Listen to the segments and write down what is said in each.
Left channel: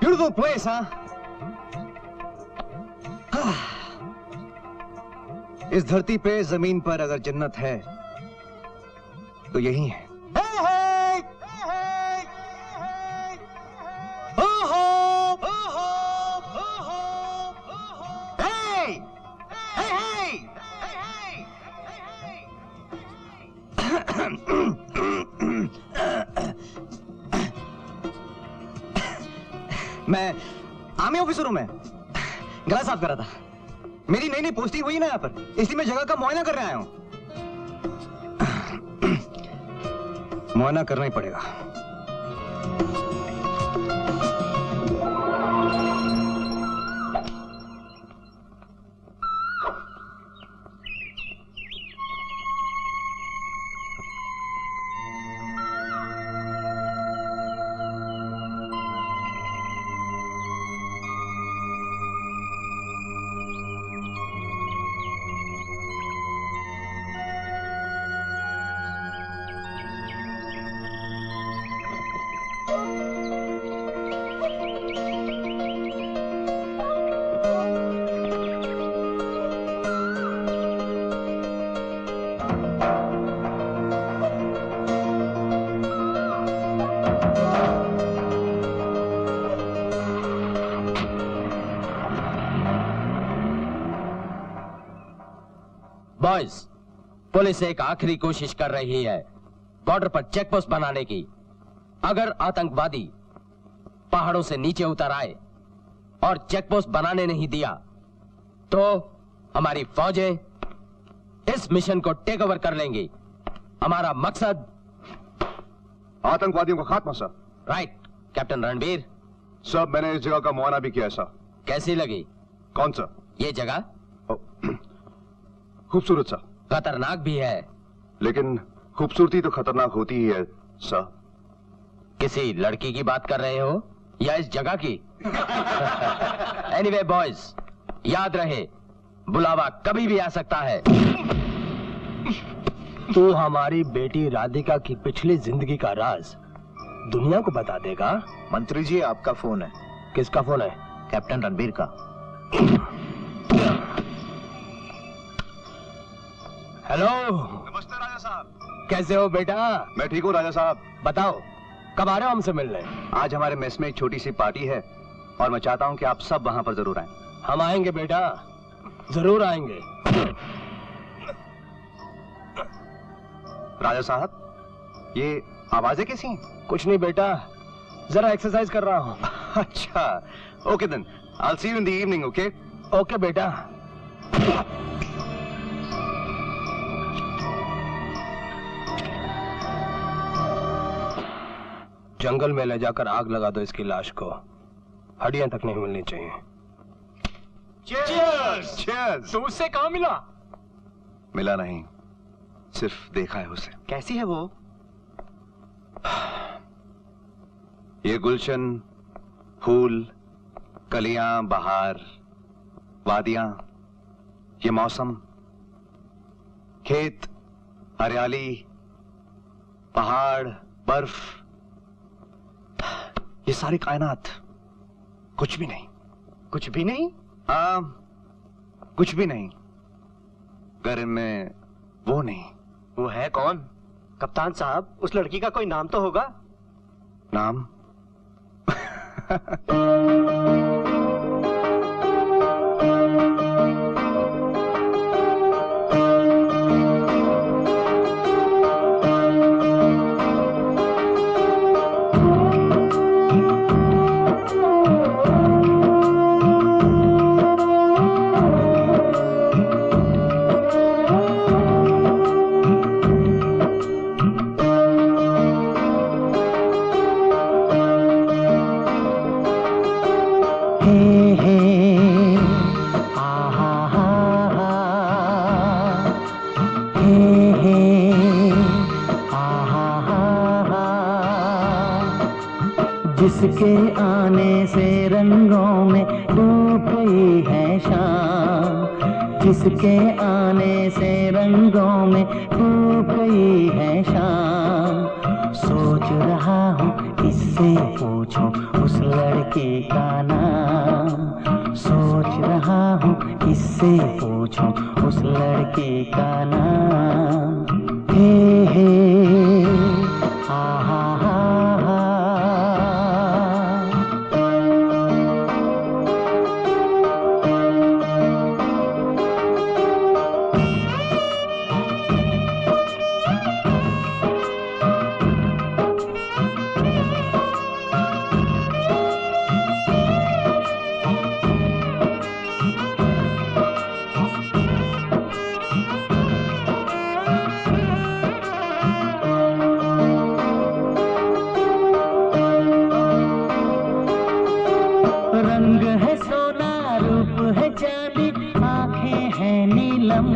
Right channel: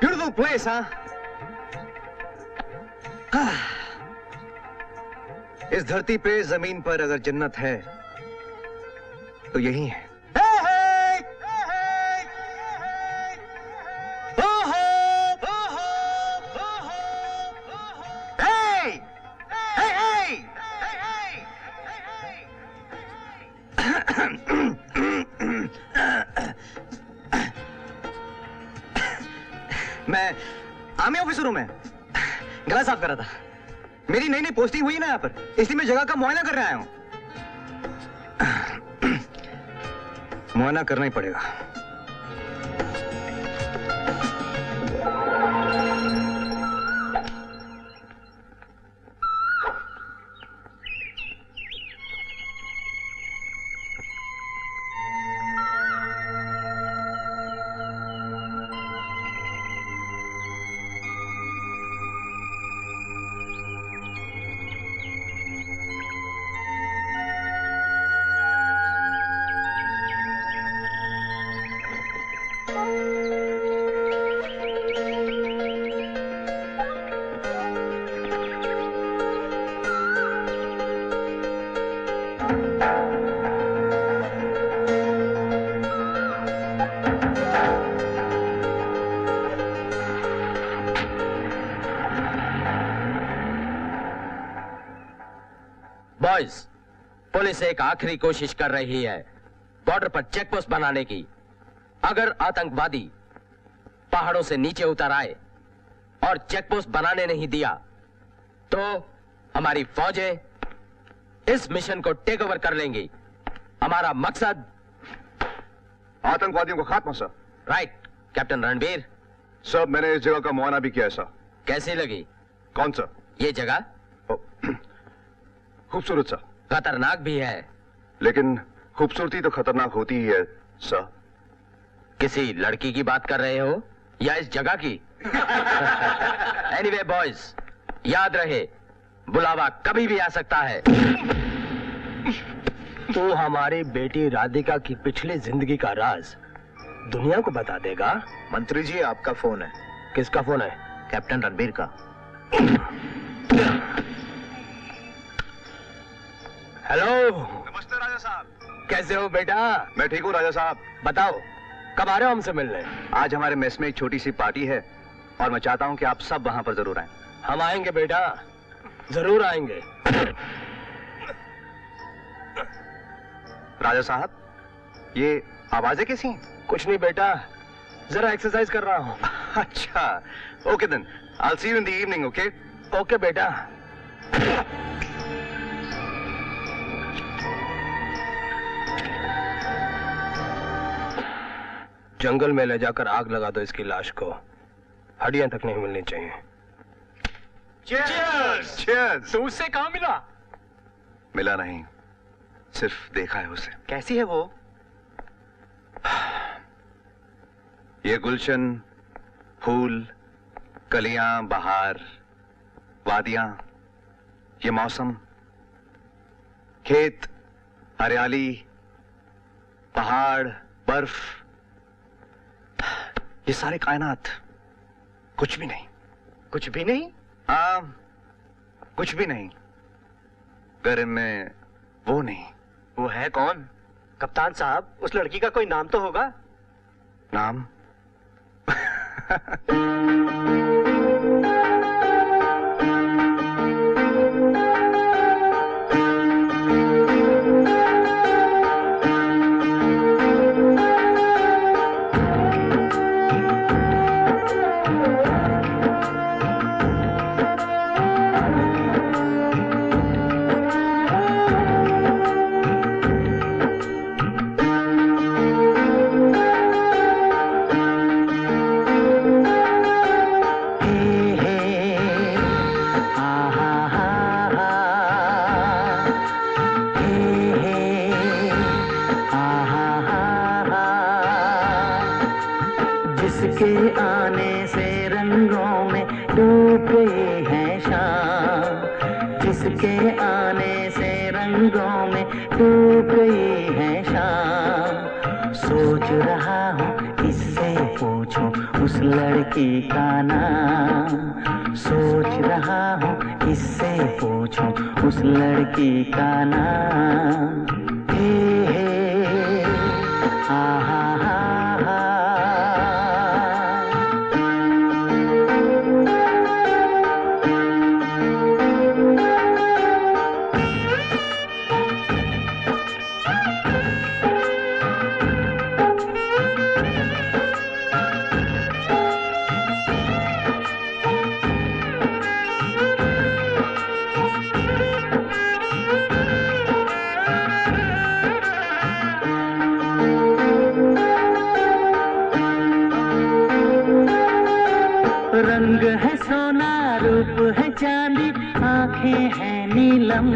Beautiful place, huh? इस धरती पे जमीन पर अगर जन्नत है तो यही है। मैं आर्मी ऑफिसर हूं। मैं गला साफ कर रहा था। मेरी नई नई पोस्टिंग हुई ना यहाँ पर, इसलिए मैं जगह का मुआयना करने आया हूं। मुआयना करना ही पड़ेगा। बॉयज, पुलिस एक आखिरी कोशिश कर रही है बॉर्डर पर चेक पोस्ट बनाने की। अगर आतंकवादी पहाड़ों से नीचे उतर आए और चेक पोस्ट बनाने नहीं दिया तो हमारी फौजें इस मिशन को टेक ओवर कर लेंगी। हमारा मकसद आतंकवादियों का खात्मा sir. Right captain Ranbir. Sir मैंने इस जगह का मुआयना भी किया है सर। कैसी लगी? कौन सर? ये जगह खूबसूरत सर। खतरनाक भी है। लेकिन खूबसूरती तो खतरनाक होती ही है सर। किसी लड़की की बात कर रहे हो या इस जगह की? एनीवे बॉयज, याद रहे बुलावा कभी भी आ सकता है। तू हमारी बेटी राधिका की पिछली जिंदगी का राज दुनिया को बता देगा। मंत्री जी आपका फोन है। किसका फोन है? कैप्टन रणबीर का। हेलो। नमस्ते राजा साहब। कैसे हो बेटा? मैं ठीक हूँ राजा साहब। बताओ कब आ रहे हो हमसे मिलने? आज हमारे मेस में एक छोटी सी पार्टी है और मैं चाहता हूं कि आप सब वहां पर जरूर आएं। हम आएंगे बेटा, जरूर आएंगे। राजा साहब, ये आवाजें कैसी हैं? कुछ नहीं बेटा, जरा एक्सरसाइज कर रहा हूँ। अच्छा, okay then, I will see you in the evening. Okay okay बेटा। जंगल में ले जाकर आग लगा दो इसकी लाश को, हड्डियां तक नहीं मिलनी चाहिए। Cheers! Cheers! तो उससे कहाँ मिला? मिला नहीं, सिर्फ देखा है उसे। कैसी है वो? ये गुलशन, फूल, कलियां, बहार, वादियां, ये मौसम, खेत, हरियाली, पहाड़, बर्फ, ये सारी कायनात कुछ भी नहीं। कुछ भी नहीं? हाँ, कुछ भी नहीं अगर इनमें वो नहीं। वो है कौन? कप्तान साहब, उस लड़की का कोई नाम तो होगा? नाम? जिसके आने से रंगों में डूब गई है शाम, जिस जिसके आने से रंगों में डूब गई है शाम। सोच रहा हूँ किससे पूछूं उस लड़की का नाम। सोच रहा हूँ किससे पूछूं उस लड़की का नाम। हे हा हा हा हा। रंग है सोना रूप है चांदी आंखें हैं नीलम।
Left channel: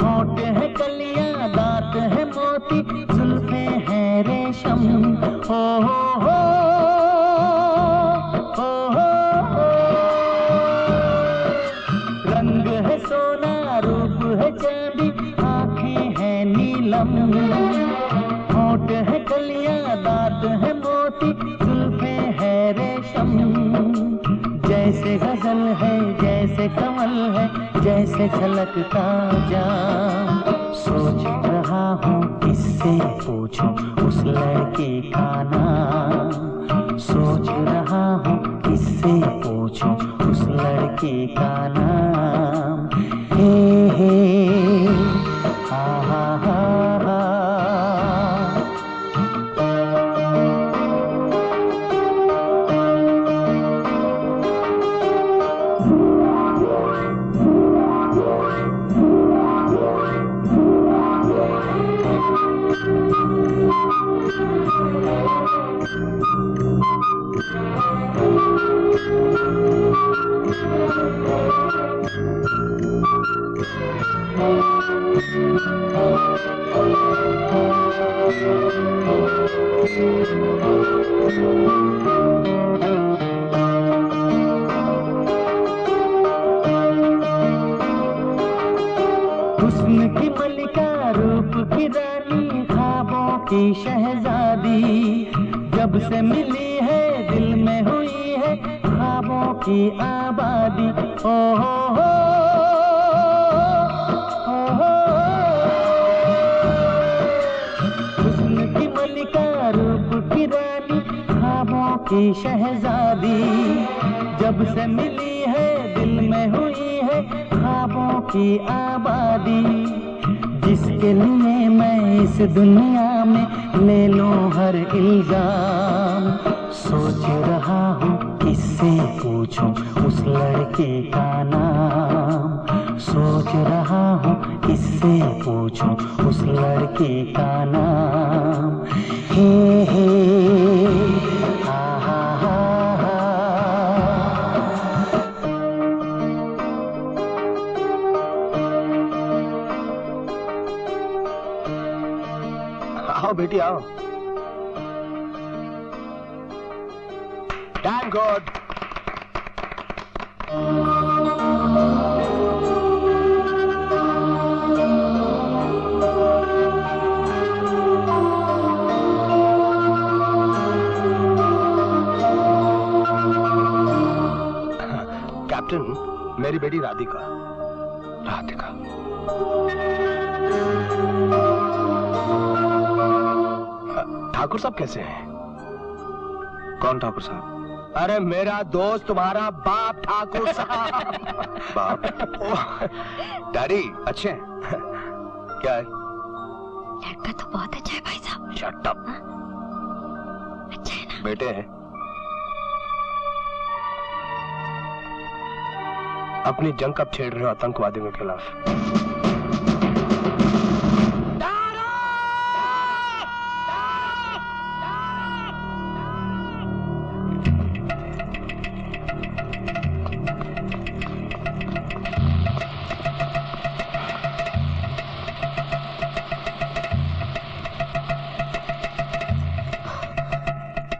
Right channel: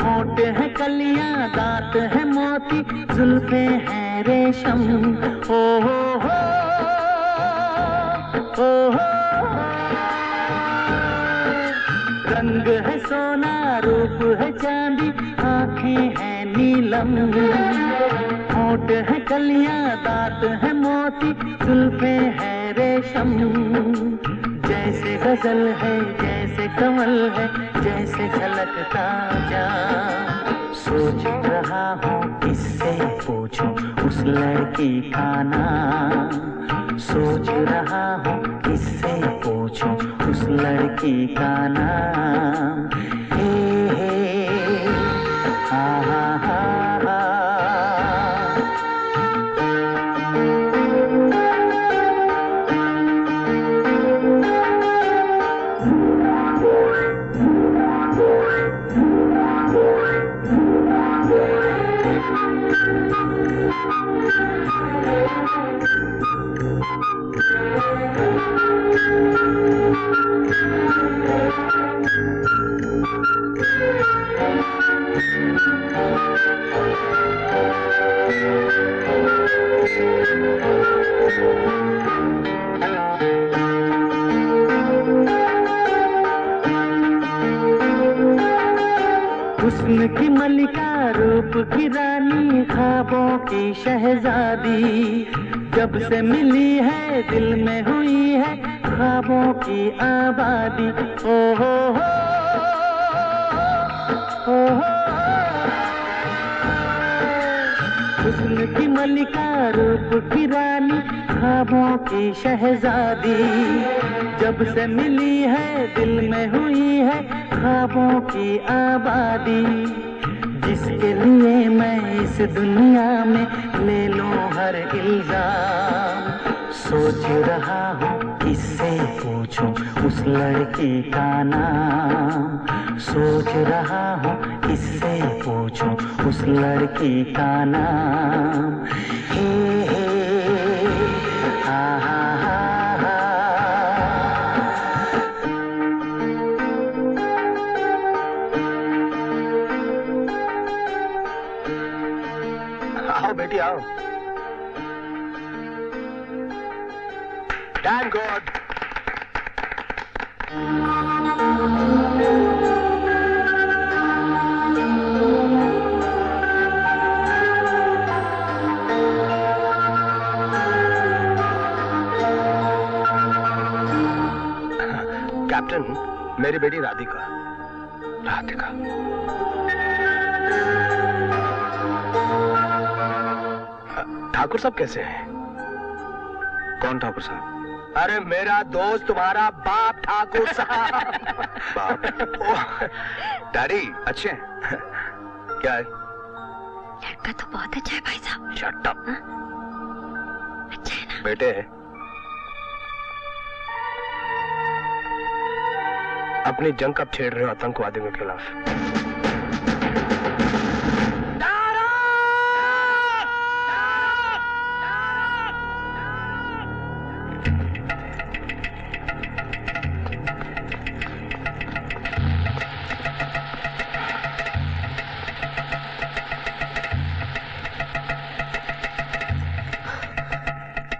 होठ है कलियां दांत है मोती जुल्फे हैं रेशम। हो हो हो हो हो हो। रंग है सोना रूप है चांदी आंखें हैं नीलम। होठ है कलियां दांत है मोती जुल्फे है रेशम। जैसे गजल है जैसे कमल है जैसे छलकता जाम। सोच रहा हूँ किससे पूछूं उस लड़की का नाम। सोच रहा हूँ किससे पूछूं उस लड़की का नाम। हे हा हा हा हा। हुस्न की मलिका रूप की रानी ख्वाबों की शहजादी। जब से मिली है दिल में हुई है ख्वाबों की आबादी। ओ हो हो हो हो। हुस्न की मलिका रूप की रानी ख्वाबों की शहजादी। जब से मिली है दिल में हुई है ख्वाबों की आबादी। जिसके लिए मैं इस दुनिया में ले लूं हर इल्जाम। सोच रहा हूँ किससे पूछूं उस लड़की का नाम। सोच रहा हूँ किससे पूछूं उस लड़की का नाम। हे हा हा हा हा। आओ बेटी आओ। Damn good. कैप्टन, मेरी बेटी राधिका। राधिका ठाकुर साहब कैसे हैं? कौन ठाकुर साहब? अरे मेरा दोस्त तुम्हारा बाप ठाकुर साहब। बाप? डैडी अच्छे हैं? क्या है? लड़का तो बहुत अच्छा है भाई साहब। Shut up. अच्छा है ना? बेटे अपनी जंग कब छेड़ रहे हो आतंकवादियों के खिलाफ?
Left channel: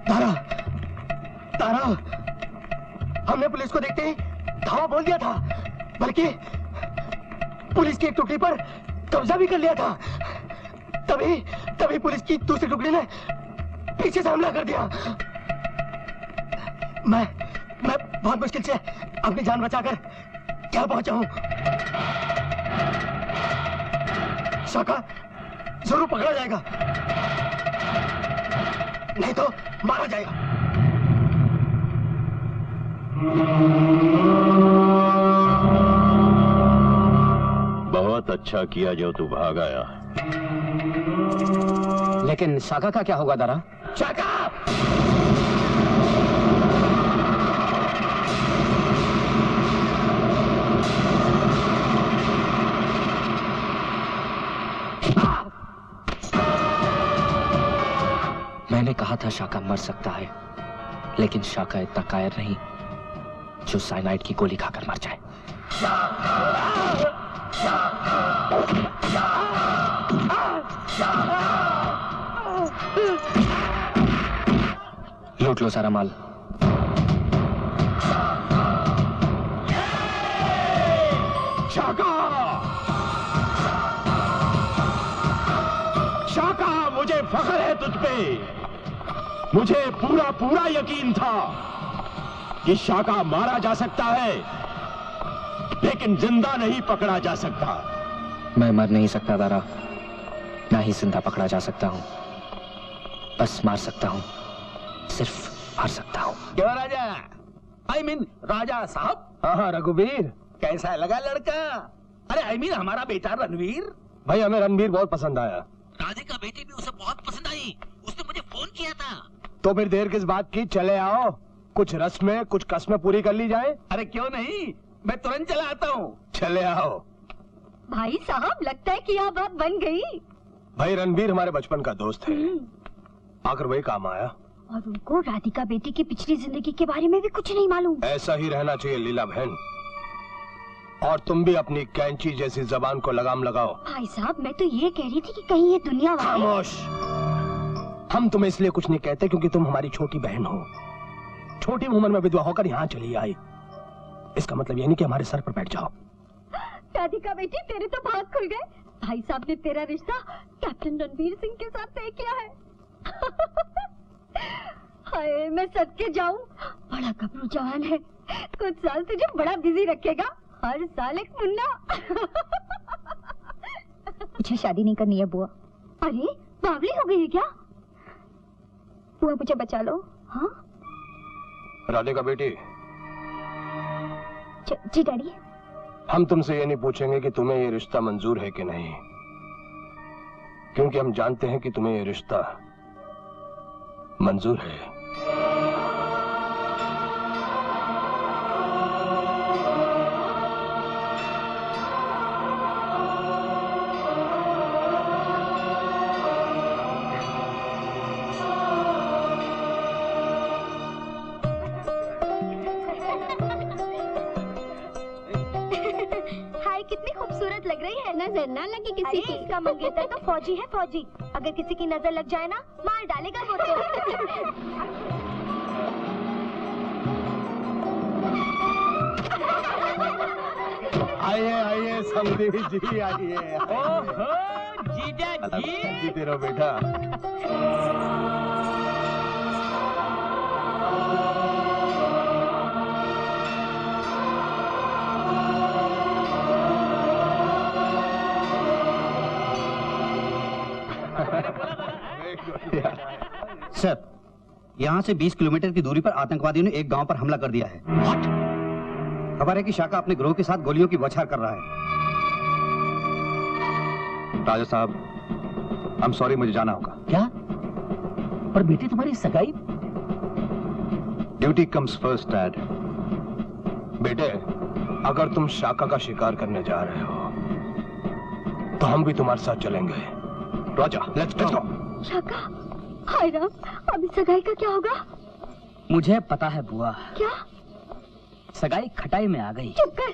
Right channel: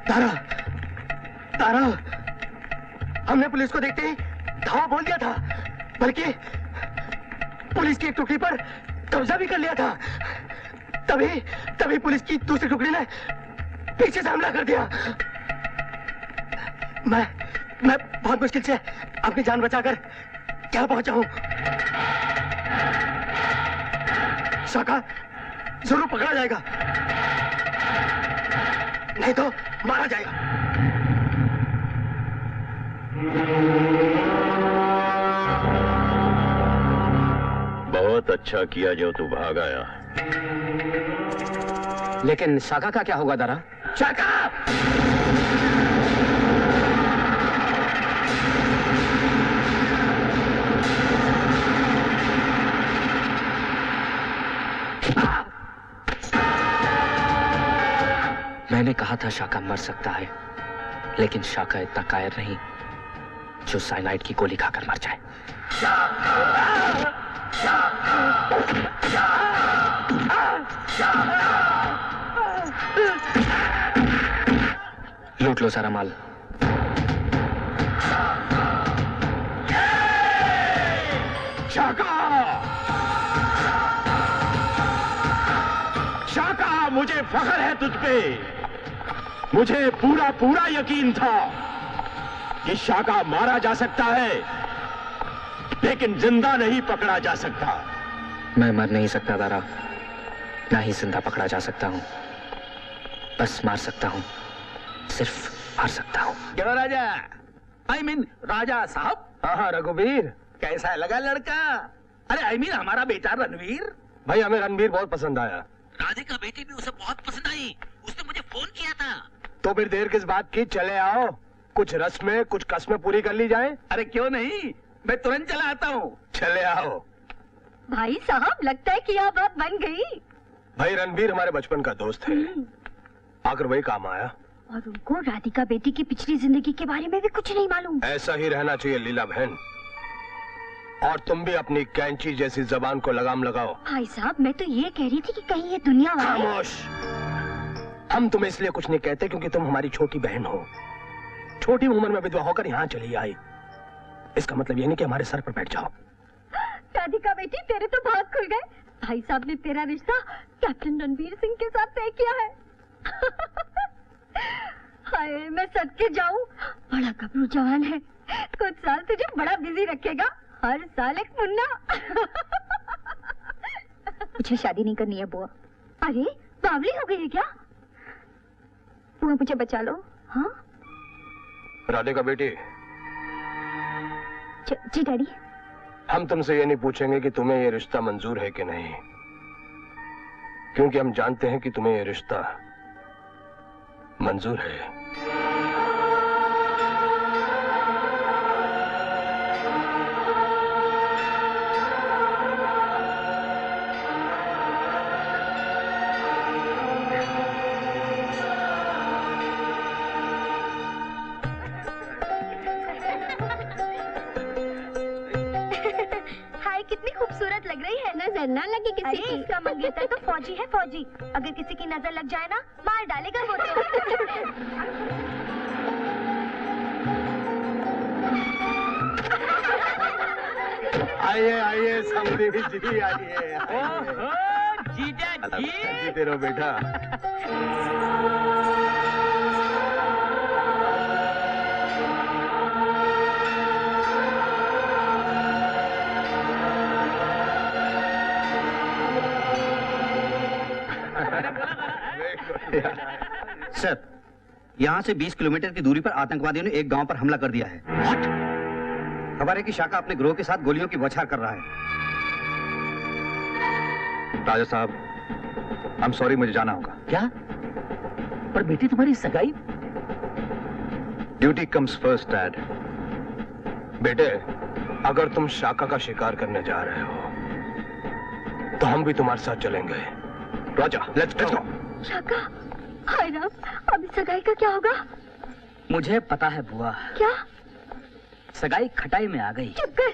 तारा, तारा, हमने पुलिस को देखते ही धावा बोल दिया था, बल्कि पुलिस की एक टुकड़ी पर कब्जा भी कर लिया था। तभी पुलिस की दूसरी टुकड़ी ने पीछे से हमला कर दिया। मैं बहुत मुश्किल से अपनी जान बचाकर यहाँ पहुंचा हूं। शाका जरूर पकड़ा जाएगा, नहीं तो मारा जाएगा। बहुत अच्छा किया जो तू भाग आया। लेकिन शाका का क्या होगा दारा? शाका! मैंने कहा था शाका मर सकता है, लेकिन शाका इतना कायर नहीं जो साइनाइड की गोली खाकर मर जाए। लूट लो सारा माल। शाका! शाका, मुझे फख्र है तुझ पे। मुझे पूरा यकीन था कि शाका मारा जा सकता है, लेकिन जिंदा नहीं पकड़ा जा सकता। मैं मर नहीं सकता दारा, ना ही जिंदा पकड़ा जा सकता हूं। बस मार सकता हूं, सिर्फ मार सकता हूं। क्यों राजा? I mean, राजा साहब, हाँ रघुवीर, कैसा लगा लड़का? अरे I mean, हमारा बेटा रणवीर। भाई हमें रणवीर बहुत पसंद आया। राधिका बेटी भी उसे बहुत पसंद आई, उसने मुझे फोन किया था। तो फिर देर किस बात की, चले आओ, कुछ रस्में कुछ कस्में पूरी कर ली जाए। अरे क्यों नहीं, मैं तुरंत चला आता हूँ। चले आओ। भाई साहब लगता है कि यह बात बन गई। भाई रणवीर हमारे बचपन का दोस्त है, आकर वही काम आया। और उनको राधिका बेटी की पिछली जिंदगी के बारे में भी कुछ नहीं मालूम। ऐसा ही रहना चाहिए लीला बहन। और तुम भी अपनी कैंची जैसी जबान को लगाम लगाओ। भाई साहब मैं तो ये कह रही थी कि कहीं ये दुनिया वाले। खामोश। हम तुम्हें इसलिए कुछ नहीं कहते क्योंकि तुम हमारी छोटी बहन हो। छोटी उम्र में विधवा होकर यहाँ चली आई, इसका मतलब ये नहीं कि हमारे सर पर बैठ जाओ। राधिका बेटी तेरे तो भाग खुल गए। भाई साहब ने तेरा रिश्ता कैप्टन रणवीर सिंह के साथ तय किया है। हाय मैं सद के जाऊं, बड़ा गबरू जवान है, कुछ साल तुझे बड़ा बिजी रखेगा, हर साल एक मुन्ना। मुझे शादी नहीं करनी है बुआ। अरे बावली हो गई है क्या? बुआ मुझे बचा लो। हाँ राधिका बेटी, जी डैडी। हम तुमसे ये नहीं पूछेंगे कि तुम्हें ये रिश्ता मंजूर है कि नहीं, क्योंकि हम जानते हैं कि तुम्हें ये रिश्ता मंजूर है। लग रही है, नजर ना लगे किसी की। इसका मंगेतर तो फौजी है, फौजी। अगर किसी की नजर लग जाए ना मार डालेगा वो तो। आइए आइए समधी जी, आइए। ओहो जीजा जी, जीते रहो बेटा। सर, यहाँ से 20 किलोमीटर की दूरी पर आतंकवादियों ने एक गांव पर हमला कर दिया है। खबर है कि शाका अपने ग्रोह के साथ गोलियों की बौछार कर रहा है। राजा साहब, आई एम सॉरी, मुझे जाना होगा। क्या? पर बेटी तुम्हारी सगाई? Duty comes first dad. बेटे, अगर तुम शाका का शिकार करने जा रहे हो तो हम भी तुम्हारे साथ चलेंगे। राजा, लेट्स गो। शाका, हाय राम, अभी सगाई का क्या होगा? मुझे पता है बुआ। क्या? सगाई खटाई में आ गई। चुप कर।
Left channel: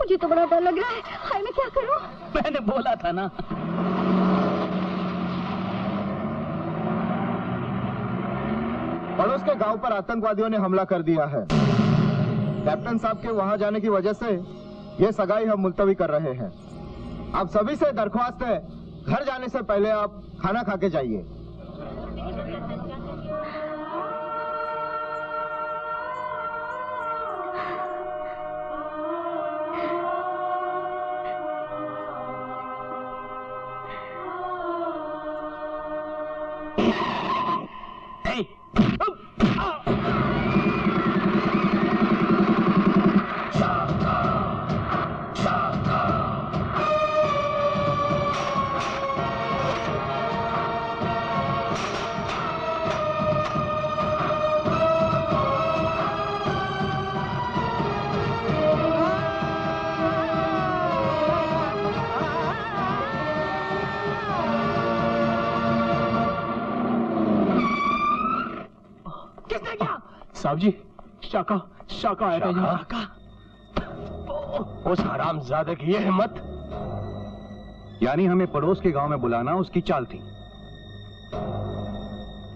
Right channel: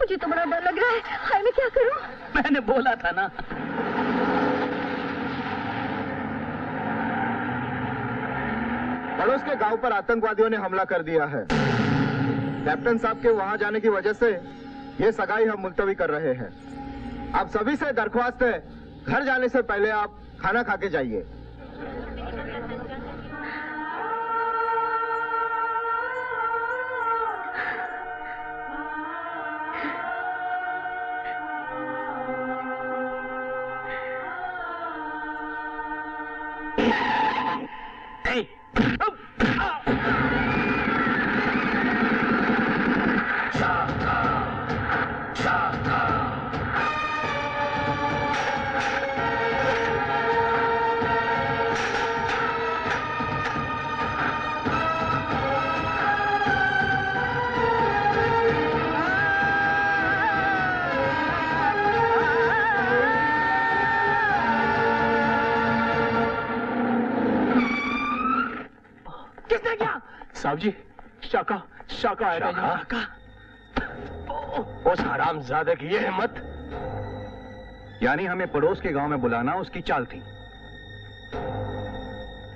मुझे तो बड़ा डर लग रहा है। हाय मैं क्या करूं? मैंने बोला था ना। पड़ोस के गांव पर आतंकवादियों ने हमला कर दिया है। कैप्टन साहब के वहां जाने की वजह से ये सगाई हम मुलतवी कर रहे हैं। आप सभी से दरख्वास्त है, घर जाने से पहले आप खाना खा के जाइए। साहब जी, शाका शाका आएगा जी। उस हरामजादे की ये हिम्मत। यानी हमें पड़ोस के गांव में बुलाना उसकी चाल थी,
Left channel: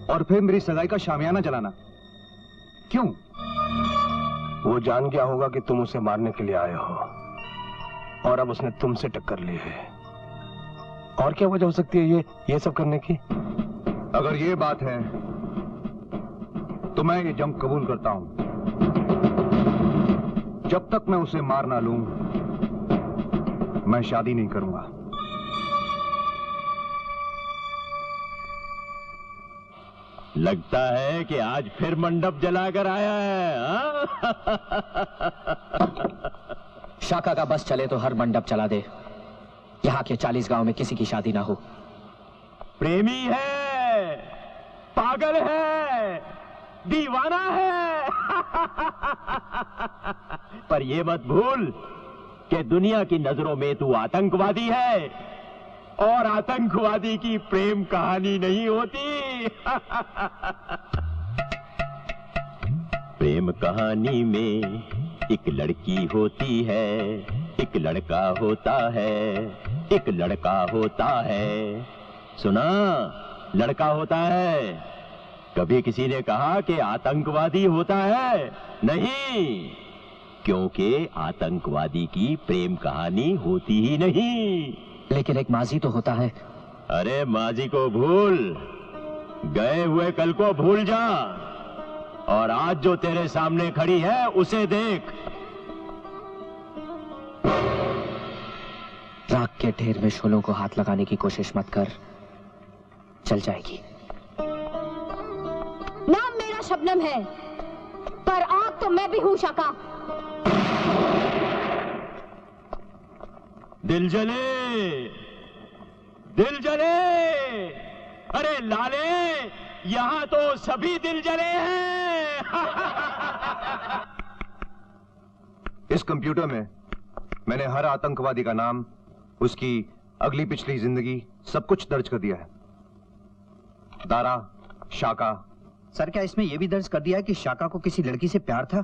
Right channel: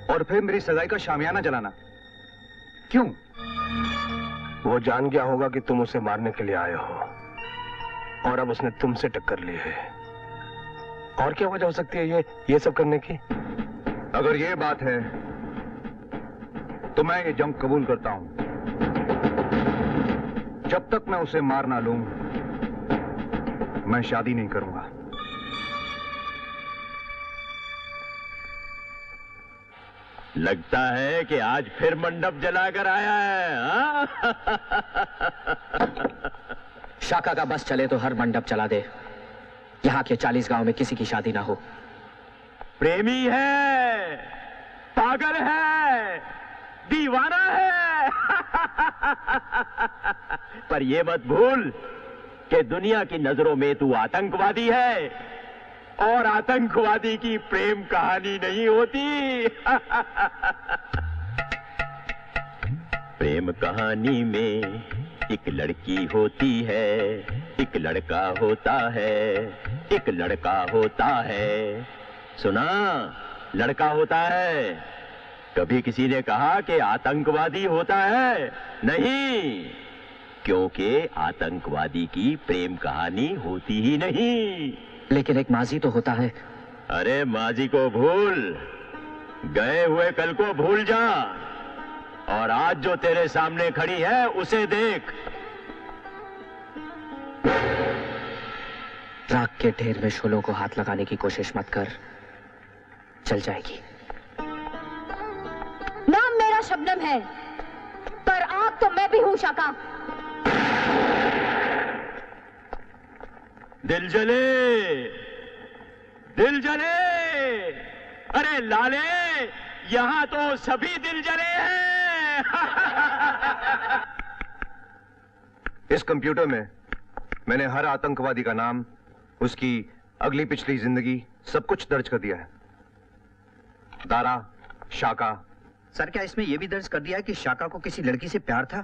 और फिर मेरी सगाई का शामियाना जलाना। क्यों? वो जान गया होगा कि तुम उसे मारने के लिए आए हो, और अब उसने तुमसे टक्कर ली है। और क्या वजह हो सकती है ये सब करने की? अगर ये बात है तो मैं ये जंग कबूल करता हूं। जब तक मैं उसे मार ना लूं, मैं शादी नहीं करूंगा। लगता है कि आज फिर मंडप जलाकर आया है। शाका का बस चले तो हर मंडप चला दे। यहाँ के 40 गांव में किसी की शादी ना हो। प्रेमी है, पागल है, दीवाना है। पर ये मत भूल कि दुनिया की नजरों में तू आतंकवादी है, और आतंकवादी की प्रेम कहानी नहीं होती। प्रेम कहानी में एक लड़की होती है, एक लड़का होता है, एक लड़का होता है। सुना, लड़का होता है। कभी किसी ने कहा कि आतंकवादी होता है? नहीं, क्योंकि आतंकवादी की प्रेम कहानी होती ही नहीं। लेकिन एक माजी तो होता है। अरे माजी को भूल, गए हुए कल को भूल जा, और आज जो तेरे सामने खड़ी है उसे देख। राख के ढेर में शोलों को हाथ लगाने की कोशिश मत कर, चल जाएगी। नाम मेरा शबनम है, पर आग तो मैं भी हूं शाका। दिल जले, दिल जले, अरे लाले, यहां तो सभी दिल जले हैं। इस कंप्यूटर में मैंने हर आतंकवादी का नाम, उसकी अगली पिछली जिंदगी, सब कुछ दर्ज कर दिया है। दारा, शाका। सर, क्या इसमें यह भी दर्ज कर दिया है कि शाका को किसी लड़की से प्यार था?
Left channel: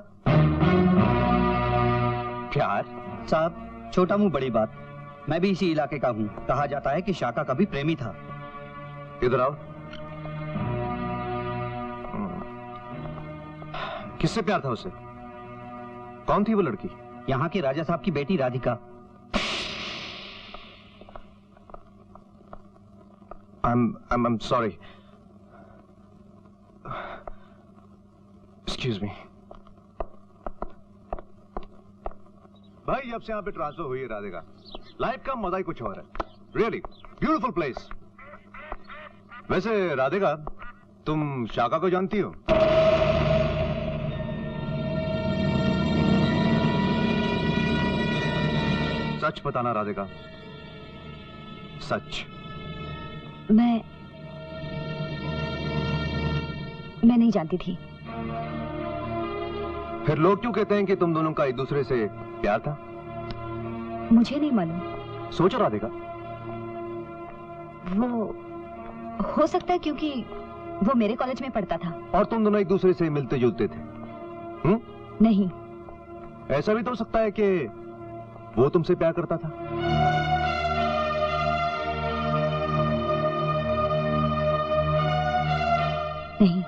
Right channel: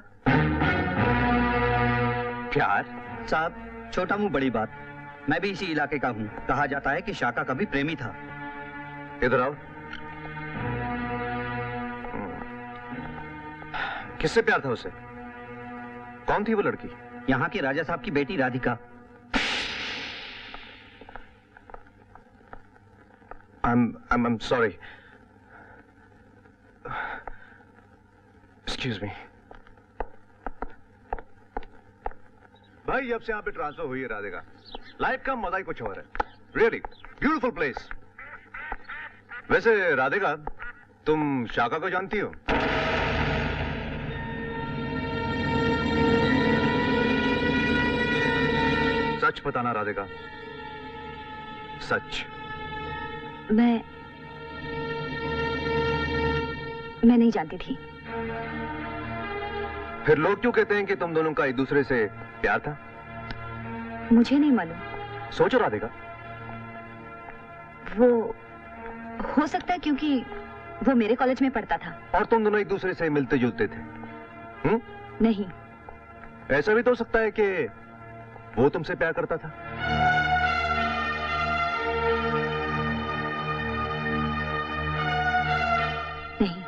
प्यार? साहब, छोटा मुंह बड़ी बात। मैं भी इसी इलाके का हूँ। कहा जाता है कि शाका का भी प्रेमी था। इधर आओ। किससे प्यार था उसे? कौन थी वो लड़की? यहाँ के राजा साहब की बेटी Radhika. I'm sorry. Excuse me. भाई, जब से यहाँ पे ट्रांसफर हुई है राधिका, लाइफ का मजा ही कुछ और है। Really beautiful place. वैसे राधिका, तुम शाका को जानती हो? सच बताना राधिका, सच। मैं नहीं जानती थी। फिर लोग क्यों कहते हैं कि तुम दोनों का एक दूसरे से प्यार था? मुझे नहीं मालूम। सोचो राधिका। वो हो सकता है क्योंकि वो मेरे कॉलेज में पढ़ता था। और तुम दोनों एक दूसरे से मिलते जुलते थे? नहीं। ऐसा भी तो हो सकता है कि वो तुमसे प्यार करता था। नहीं,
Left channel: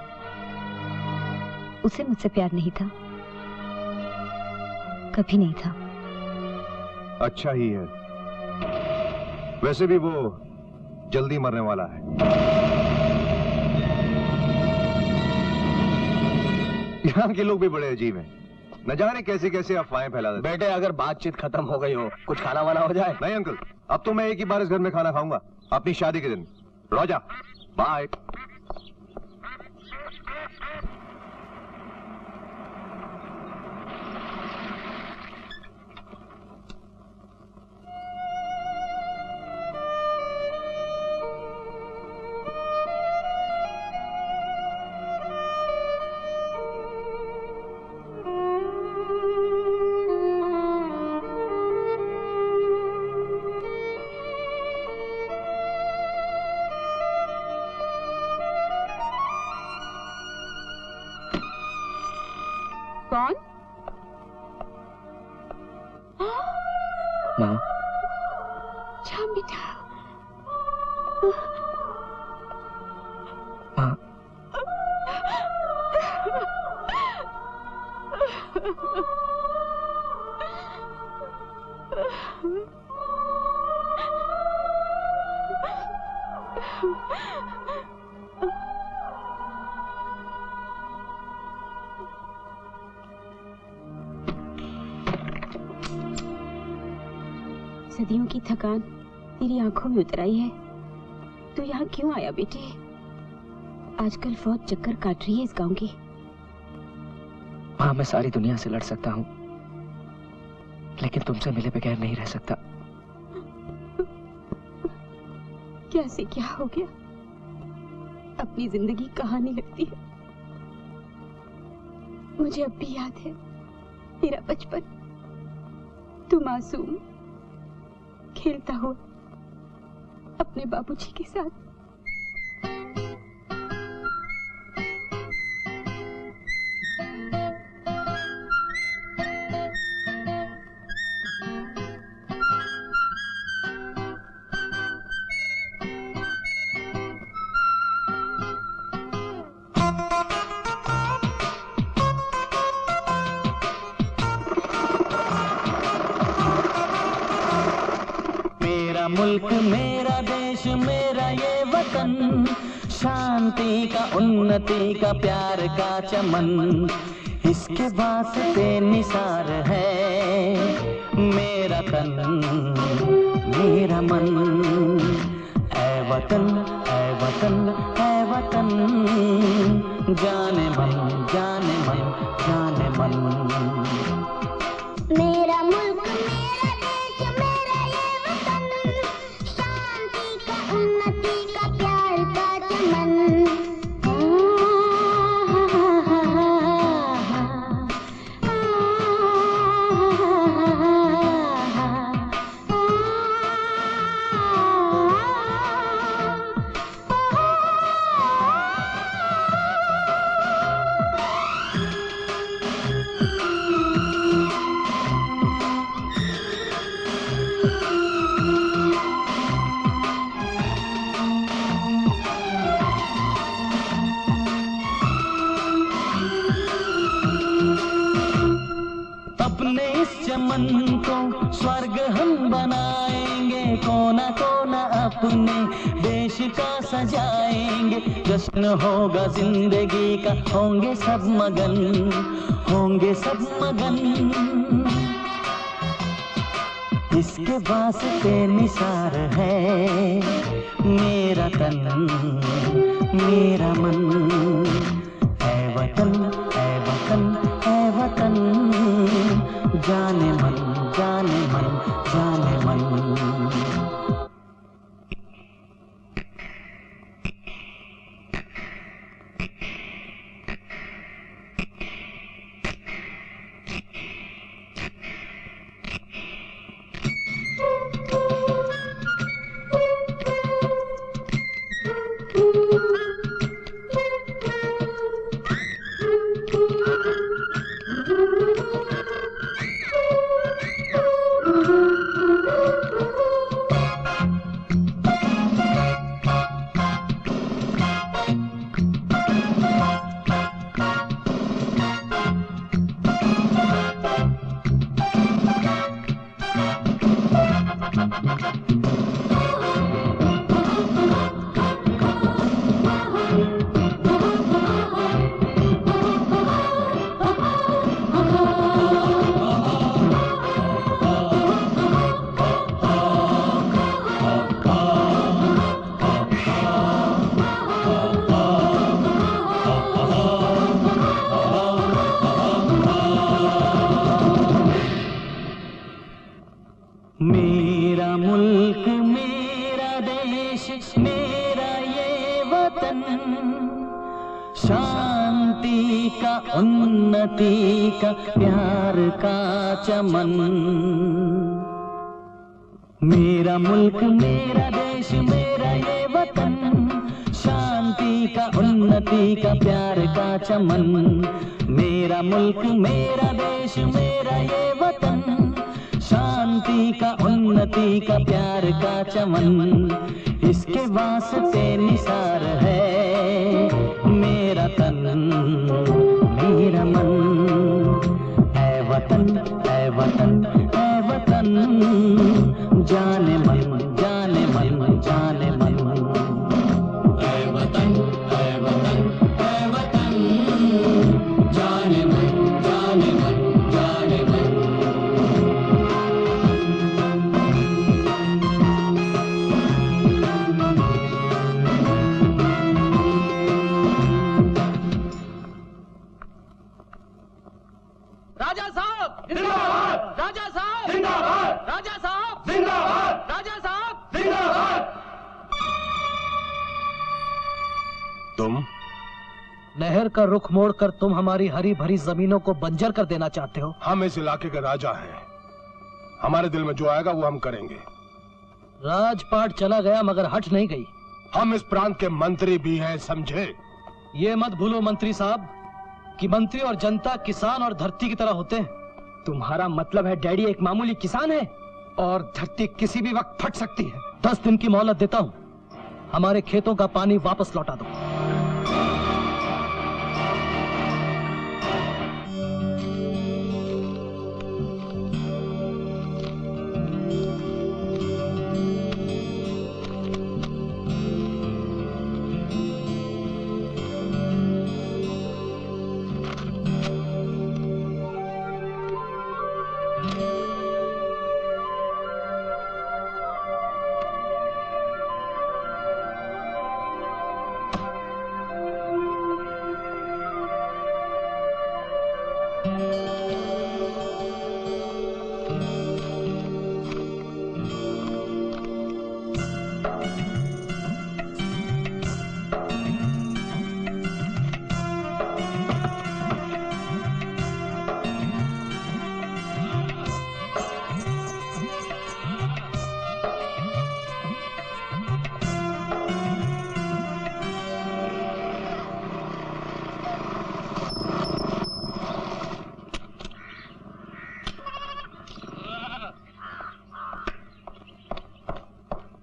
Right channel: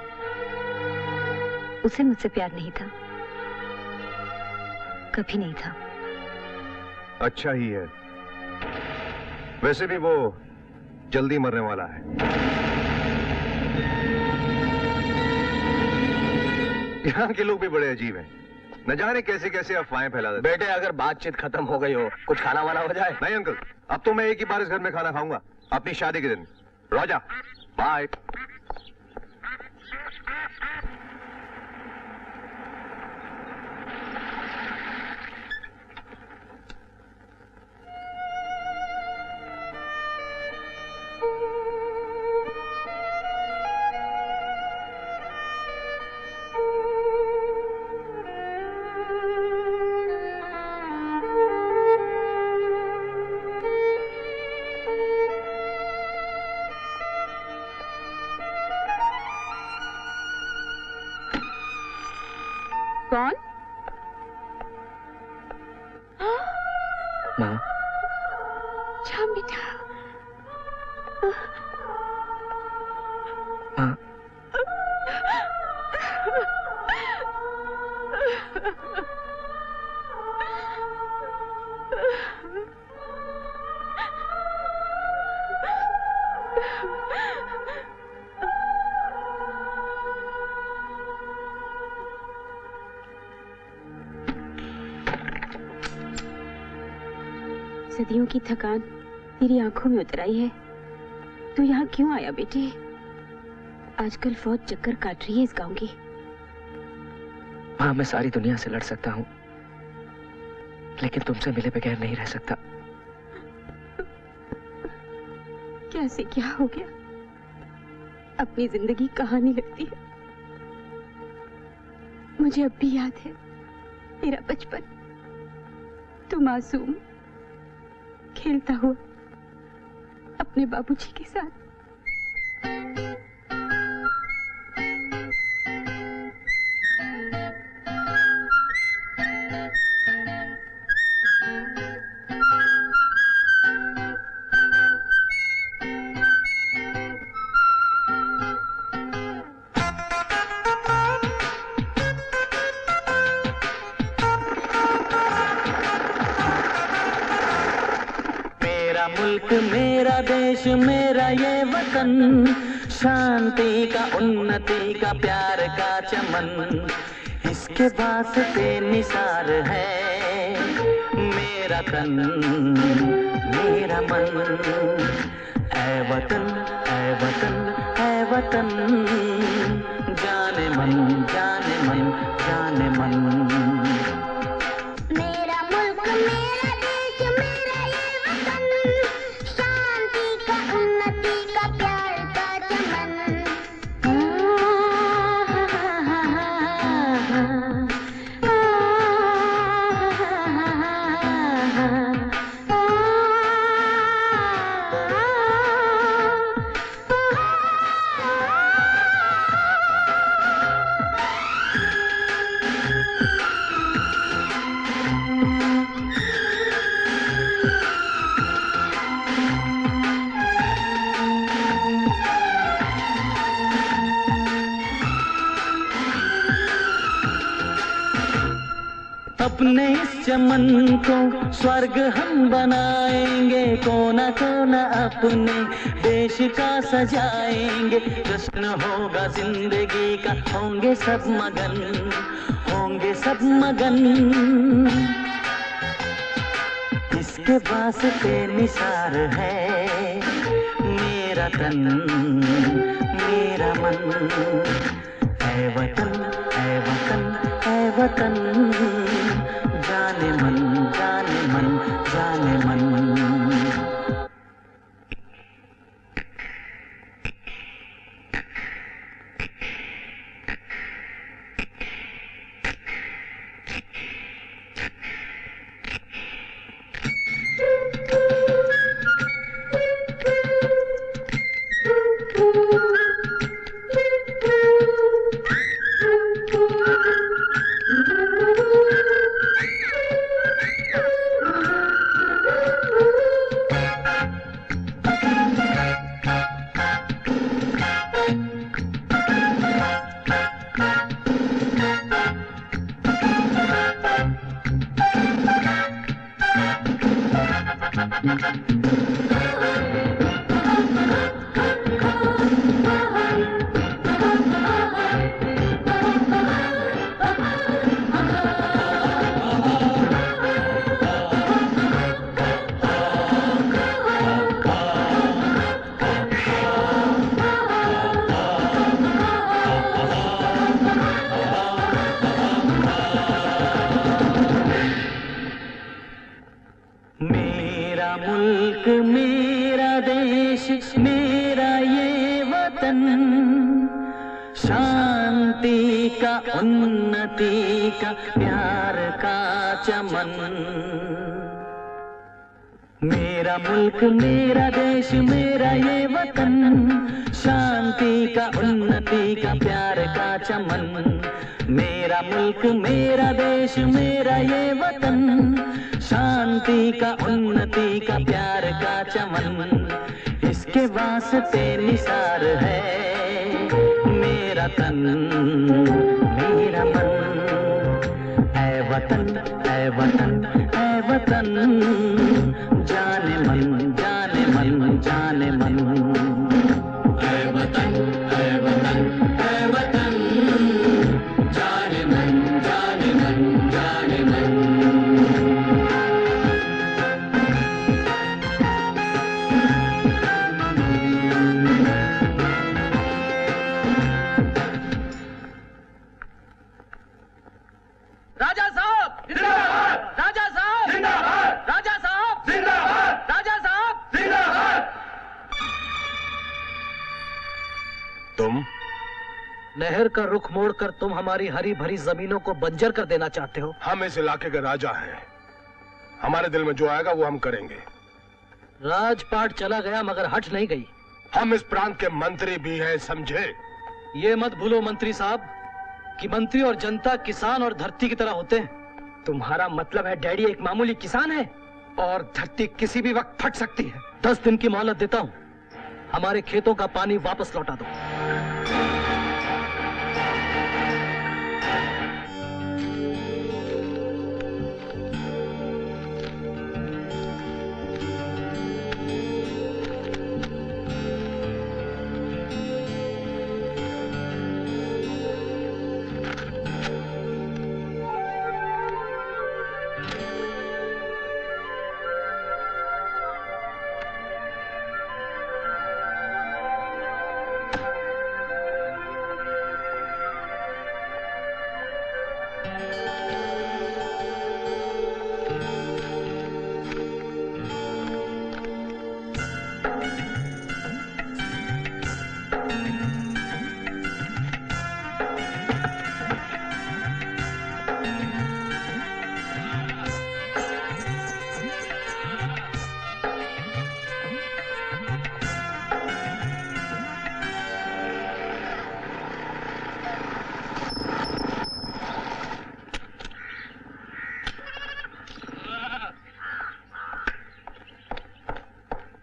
उसे मुझसे प्यार नहीं था, कभी नहीं था। अच्छा ही है। वैसे भी वो जल्दी मरने वाला है। यहाँ के लोग भी बड़े अजीब हैं, न जाने कैसे कैसे अफवाहें फैला देते। बेटे अगर बातचीत खत्म हो गई हो, कुछ खाना वाना हो जाए। नहीं अंकल, अब तो मैं एक ही बार इस घर में खाना खाऊंगा, अपनी शादी के दिन। रोजा, बाय। कौन? माँ। श्याम बेटा। माँ। सदियों की थकान तेरी आंखों में उतर आई है। तू यहाँ क्यों आया बेटे? आजकल फौज चक्कर काट रही है इस गांव की। माँ, मैं सारी दुनिया से लड़ सकता हूँ, लेकिन तुमसे मिले बगैर नहीं रह सकता। क्या से क्या हो गया? अपनी जिंदगी कहानी लगती है। मुझे अब भी याद है तेरा बचपन। तू मासूम खेलता हुआ अपने बाबूजी के साथ। मेरा मुल्क मेरा देश मेरा ये वतन, शांति का उन्नति का प्यार का चमन, इसके वास्ते निसार है मेरा तन मेरा मन। ऐ वतन ऐ वतन ऐ वतन, जाने मन जाने मन जाने मन। मेरा मुल्क मेरा देश मेरा ये वतन, शांति का उन्नति का प्यार का चमन। अपने इस चमन को स्वर्ग हम बनाएंगे, कोना कोना अपने देश का सजाएंगे। जश्न होगा जिंदगी का, होंगे सब मगन होंगे सब मगन। इसके वास्ते निसार है मेरा तन मेरा मन। ऐ वतन ऐ वतन ऐ वतन, जाने मन जाने मन जाने मन। मेरा देश मेरा ये वतन, शांति का उन्नति का प्यार का चमन। मेरा मुल्क मेरा देश मेरा ये वतन, शांति का उन्नति का प्यार का चमन। मेरा मुल्क मेरा देश मेरा ये वतन, शांति का उन्नति का प्यार का चमन। इसके वास्ते निसार है मेरा तन मेरा मन। ऐ वतन ऐ वतन ऐ वतन, जाने मन जाने मन जाने मन। ऐ वतन ऐ वतन ऐ वतन, जाने मन जाने मन जाने मन। राजा साहब जिंदाबाद, राजा साहब जिंदाबाद, राजा साहब जिंदाबाद, राजा साहब जिंदाबाद। तुम नहर का रुख मोड़कर तुम हमारी हरी भरी जमीनों को बंजर कर देना चाहते हो? हम इस इलाके के राजा हैं, हमारे दिल में जो आएगा वो हम करेंगे। राजपाट चला गया मगर हट नहीं गई। हम इस प्रांत के मंत्री भी हैं, समझे? ये मत भूलो मंत्री साहब कि मंत्री और जनता किसान और धरती की तरह होते हैं। तुम्हारा मतलब है डैडी एक मामूली किसान है और धरती किसी भी वक्त फट सकती है। 10 दिन की मोहलत देता हूँ, हमारे खेतों का पानी वापस लौटा दो।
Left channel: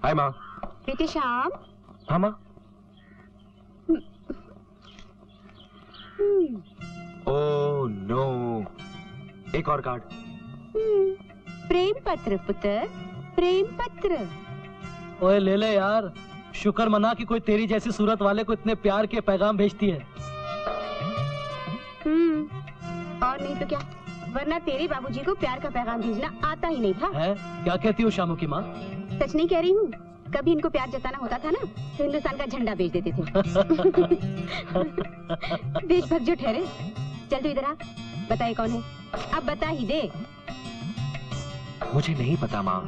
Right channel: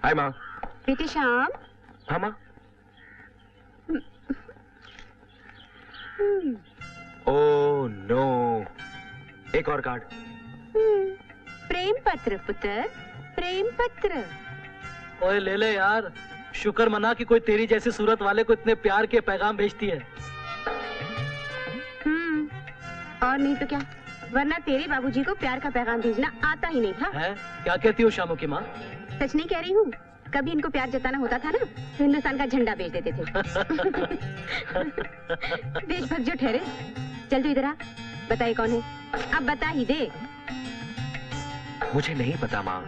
हाय माँ। बेटे श्याम। हाँ माँ। ओह नो, एक और कार्ड। प्रेम पत्र पुत्र, प्रेम पत्र। ओए ले ले यार, शुक्र मना कि कोई तेरी जैसी सूरत वाले को इतने प्यार के पैगाम भेजती है। और नहीं तो क्या, वरना तेरे बाबूजी को प्यार का पैगाम भेजना आता ही नहीं था। है? क्या कहती हो शामू की माँ? सच नहीं कह रही हूँ, कभी इनको प्यार जताना होता था ना तो हिंदुस्तान का झंडा भेज देते थे। देशभक्त जो ठहरे। चल तू इधर आ, बताइए कौन है, अब बता ही दे। मुझे नहीं पता माँ।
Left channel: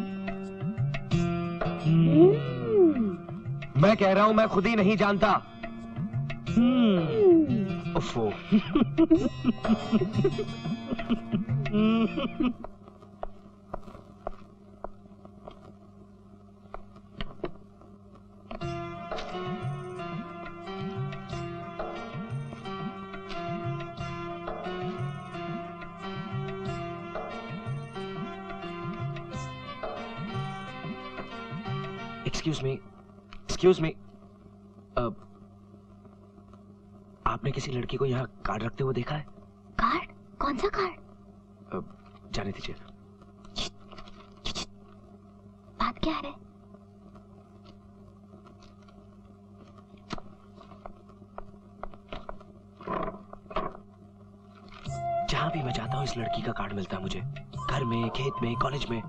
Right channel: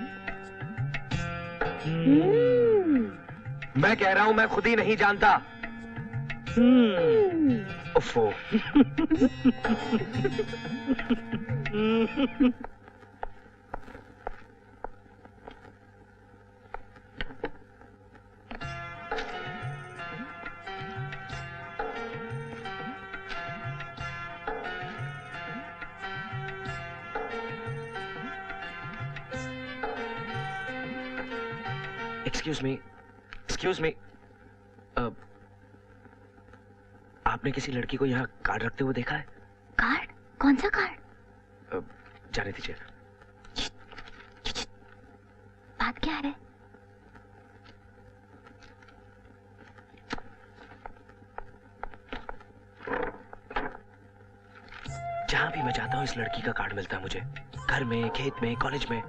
मैं कह रहा हूँ मैं खुद ही नहीं जानता। उफ़ो। एक्सक्यूज मी, आपने किसी लड़की को यहाँ कार्ड रखते हुए देखा है? कार्ड? कौन सा कार्ड? जाने दीजिए। बात क्या है? जहां भी मैं जाता हूँ इस लड़की का कार्ड मिलता है मुझे, घर में, खेत में, कॉलेज में।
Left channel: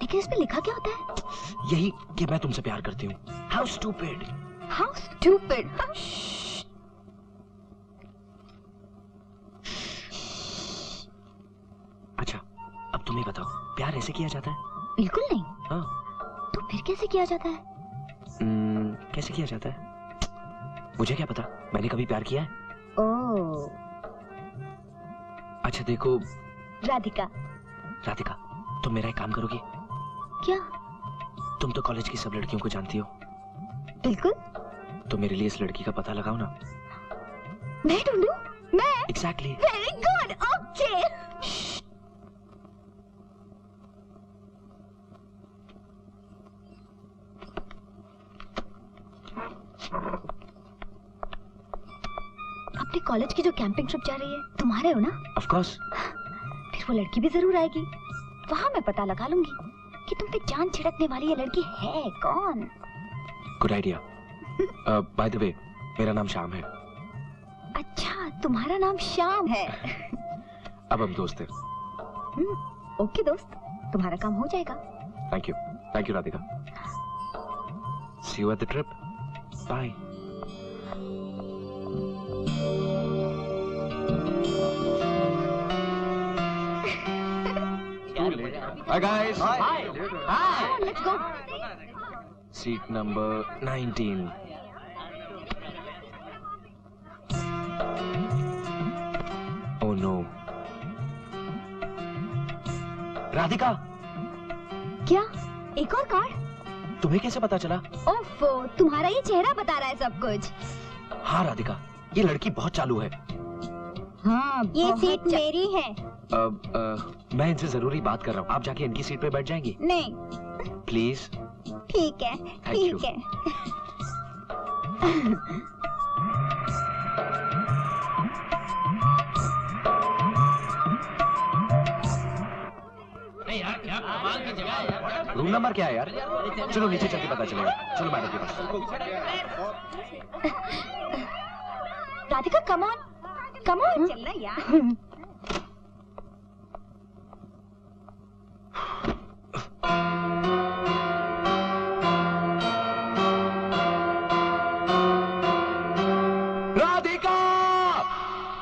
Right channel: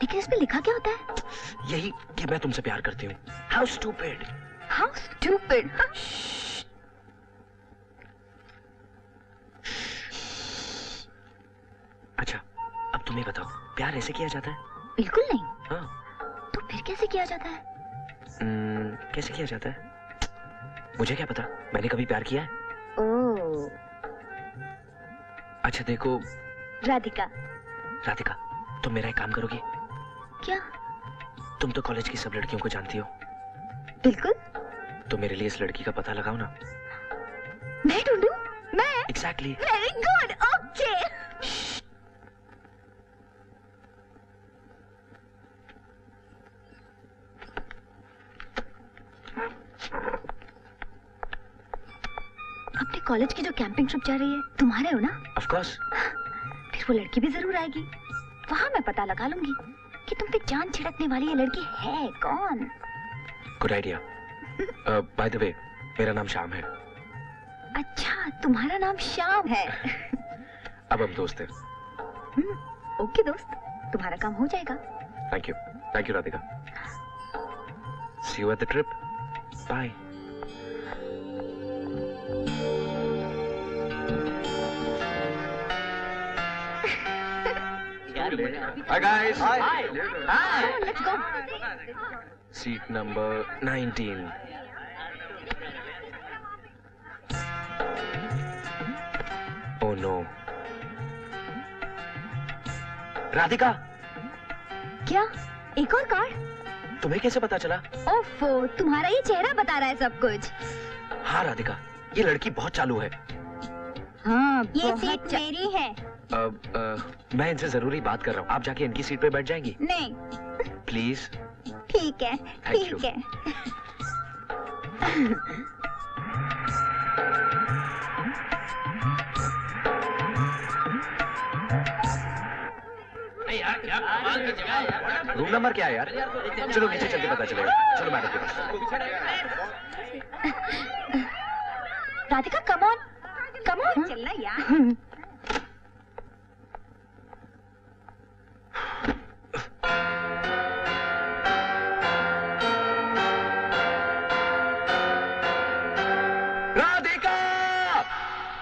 लेकिन इसमें लिखा क्या होता है? यही कि मैं तुमसे प्यार करती हूँ। How stupid! How stupid! अच्छा, अब तुम ही बताओ, प्यार ऐसे किया जाता है? बिल्कुल नहीं। हाँ। तो फिर कैसे किया जाता है? कैसे किया जाता है? मुझे क्या पता, मैंने कभी प्यार किया है? ओह। अच्छा देखो राधिका। राधिका, तुम मेरा एक काम करोगी? क्या? तुम तो कॉलेज की सब लड़कियों को जानती हो। बिल्कुल। तो मेरे लिए इस लड़की का पता लगाओ ना। मैं ढूंढूं? मैं? Exactly. Very good. Okay. अपने कॉलेज की जो कैंपिंग ट्रिप जा रही है, तुम्हारे हो ना? Of course. फिर वो लड़की भी जरूर आएगी। वहां मैं पता लगा लूंगी कि तुम पे जान छिड़कने वाली ये लड़की है कौन। Good idea. By the way, मेरा नाम श्याम है। अच्छा, तुम्हारा नाम श्याम है। अब हम दोस्त हैं। ओके दोस्त, तुम्हारा काम हो जाएगा। Thank you Radhika. See you at the trip. Bye. Hi guys. Hi. Let's go. Seat number 19. Oh no. Radhika, क्या? एक और कार्ड? तुम्हें कैसे पता चला? ओफो, तुम्हारा ये चेहरा बता रहा है सब कुछ। हाँ राधिका, ये लड़की बहुत चालू है। हाँ, ये सीट मेरी है। मैं इनसे जरूरी बात कर रहा हूँ। आप जाके इनकी सीट पे बैठ जाएंगी? नहीं। प्लीज। ठीक है, ठीक है। रूम नंबर क्या है यार? चलो नीचे चल के पता चलेगा। चलो मैडम के पास। Radhika, come on, come on. चलना यार।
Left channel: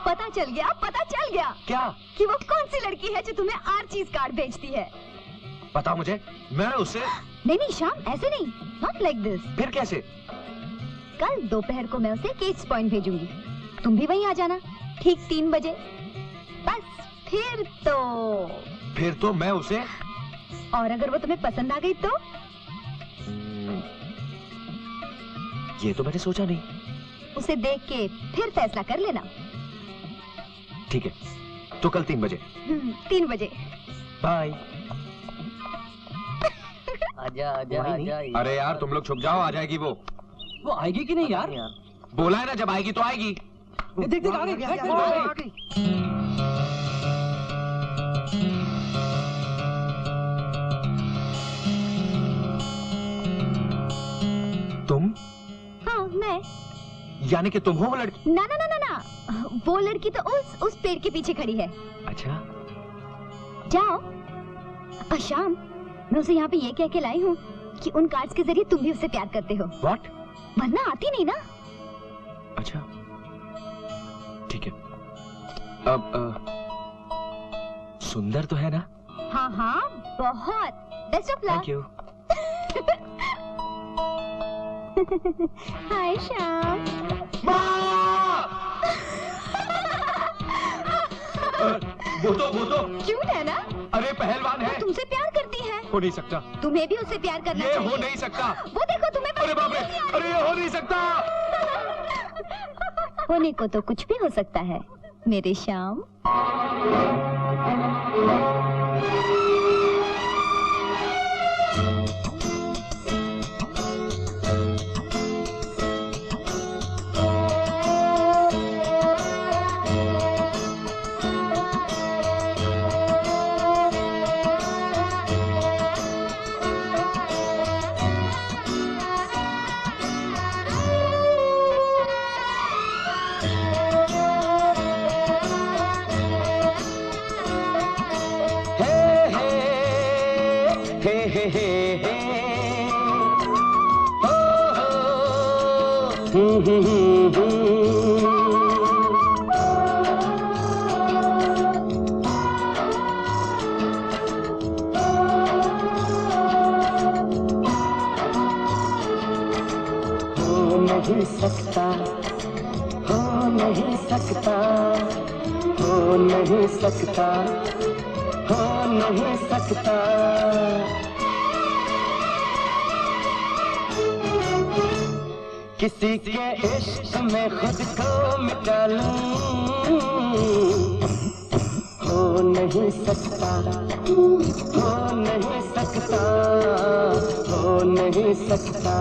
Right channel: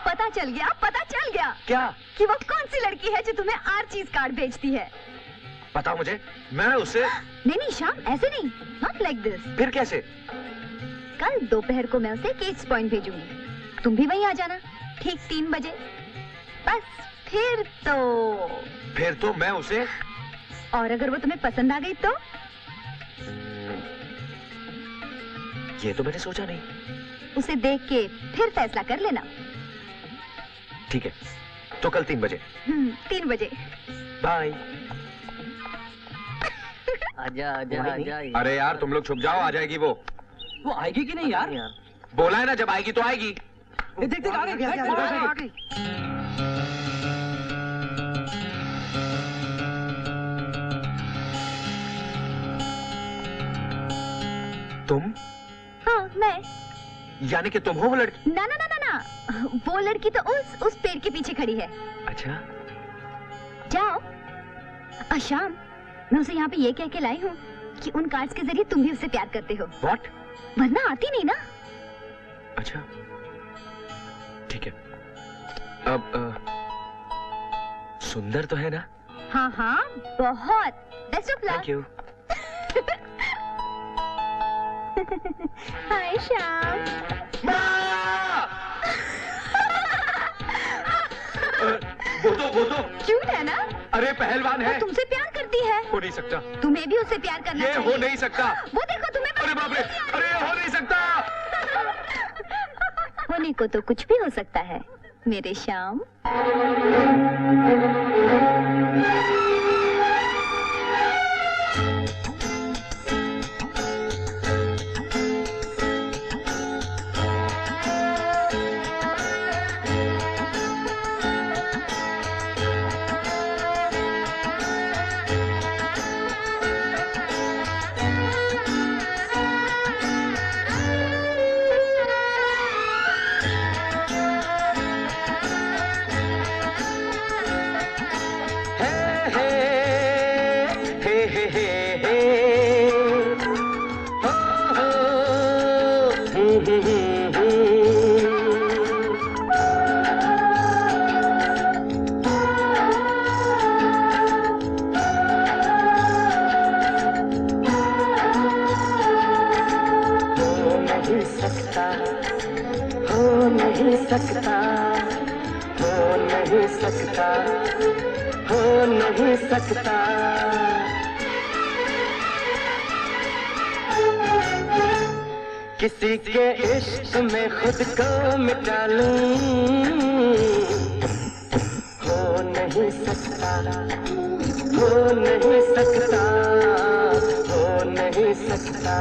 पता चल गया, पता चल गया। क्या? कि वो कौन सी लड़की है जो तुम्हें आर्चीज कार्ड भेजती है। बताओ मुझे, मैं उसे। नहीं श्याम, ऐसे नहीं, नॉट लाइक दिस। फिर कैसे? कल दोपहर को मैं उसे केट्स पॉइंट भेजूंगी। तुम भी वहीं आ जाना, ठीक 3 बजे। बस फिर तो मैं उसे। और अगर वो तुम्हें पसंद आ गई तो? ये तो मैंने सोचा नहीं। उसे देख के फिर फैसला कर लेना। ठीक है, तो कल 3 बजे। 3 बजे। बाय। आजा आजा आजा। अरे यार तुम लोग छुप जाओ, आ जाएगी वो। वो आएगी कि नहीं यार? बोला है ना, जब आएगी तो आएगी। देख देख आ गई। तुम? हाँ मैं। यानी कि तुम हो वो लड़की? ना ना ना ना ना, वो लड़की तो उस पेड़ के पीछे खड़ी है। अच्छा जाओ। शाम, मैं उसे यहाँ पे ये कह के लाई हूँ कि उन कार्ड्स के जरिए तुम भी उससे प्यार करते हो। What? वरना आती नहीं ना। अच्छा ठीक है। अब सुंदर तो है ना? हाँ हाँ बहुत। Best of luck. Thank you. Hi Shyam. वो तो क्यूट है ना? अरे पहलवान है। तुमसे प्यार करती है। हो नहीं सकता। तुम्हें भी उससे प्यार करना चाहिए। ये हो नहीं सकता। वो देखो तुम्हें। अरे बाप रे, अरे ये हो नहीं सकता। होने को तो कुछ भी हो सकता है मेरे श्याम। नहीं सकता, हो नहीं सकता, हो नहीं सकता, हो नहीं सकता। किसी के इश्क में खुद को मिटा लूं, हो नहीं सकता, हो नहीं सकता, हो नहीं सकता,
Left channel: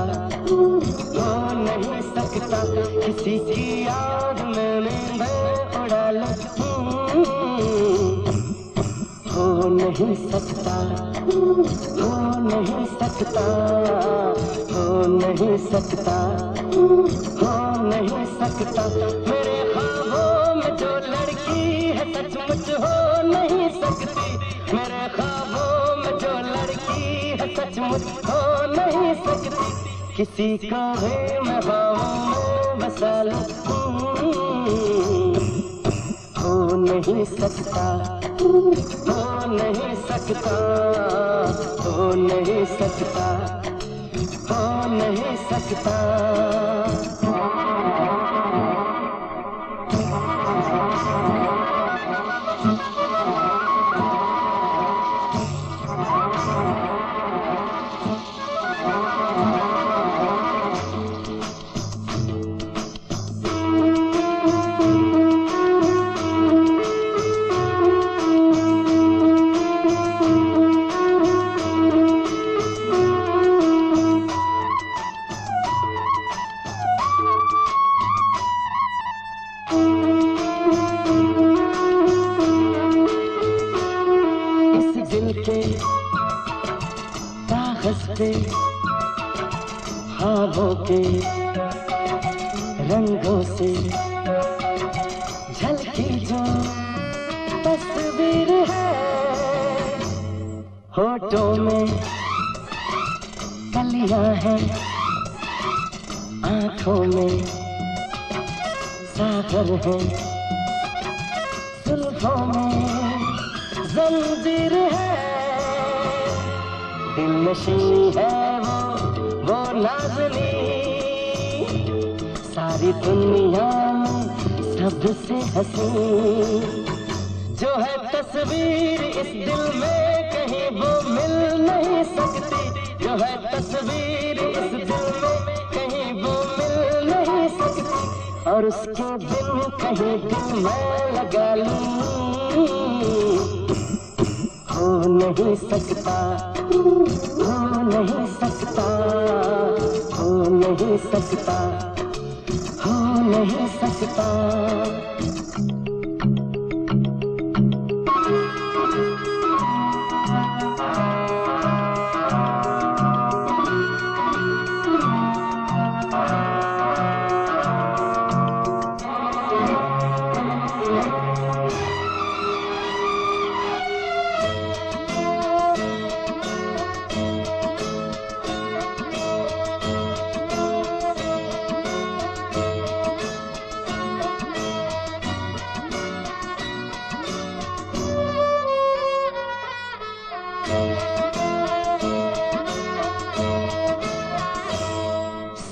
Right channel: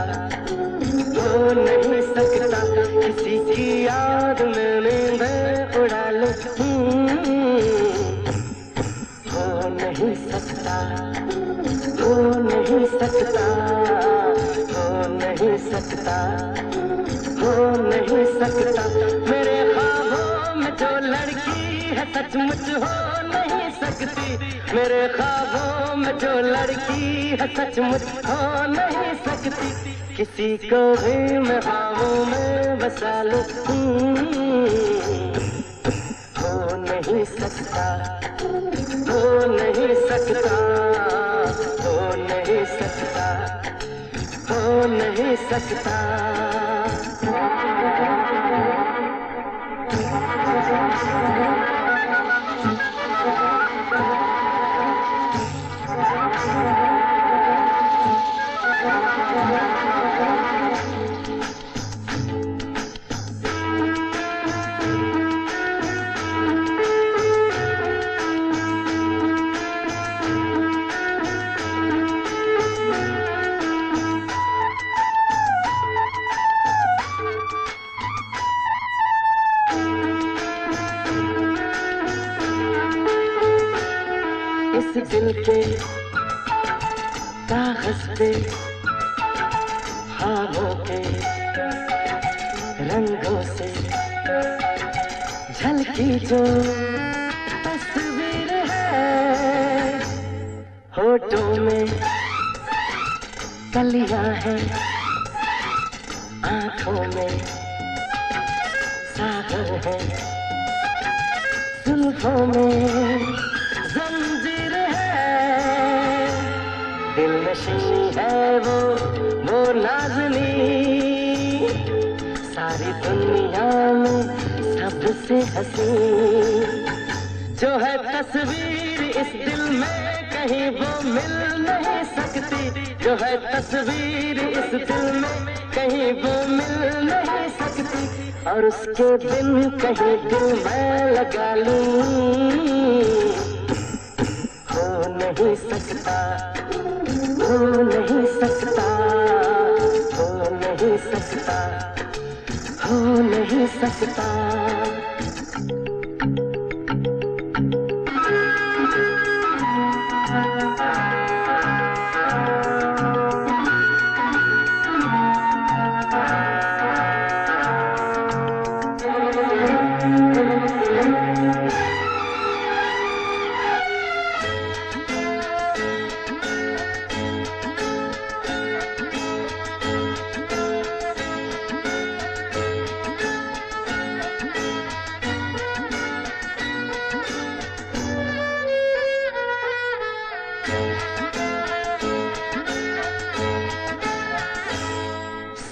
हो नहीं सकता। किसी की याद में नींदें उड़ा लूं, हो नहीं सकता, हो नहीं सकता, हो नहीं सकता, हो नहीं सकता। मेरे ख्वाबों में जो लड़की है सचमुच हो नहीं सकती, मेरे ख्वाबों में जो लड़की है सचमुच हो नहीं सकती। किसी को भी मैं ख्वाबों में बसा लूं, हो नहीं सकता, हो नहीं सकता, हो नहीं सकता, हो नहीं सकता। ख्वाबों के रंगों से झलकी जो तस्वीर है, होठों में कलियां हैं, आंखों में सागर है, जुल्फों में जंजीर है, दिल नशी है वो नाज़नी, सारी दुनिया में सबसे हंसी, जो है तस्वीर इस दिल में कहीं वो मिल नहीं सकती, जो है तस्वीर इस दिल में कहीं वो मिल नहीं सकती, और उसके बिन कहीं दिल मैं लगा लूं, हो नहीं सकता, हो नहीं सकता, हो नहीं सकता, हो नहीं सकता।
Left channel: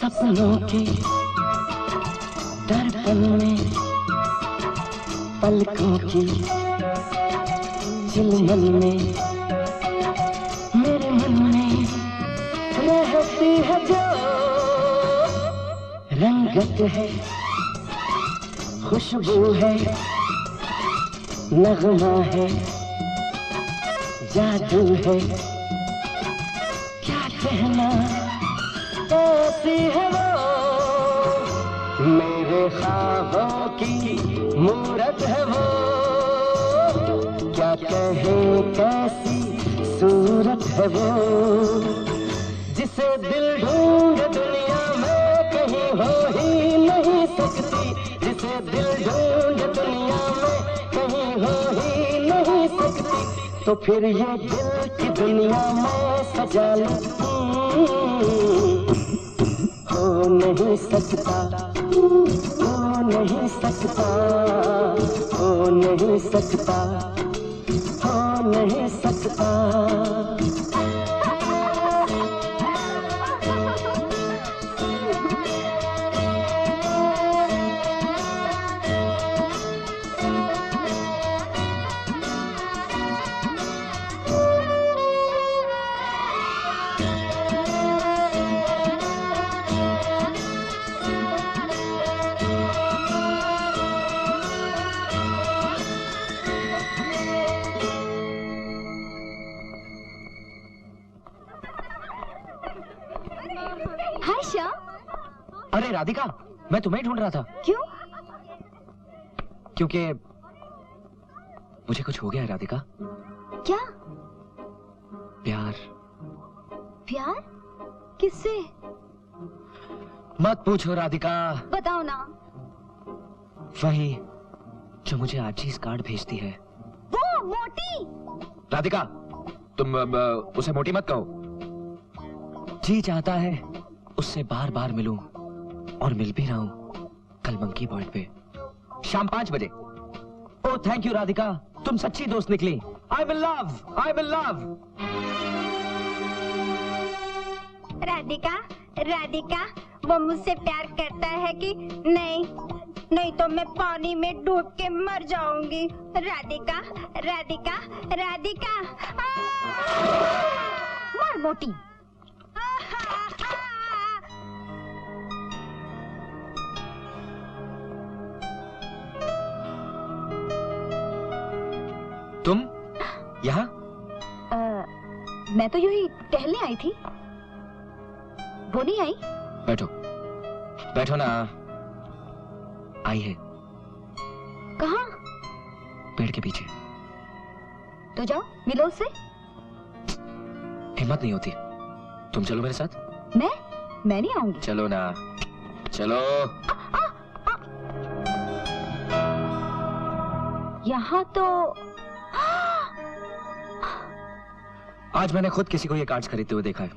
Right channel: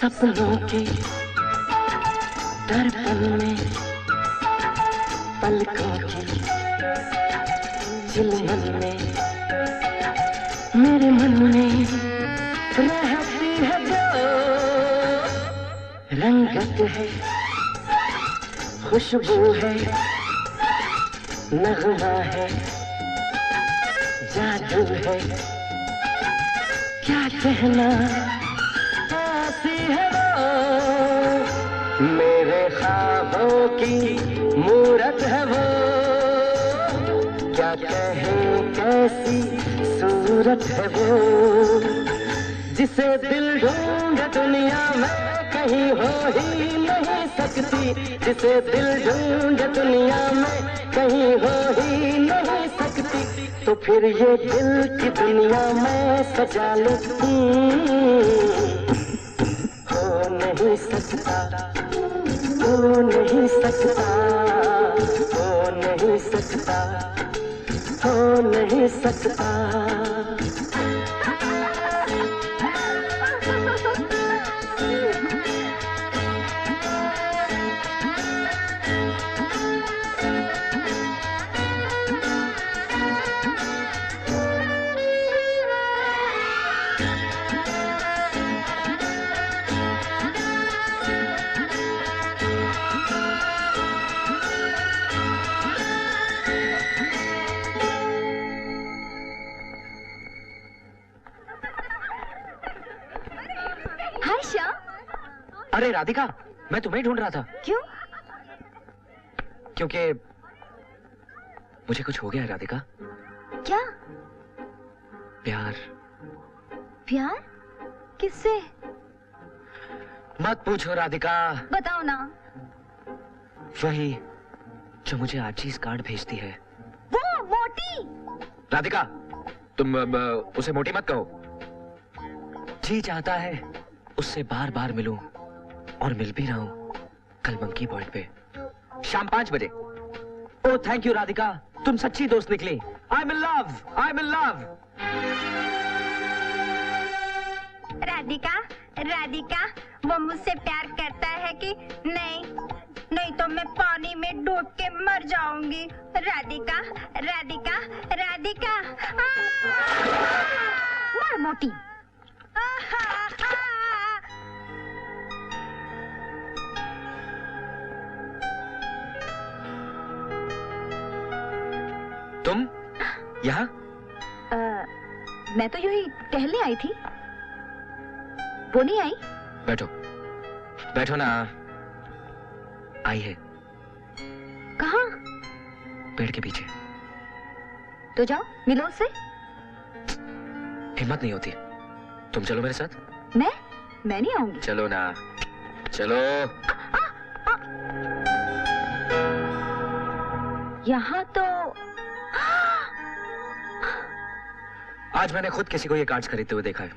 सपनों के दर्पण में पलकों की चिलमन में मेरे मन में रहती है जो रंगत है, खुशबू है, नगमा है, जादू है, क्या कहना कैसी है वो, मेरे ख्वाबों की मूरत है वो, क्या कहें कैसी सूरत है वो, जिसे दिल ढूंढे दुनिया में कहीं हो ही नहीं सकती, जिसे दिल ढूंढे दुनिया में कहीं हो ही नहीं सकती, तो फिर ये दिल की दुनिया में सजा लूं, हो नहीं सकता, हो नहीं सकता, हो नहीं सकता, हो नहीं सकता। हाय श्याम। अरे राधिका, मैं तुम्हें ही ढूंढ रहा था। क्यों? क्योंकि मुझे कुछ हो गया है राधिका। क्या? प्यार। प्यार? किससे? मत पूछो राधिका। बताओ ना। वही जो मुझे आजीज कार्ड भेजती है। वो मोटी। राधिका, तुम उसे मोटी मत कहो। जी चाहता है उससे बार बार मिलूं और मिल भी रहा हूं कल मंकी पॉइंट पे शाम 5 बजे। ओह थैंक यू राधिका, तुम सच्ची दोस्त निकली। I am in love, I am in love. Radhika, Radhika, वो मुझसे प्यार करता है कि नहीं? नहीं तो मैं पानी में डूब के मर जाऊंगी। राधिका, राधिका, राधिका। मार मोटी। तुम यहाँ? मैं तो यूं ही टहलने आई थी। वो नहीं आई? बैठो, बैठो ना। आई है। कहाँ? पेड़ के पीछे। तो जाओ मिलो उससे। हिम्मत नहीं होती। तुम चलो मेरे साथ। मैं नहीं आऊंगी। चलो ना, चलो। यहाँ तो आज मैंने खुद किसी को ये कार्ड्स खरीदते हुए देखा है।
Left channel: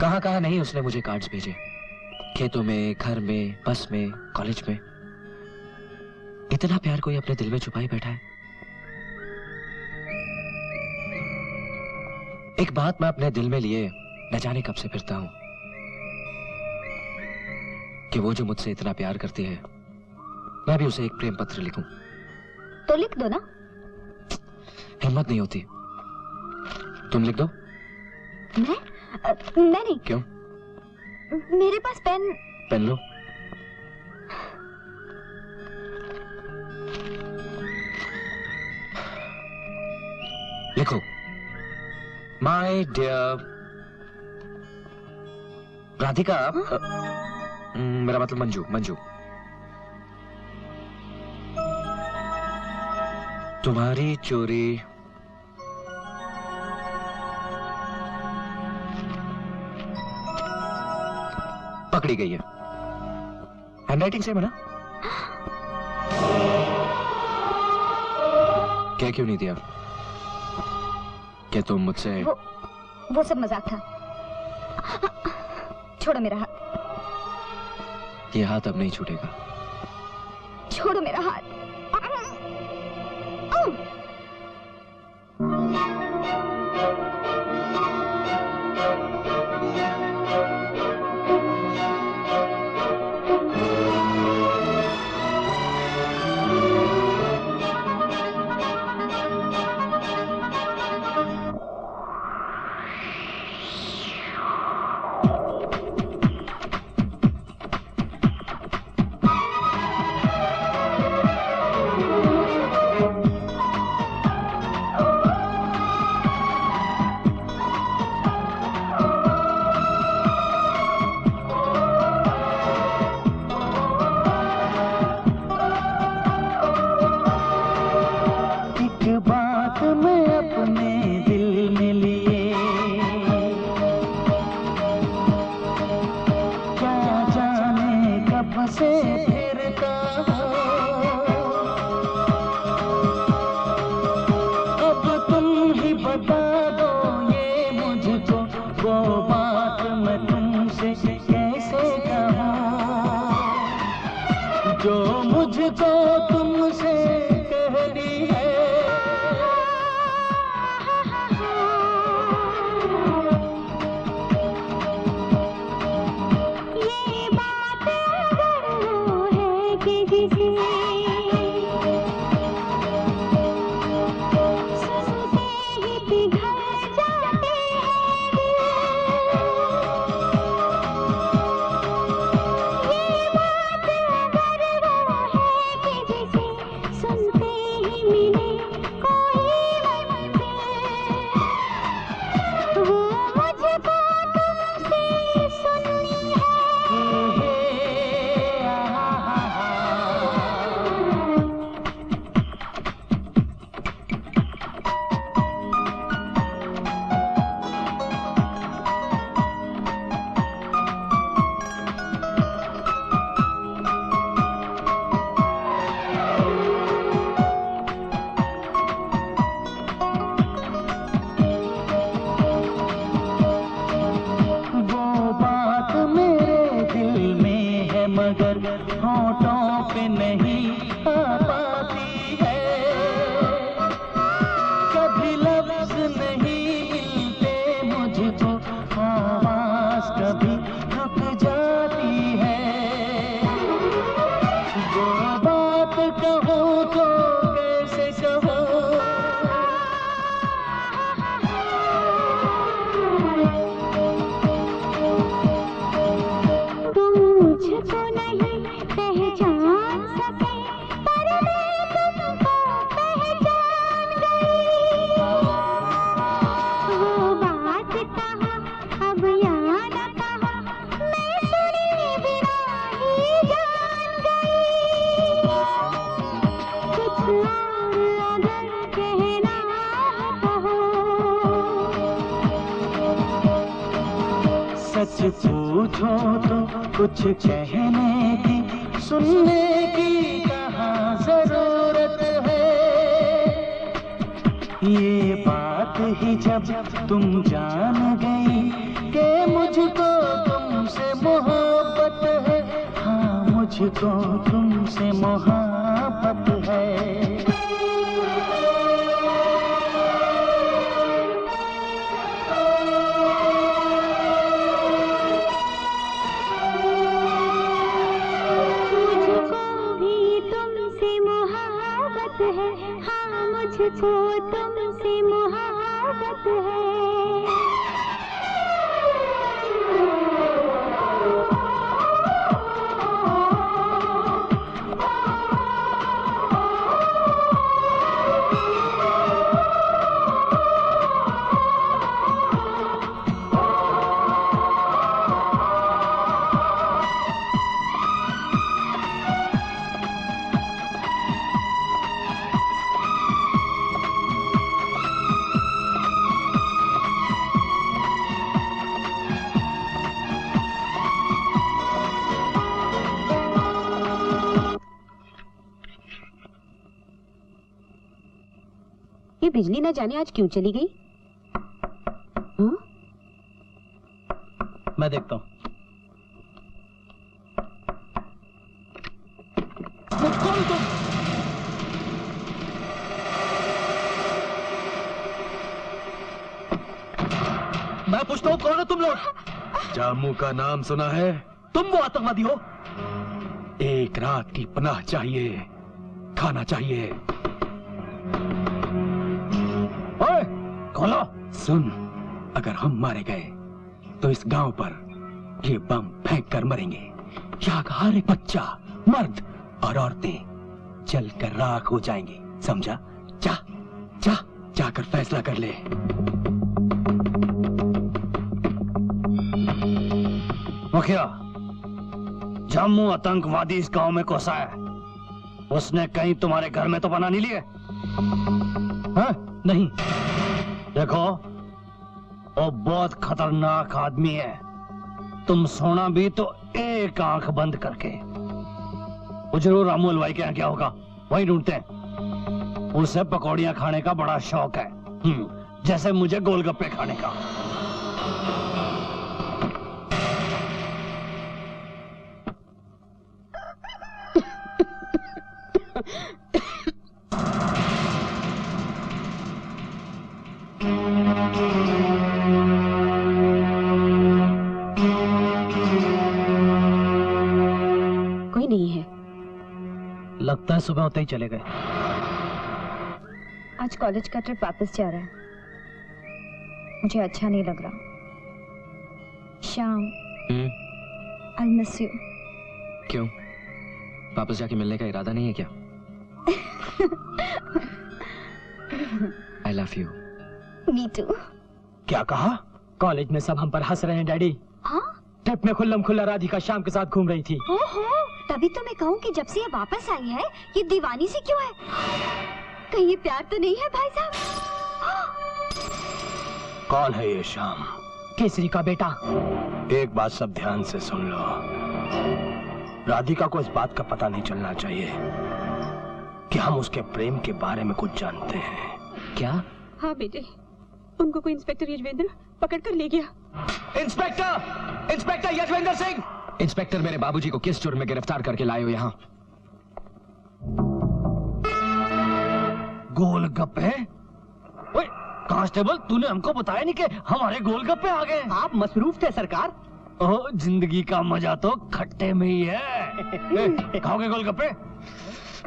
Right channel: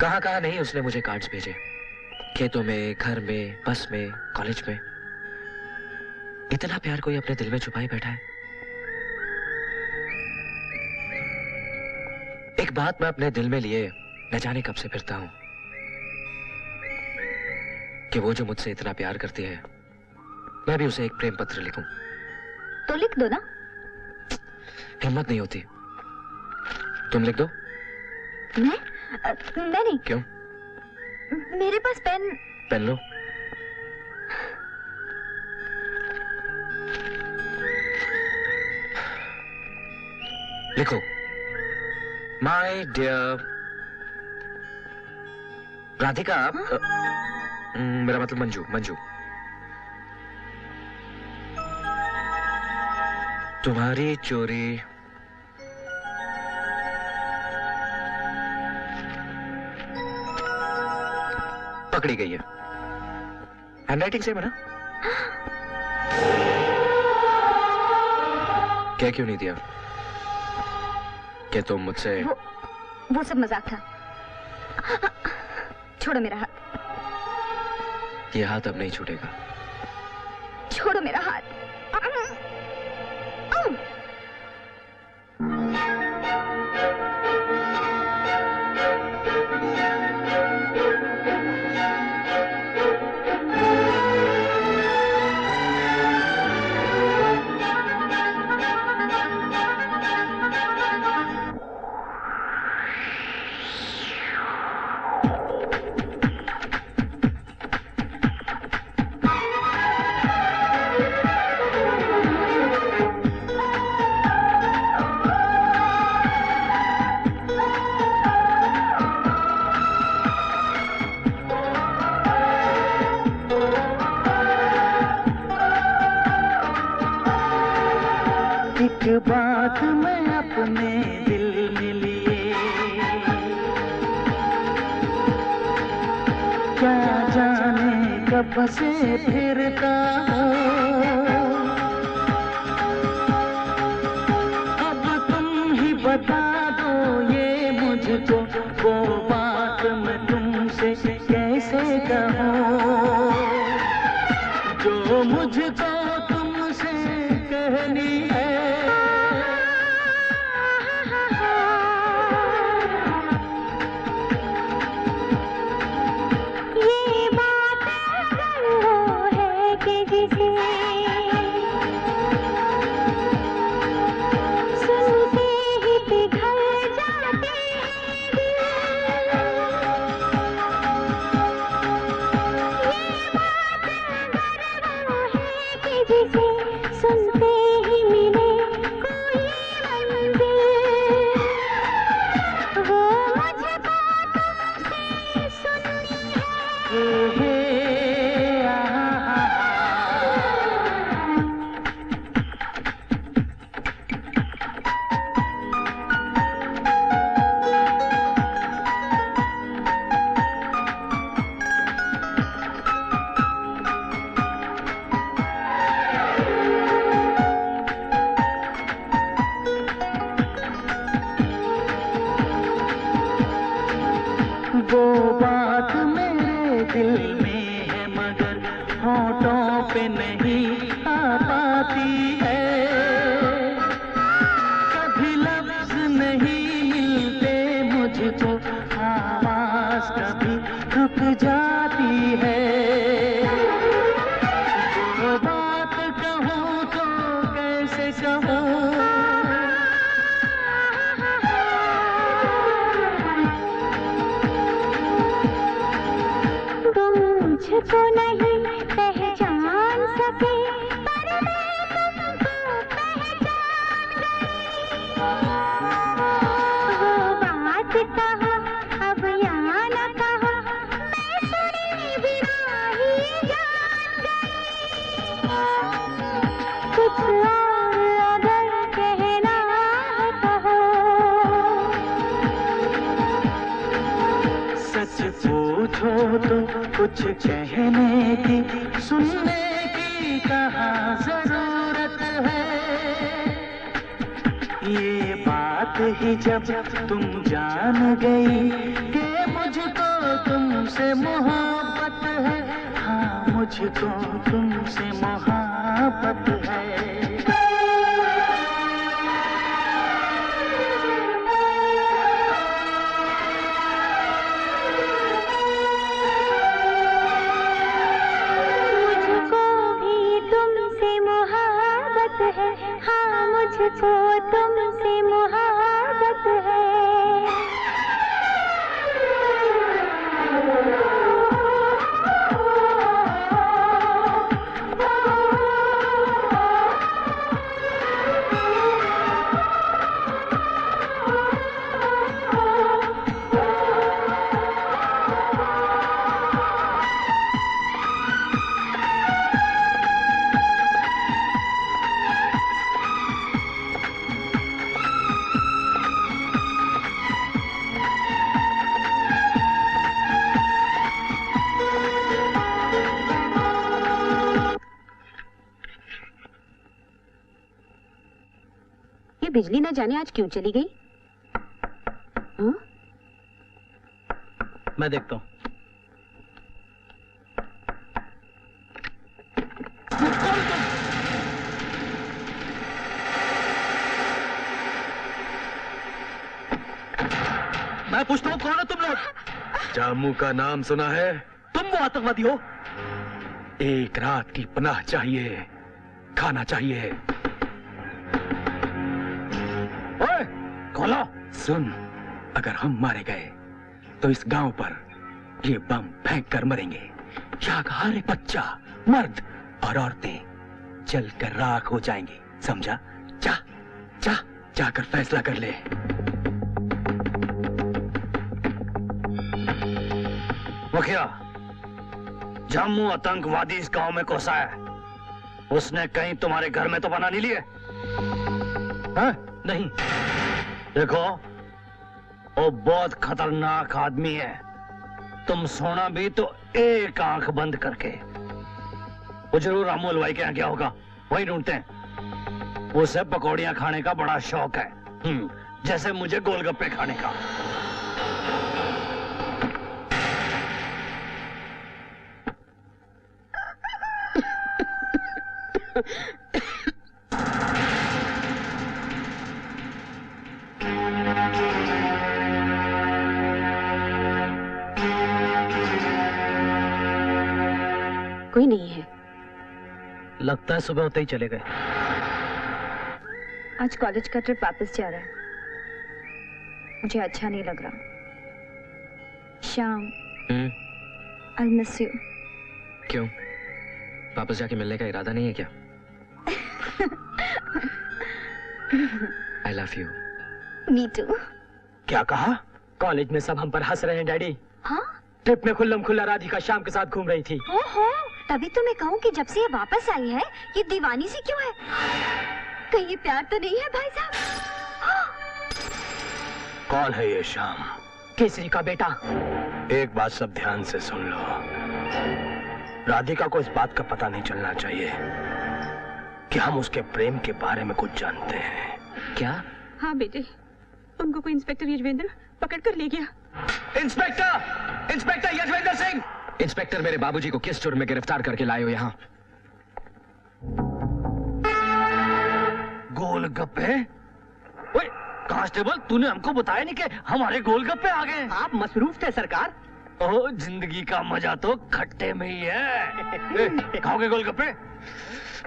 कहां कहां नहीं उसने मुझे कार्ड्स भेजे। खेतों में, घर में, बस में, कॉलेज में। इतना प्यार कोई अपने दिल में छुपाए बैठा है। एक बात मैं अपने दिल में लिए न जाने कब से फिरता हूं कि वो जो मुझसे इतना प्यार करती है, मैं भी उसे एक प्रेम पत्र लिखूं। तो लिख दो ना। हिम्मत नहीं होती। तुम लिख दो। मैं नहीं। क्यों? मेरे पास पेन। पेन लो। लिखो, माय डियर राधिका। मेरा मतलब मंजू। मंजू, तुम्हारी चोरी पकड़ी गई है। हैंडराइटिंग सेम है ना? क्या क्यों नहीं दिया? क्या तुम मुझसे? वो सब मजाक था। छोड़ो मेरा हाथ। ये हाथ अब नहीं छूटेगा। छोड़ो मेरा हाथ। बात मैं अपने दिल में लिए, क्या जाने कब से फिरता हूँ। अब तुम ही बता दो ये मुझको, वो बात मैं तुमसे कैसे कहूँ जो मुझको तुमसे कहनी है। सुनते ही पिघल सच पूछो तो कुछ कहने की, सुनने की कहाँ जरूरत है। ये बात ही जब तुम जान गई कि मुझको तुमसे मोहब्बत है, हाँ मुझको तुमसे मोहब्बत है। मुझको तुमसे मोहब्बत है। ये बिजली न जाने आज क्यों चली गई? हाँ? मैं देखता हूँ। कौन तुम? मैं पूछता हूँ कौन हो तुम लोग? जामू का नाम सुना है? तुम वो आतंकवादी हो? एक रात की पनाह चाहिए, खाना चाहिए। ओए, खोलो। सुन, अगर हम मारे गए तो इस गांव पर ये बम फेंक कर मरेंगे। यहाँ का हर एक बच्चा, मर्द और औरतें जलकर राख हो जाएंगे, समझा? जा, जा, जाकर फैसला कर ले। मुखिया, जम्मू आतंकवादी इस गांव में घुसा है। उसने कहीं तुम्हारे घर में तो बना नहीं लिए? हाँ? नहीं। देखो, वो बहुत खतरनाक आदमी है। तुम सोना भी तो एक आंख बंद करके। वो जरूर रामू हलवाई के यहाँ गया होगा, वहीं ढूंढते हैं। उसे पकौड़ियां खाने का बड़ा शौक है, जैसे मुझे गोलगप्पे खाने का। कोई नहीं है। लगता है सुबह होते ही चले गए। आज कॉलेज का ट्रिप वापस जा रहा है। मुझे अच्छा नहीं लग रहा। शाम, I'll miss you। क्यों? वापस जाके मिलने का इरादा नहीं है क्या? I love you। Me too। क्या कहा? कॉलेज में सब हम पर हंस रहे हैं डैडी। हाँ? ट्रिप में खुल्लम खुल्ला राधिका शाम के साथ घूम रही थी। ओहो, तभी तो मैं कहूँ कि जब से ये वापस आई है, ये दीवानी सी क्यों है? कहीं ये प्यार तो नहीं है भाई साहब? कौन है ये शाम? केसरी का बेटा। एक बात सब ध्यान से सुन लो। राधिका को इस बात का पता नहीं चलना चाहिए कि हम उसके प्रेम के बारे में कुछ जानते हैं। क्या? हाँ बेटे, उनको कोई इंस्पेक्टर यजवेंद्र पकड़ कर ले गया। Inspector! Inspector Yuzvendra Singh! Inspector, मेरे बाबूजी को किस जुर्म में गिरफ्तार करके लाए हो यहाँ? गोलगप्पे? ओए, कांस्टेबल, तूने हमको बताया नहीं कि हमारे गोलगप्पे आ गए। आप मसरूफ थे सरकार। ओह, जिंदगी का मजा तो खट्टे में ही है। खाओगे गोलगप्पे?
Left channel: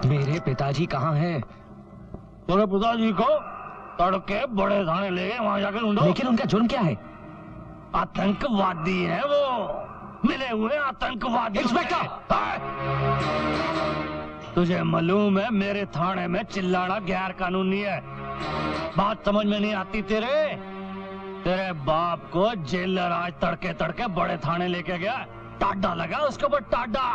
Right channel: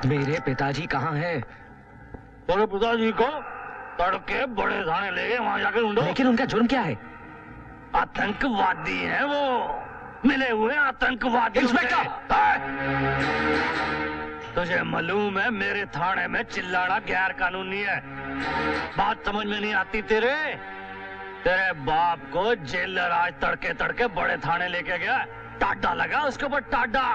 मेरे पिताजी कहाँ हैं? तेरे पिताजी को तड़के बड़े थाने ले गए, वहां जाकर ढूंढो। लेकिन उनका जुर्म क्या है? आतंकवादी है वो, मिले हुए आतंकवादी। इंस्पेक्टर! तुझे मालूम है मेरे थाने में चिल्लाना गैर कानूनी है। बात समझ में नहीं आती तेरे? तेरे बाप को जेलर आज तड़के तड़के बड़े थाने लेके गया। टाडा लगा उसके ऊपर, टाडा।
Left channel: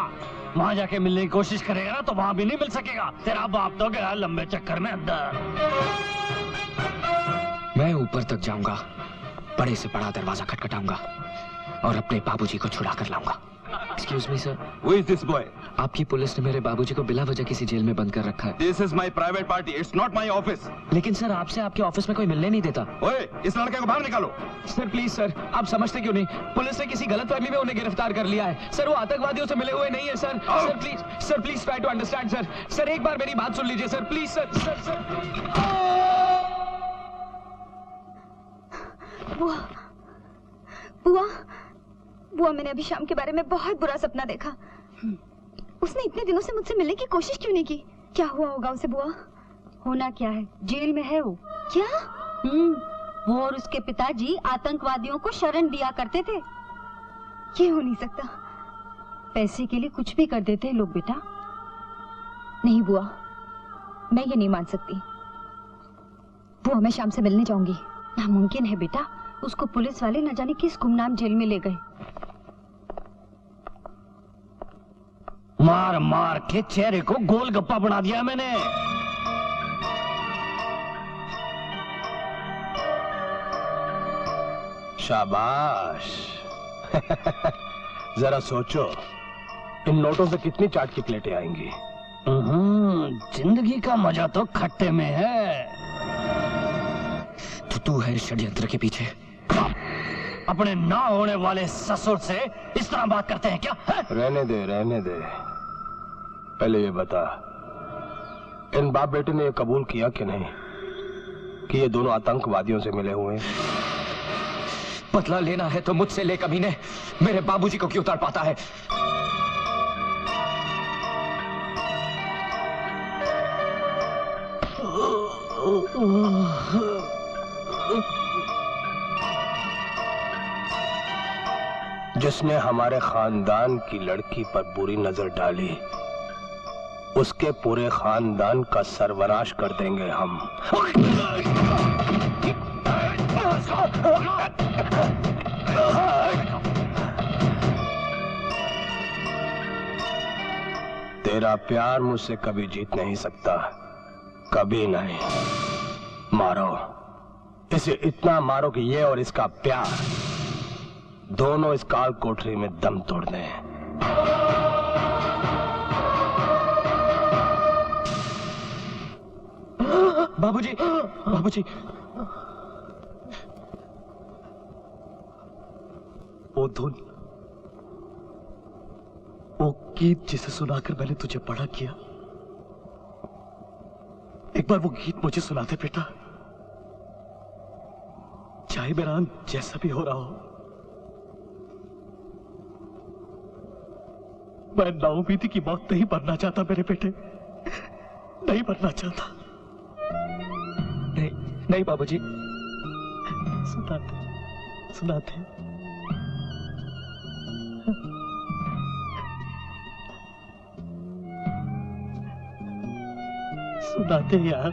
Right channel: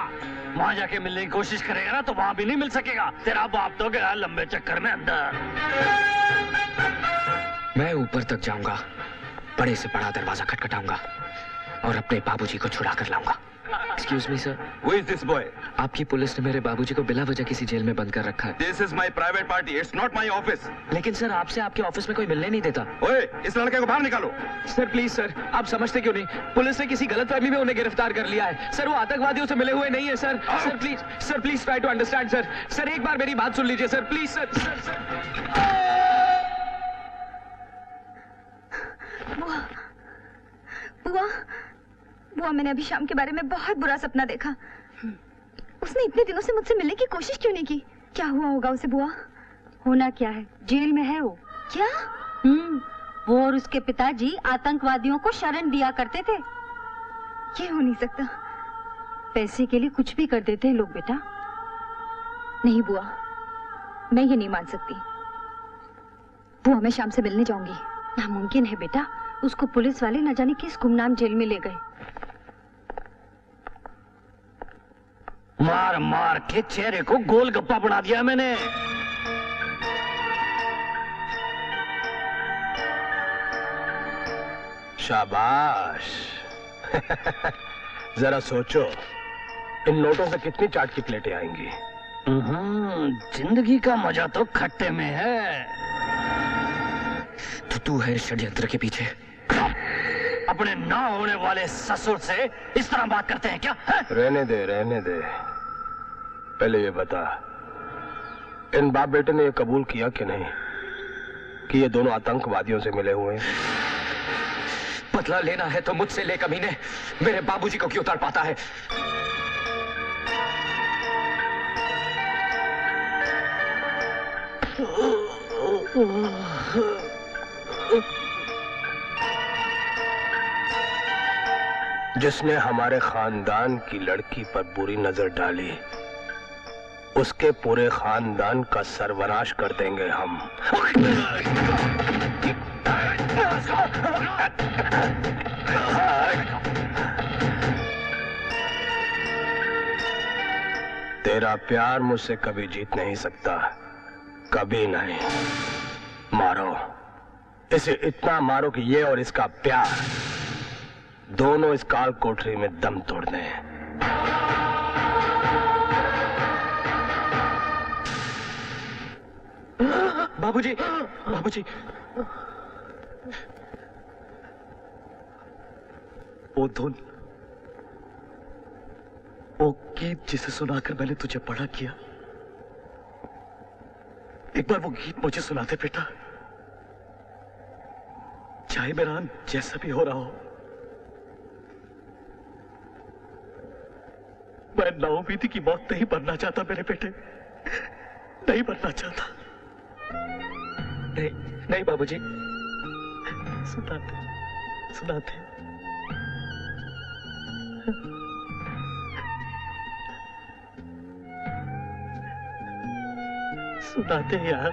वहां जाके मिलने की कोशिश करेगा ना तो वहां भी नहीं मिल सकेगा। तेरा बाप तो गया लंबे चक्कर में अंदर। मैं ऊपर तक जाऊंगा, बड़े से बड़ा दरवाजा खटखटाऊंगा और अपने बाबूजी को छुड़ा कर लाऊंगा। Excuse me sir, Who is this boy? आपकी पुलिस ने मेरे बाबूजी को बिला वजह किसी जेल में बंद कर रखा है। This is my private party. It's not my office. लेकिन सर आपसे आपके ऑफिस में कोई मिलने नहीं देता। ओए, इस लड़के को बाहर निकालो। सर प्लीज सर, आप समझते क्यों नहीं? पुलिस ने किसी गलतफहमी में उन्हें गिरफ्तार कर लिया है। सर वो आतंकवादियों से मिले हुए नहीं है sir. Sir please try to understand sir. Sir एक बार मेरी बात सुन लीजिए सर, प्लीज सर। सर बुआ, बुआ, बुआ, मैंने अभी शाम के बारे में बहुत बुरा सपना देखा। उसने इतने दिनों से मुझसे मिलने की कोशिश क्यों नहीं की? क्या हुआ होगा उसे बुआ? होना क्या है, जेल में है वो। क्या? वो और उसके पिताजी आतंकवादियों को शरण दिया करते थे। ये हो नहीं सकता। पैसे के लिए कुछ भी कर देते हैं लोग बेटा। नहीं बुआ, मैं ये नहीं मान सकती। बुआ मैं शाम से मिलने जाऊंगी। नामुमकिन है बेटा, उसको पुलिस वाले न जाने किस गुमनाम जेल में ले गए। मार मार के चेहरे को गोलगप्पा बना दिया मैंने। शाबाश। जरा सोचो, इन नोटों से कितनी चाट की प्लेटें आएंगी। जिंदगी का मजा तो खट्टे में है। तो तू है षड्यंत्र के पीछे? अपने ना होने वाले ससुर से इस तरह बात करते हैं क्या? रहने दे, रहने दे। पहले ये बता, इन बाप बेटे ने ये कबूल किया कि नहीं कि ये दोनों आतंकवादियों से मिले हुए हैं? बदला लेना है तो मुझसे ले कमीने, मेरे बाबूजी को क्यों तड़पाता है? जिसने हमारे खानदान की लड़की पर बुरी नजर डाली, उसके पूरे खानदान का सर्वनाश कर देंगे हम। तेरा प्यार मुझसे कभी जीत नहीं सकता, कभी नहीं। मारो इसे, इतना मारो कि ये और इसका प्यार दोनों इस काल कोठरी में दम तोड़ दें। बाबूजी, बाबूजी। वो धुन, वो गीत जिसे सुनाकर मैंने तुझे बड़ा किया, एक बार वो गीत मुझे सुना दे बेटा। चाहे मेरा अंत जैसा भी हो रहा हो, मैं नाउमीदी की मौत नहीं मरना चाहता मेरे बेटे, नहीं मरना चाहता। नहीं नहीं बाबूजी। सुनाते सुनाते सुनाते यार।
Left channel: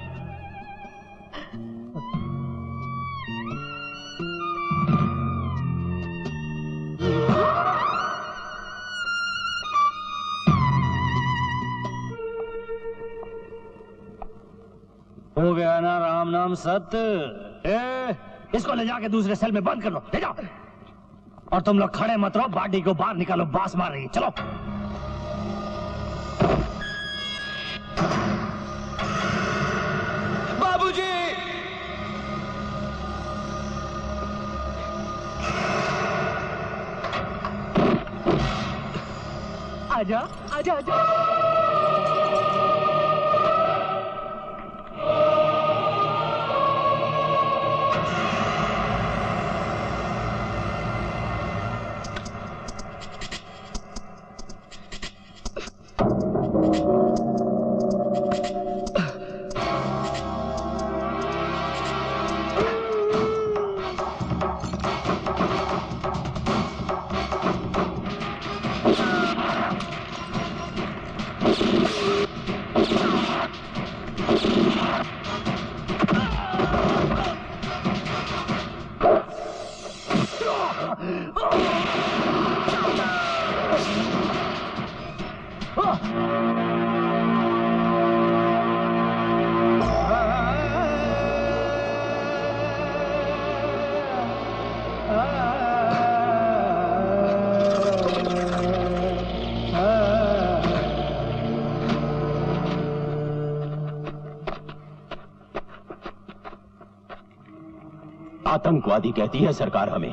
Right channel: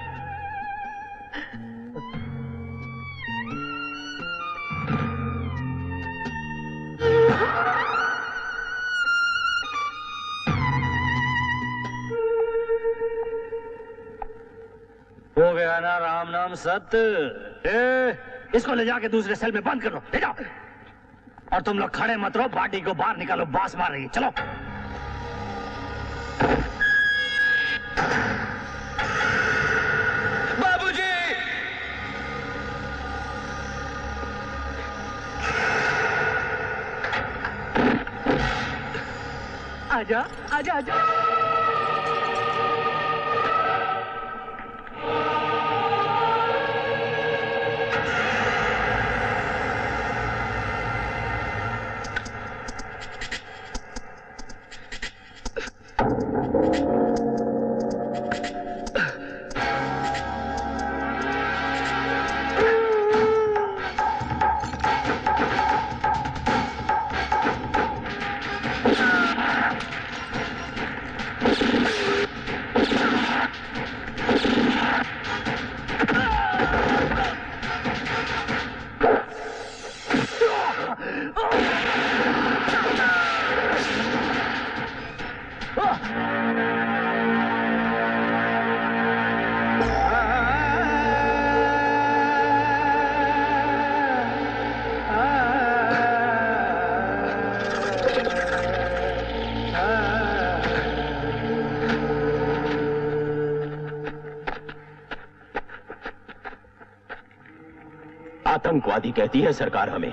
हो गया ना राम नाम सत्य। इसको ले जाके दूसरे सेल में बंद कर लो, ले जाओ। और तुम लोग खड़े मत रहो, बाडी को बाहर निकालो, बास मार रही है। चलो। बाबूजी! आजा आजा आजा। आतंकवादी कहती है सरकार हमें।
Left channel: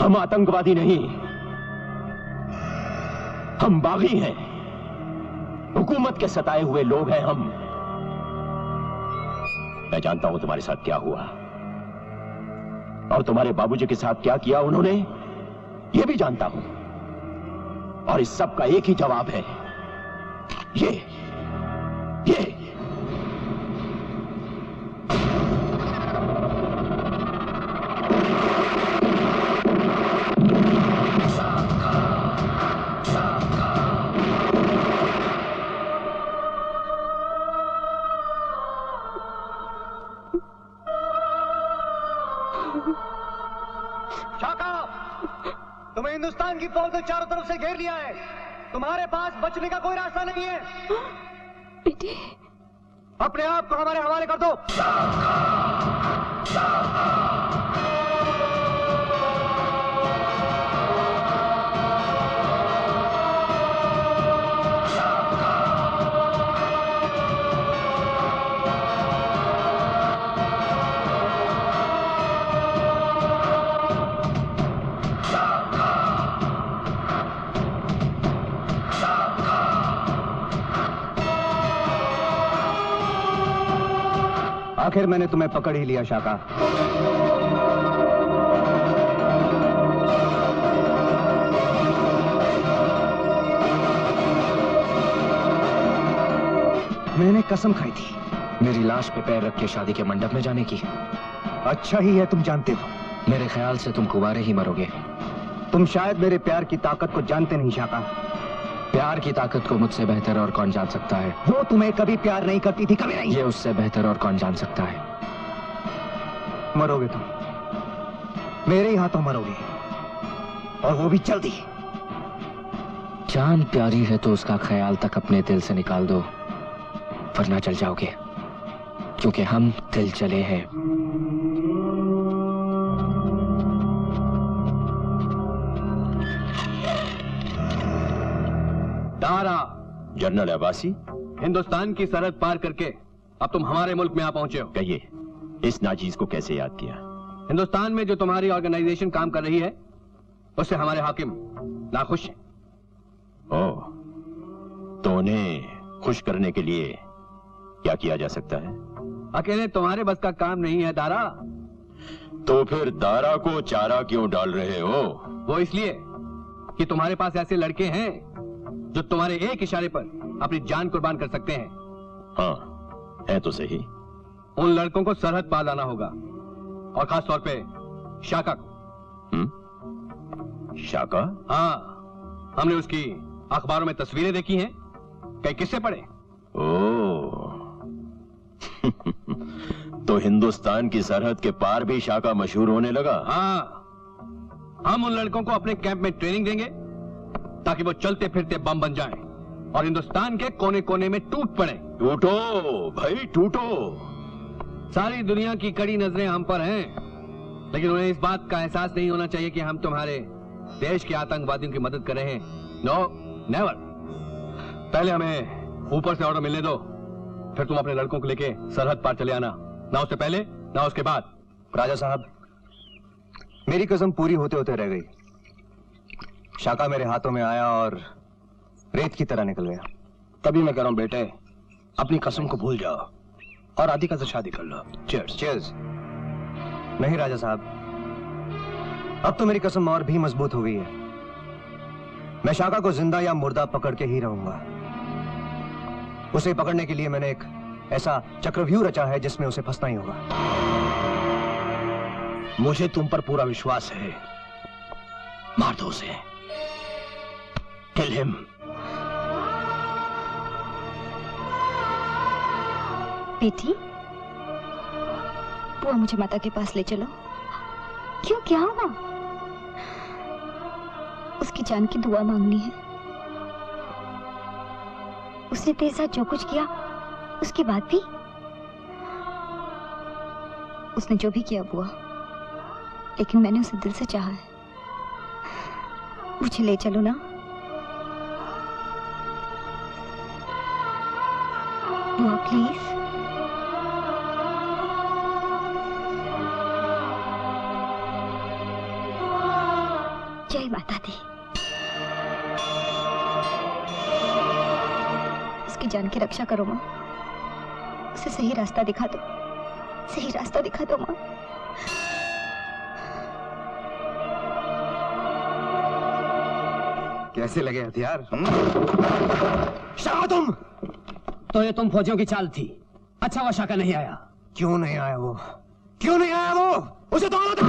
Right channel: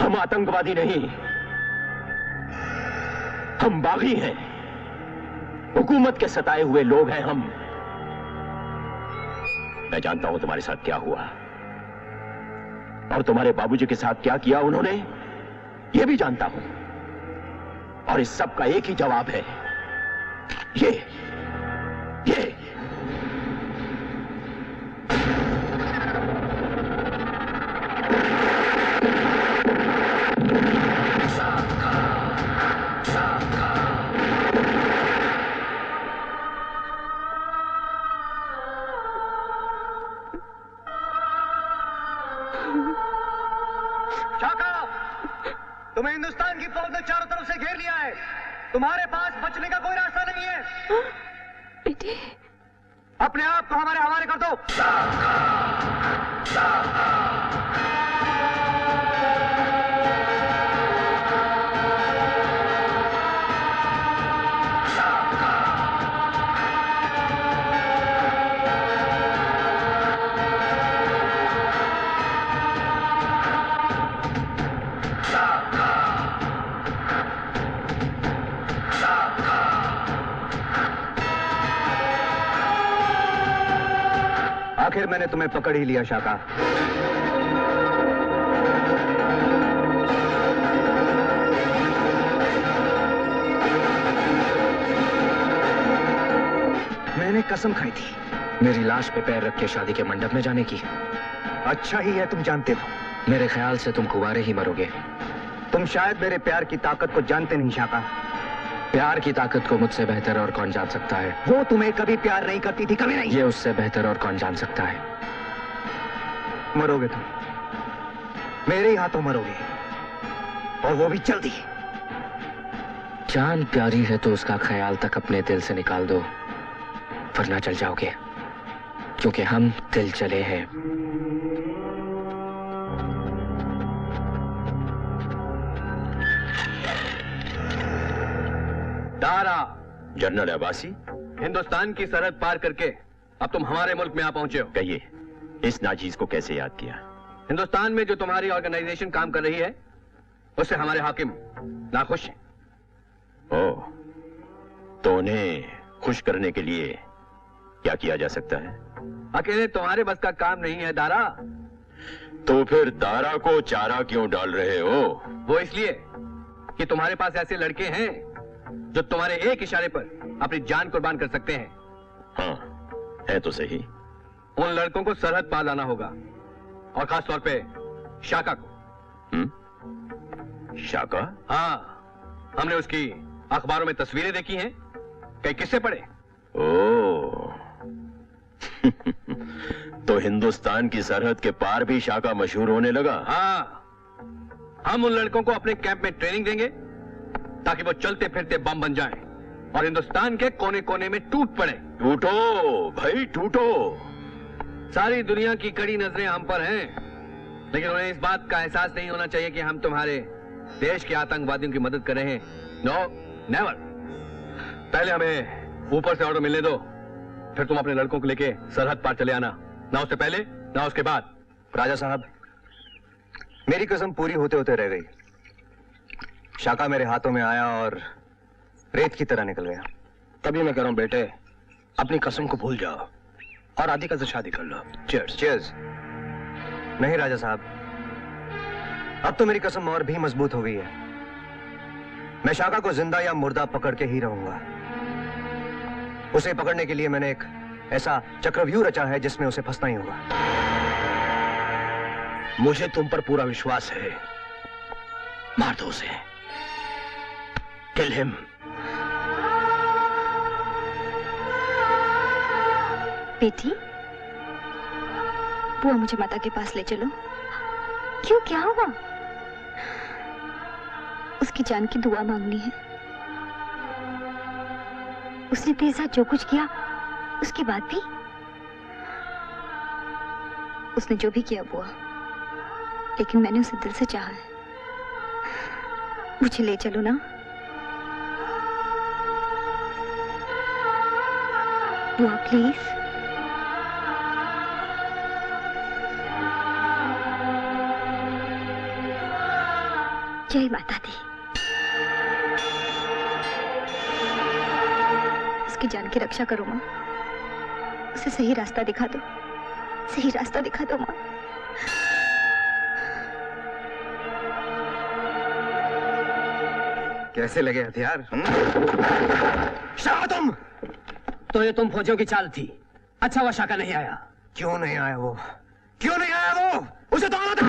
हम आतंकवादी नहीं, हम बागी हैं, हुकूमत के सताए हुए लोग हैं हम। मैं जानता हूं तुम्हारे साथ क्या हुआ और तुम्हारे बाबूजी के साथ क्या किया उन्होंने, यह भी जानता हूं। और इस सब का एक ही जवाब है, ये तुम्हें हिंदुस्तान की फौज ने चारों तरफ से घेर लिया है। तुम्हारे पास बचने का कोई रास्ता नहीं है। बेटी, अपने आप को हमारे हवाले कर दो। आखिर मैंने तुम्हें पकड़ ही लिया शाका। मैंने कसम खाई थी मेरी लाश पे पैर रख के शादी के मंडप में जाने की। अच्छा ही है तुम जानते हो। मेरे ख्याल से तुम कुंवारे ही मरोगे। तुम शायद मेरे प्यार की ताकत को जानते नहीं शाका। प्यार की ताकत को मुझसे बेहतर और कौन जान सकता है। वो तुम्हें कभी प्यार नहीं करती थी, कभी नहीं। ये उससे बेहतर और कौन जान सकता है। मरोगे तुम, मेरे ही हाथों मरोगे, और वो भी जल्दी। जान प्यारी है तो उसका ख्याल तक अपने दिल से निकाल दो, वरना चल जाओगे, क्योंकि हम दिल चले हैं। दारा, जनरल अब्बासी, हिंदुस्तान की सरहद पार करके अब तुम हमारे मुल्क में आ पहुंचे हो। कहिए, इस नाचीज को कैसे याद किया? हिंदुस्तान में जो तुम्हारी ऑर्गेनाइजेशन काम कर रही है, उससे हमारे हाकिम नाखुश हैं। ओह, तो उन्हें खुश करने के लिए क्या किया जा सकता है? अकेले तुम्हारे बस का काम नहीं है दारा। तो फिर दारा को चारा क्यों डाल रहे हो? वो इसलिए कि तुम्हारे पास ऐसे लड़के हैं जो तुम्हारे एक इशारे पर अपनी जान कुर्बान कर सकते हैं। हाँ, है तो सही। उन लड़कों को सरहद पार लाना होगा, और खास तौर पे शाका को। शाका? हाँ, हमने उसकी अखबारों में तस्वीरें देखी हैं, कई किस्से पढ़े। ओह, तो हिंदुस्तान की सरहद के पार भी शाका मशहूर होने लगा। हाँ, हम उन लड़कों को अपने कैंप में ट्रेनिंग देंगे ताकि वो चलते फिरते बम बन जाएं और हिंदुस्तान के कोने कोने में टूट पड़े। टूटो भाई, टूटो। सारी दुनिया की कड़ी नजरें हम पर हैं, लेकिन उन्हें इस बात का एहसास नहीं होना चाहिए कि हम तुम्हारे देश के आतंकवादियों की मदद कर रहे हैं। No, never. पहले हमें ऊपर से ऑर्डर मिलने दो, फिर तुम अपने लड़कों को लेके सरहद पार चले आना, ना उससे पहले ना उसके बाद। राजा साहब, मेरी कसम पूरी होते होते रह गई। शाका मेरे हाथों में आया और रेत की तरह निकल गया। तभी मैं कह रहा हूं बेटे, अपनी कसम को भूल जाओ और राधिका से शादी कर लो। चीयर्स। चीयर्स। नहीं राजा साहब, अब तो मेरी कसम और भी मजबूत हो गई है। मैं शाका को जिंदा या मुर्दा पकड़ के ही रहूंगा। उसे पकड़ने के लिए मैंने एक ऐसा चक्रव्यूह रचा है जिसमें उसे फंसना ही होगा। मुझे तुम पर पूरा विश्वास है। मार दो उसे। Kill him. बेटी, बुआ मुझे माता के पास ले चलो। क्यों, क्या हुआ? उसकी जान की दुआ मांगनी है। उसने तेरे साथ जो कुछ किया, उसके बाद भी उसने जो भी किया बुआ, लेकिन मैंने उसे दिल से चाहा है। मुझे ले चलो ना बुआ, प्लीज। जय माता दी। उसकी जान की रक्षा करो माँ, उसे सही रास्ता दिखा दो, सही रास्ता दिखा दो माँ। कैसे लगे हथियार? शाका तुम! तो ये तुम फौजियों की चाल थी। अच्छा हुआ शाका नहीं आया। क्यों नहीं आया वो? क्यों नहीं आया वो? उसे तो आना था।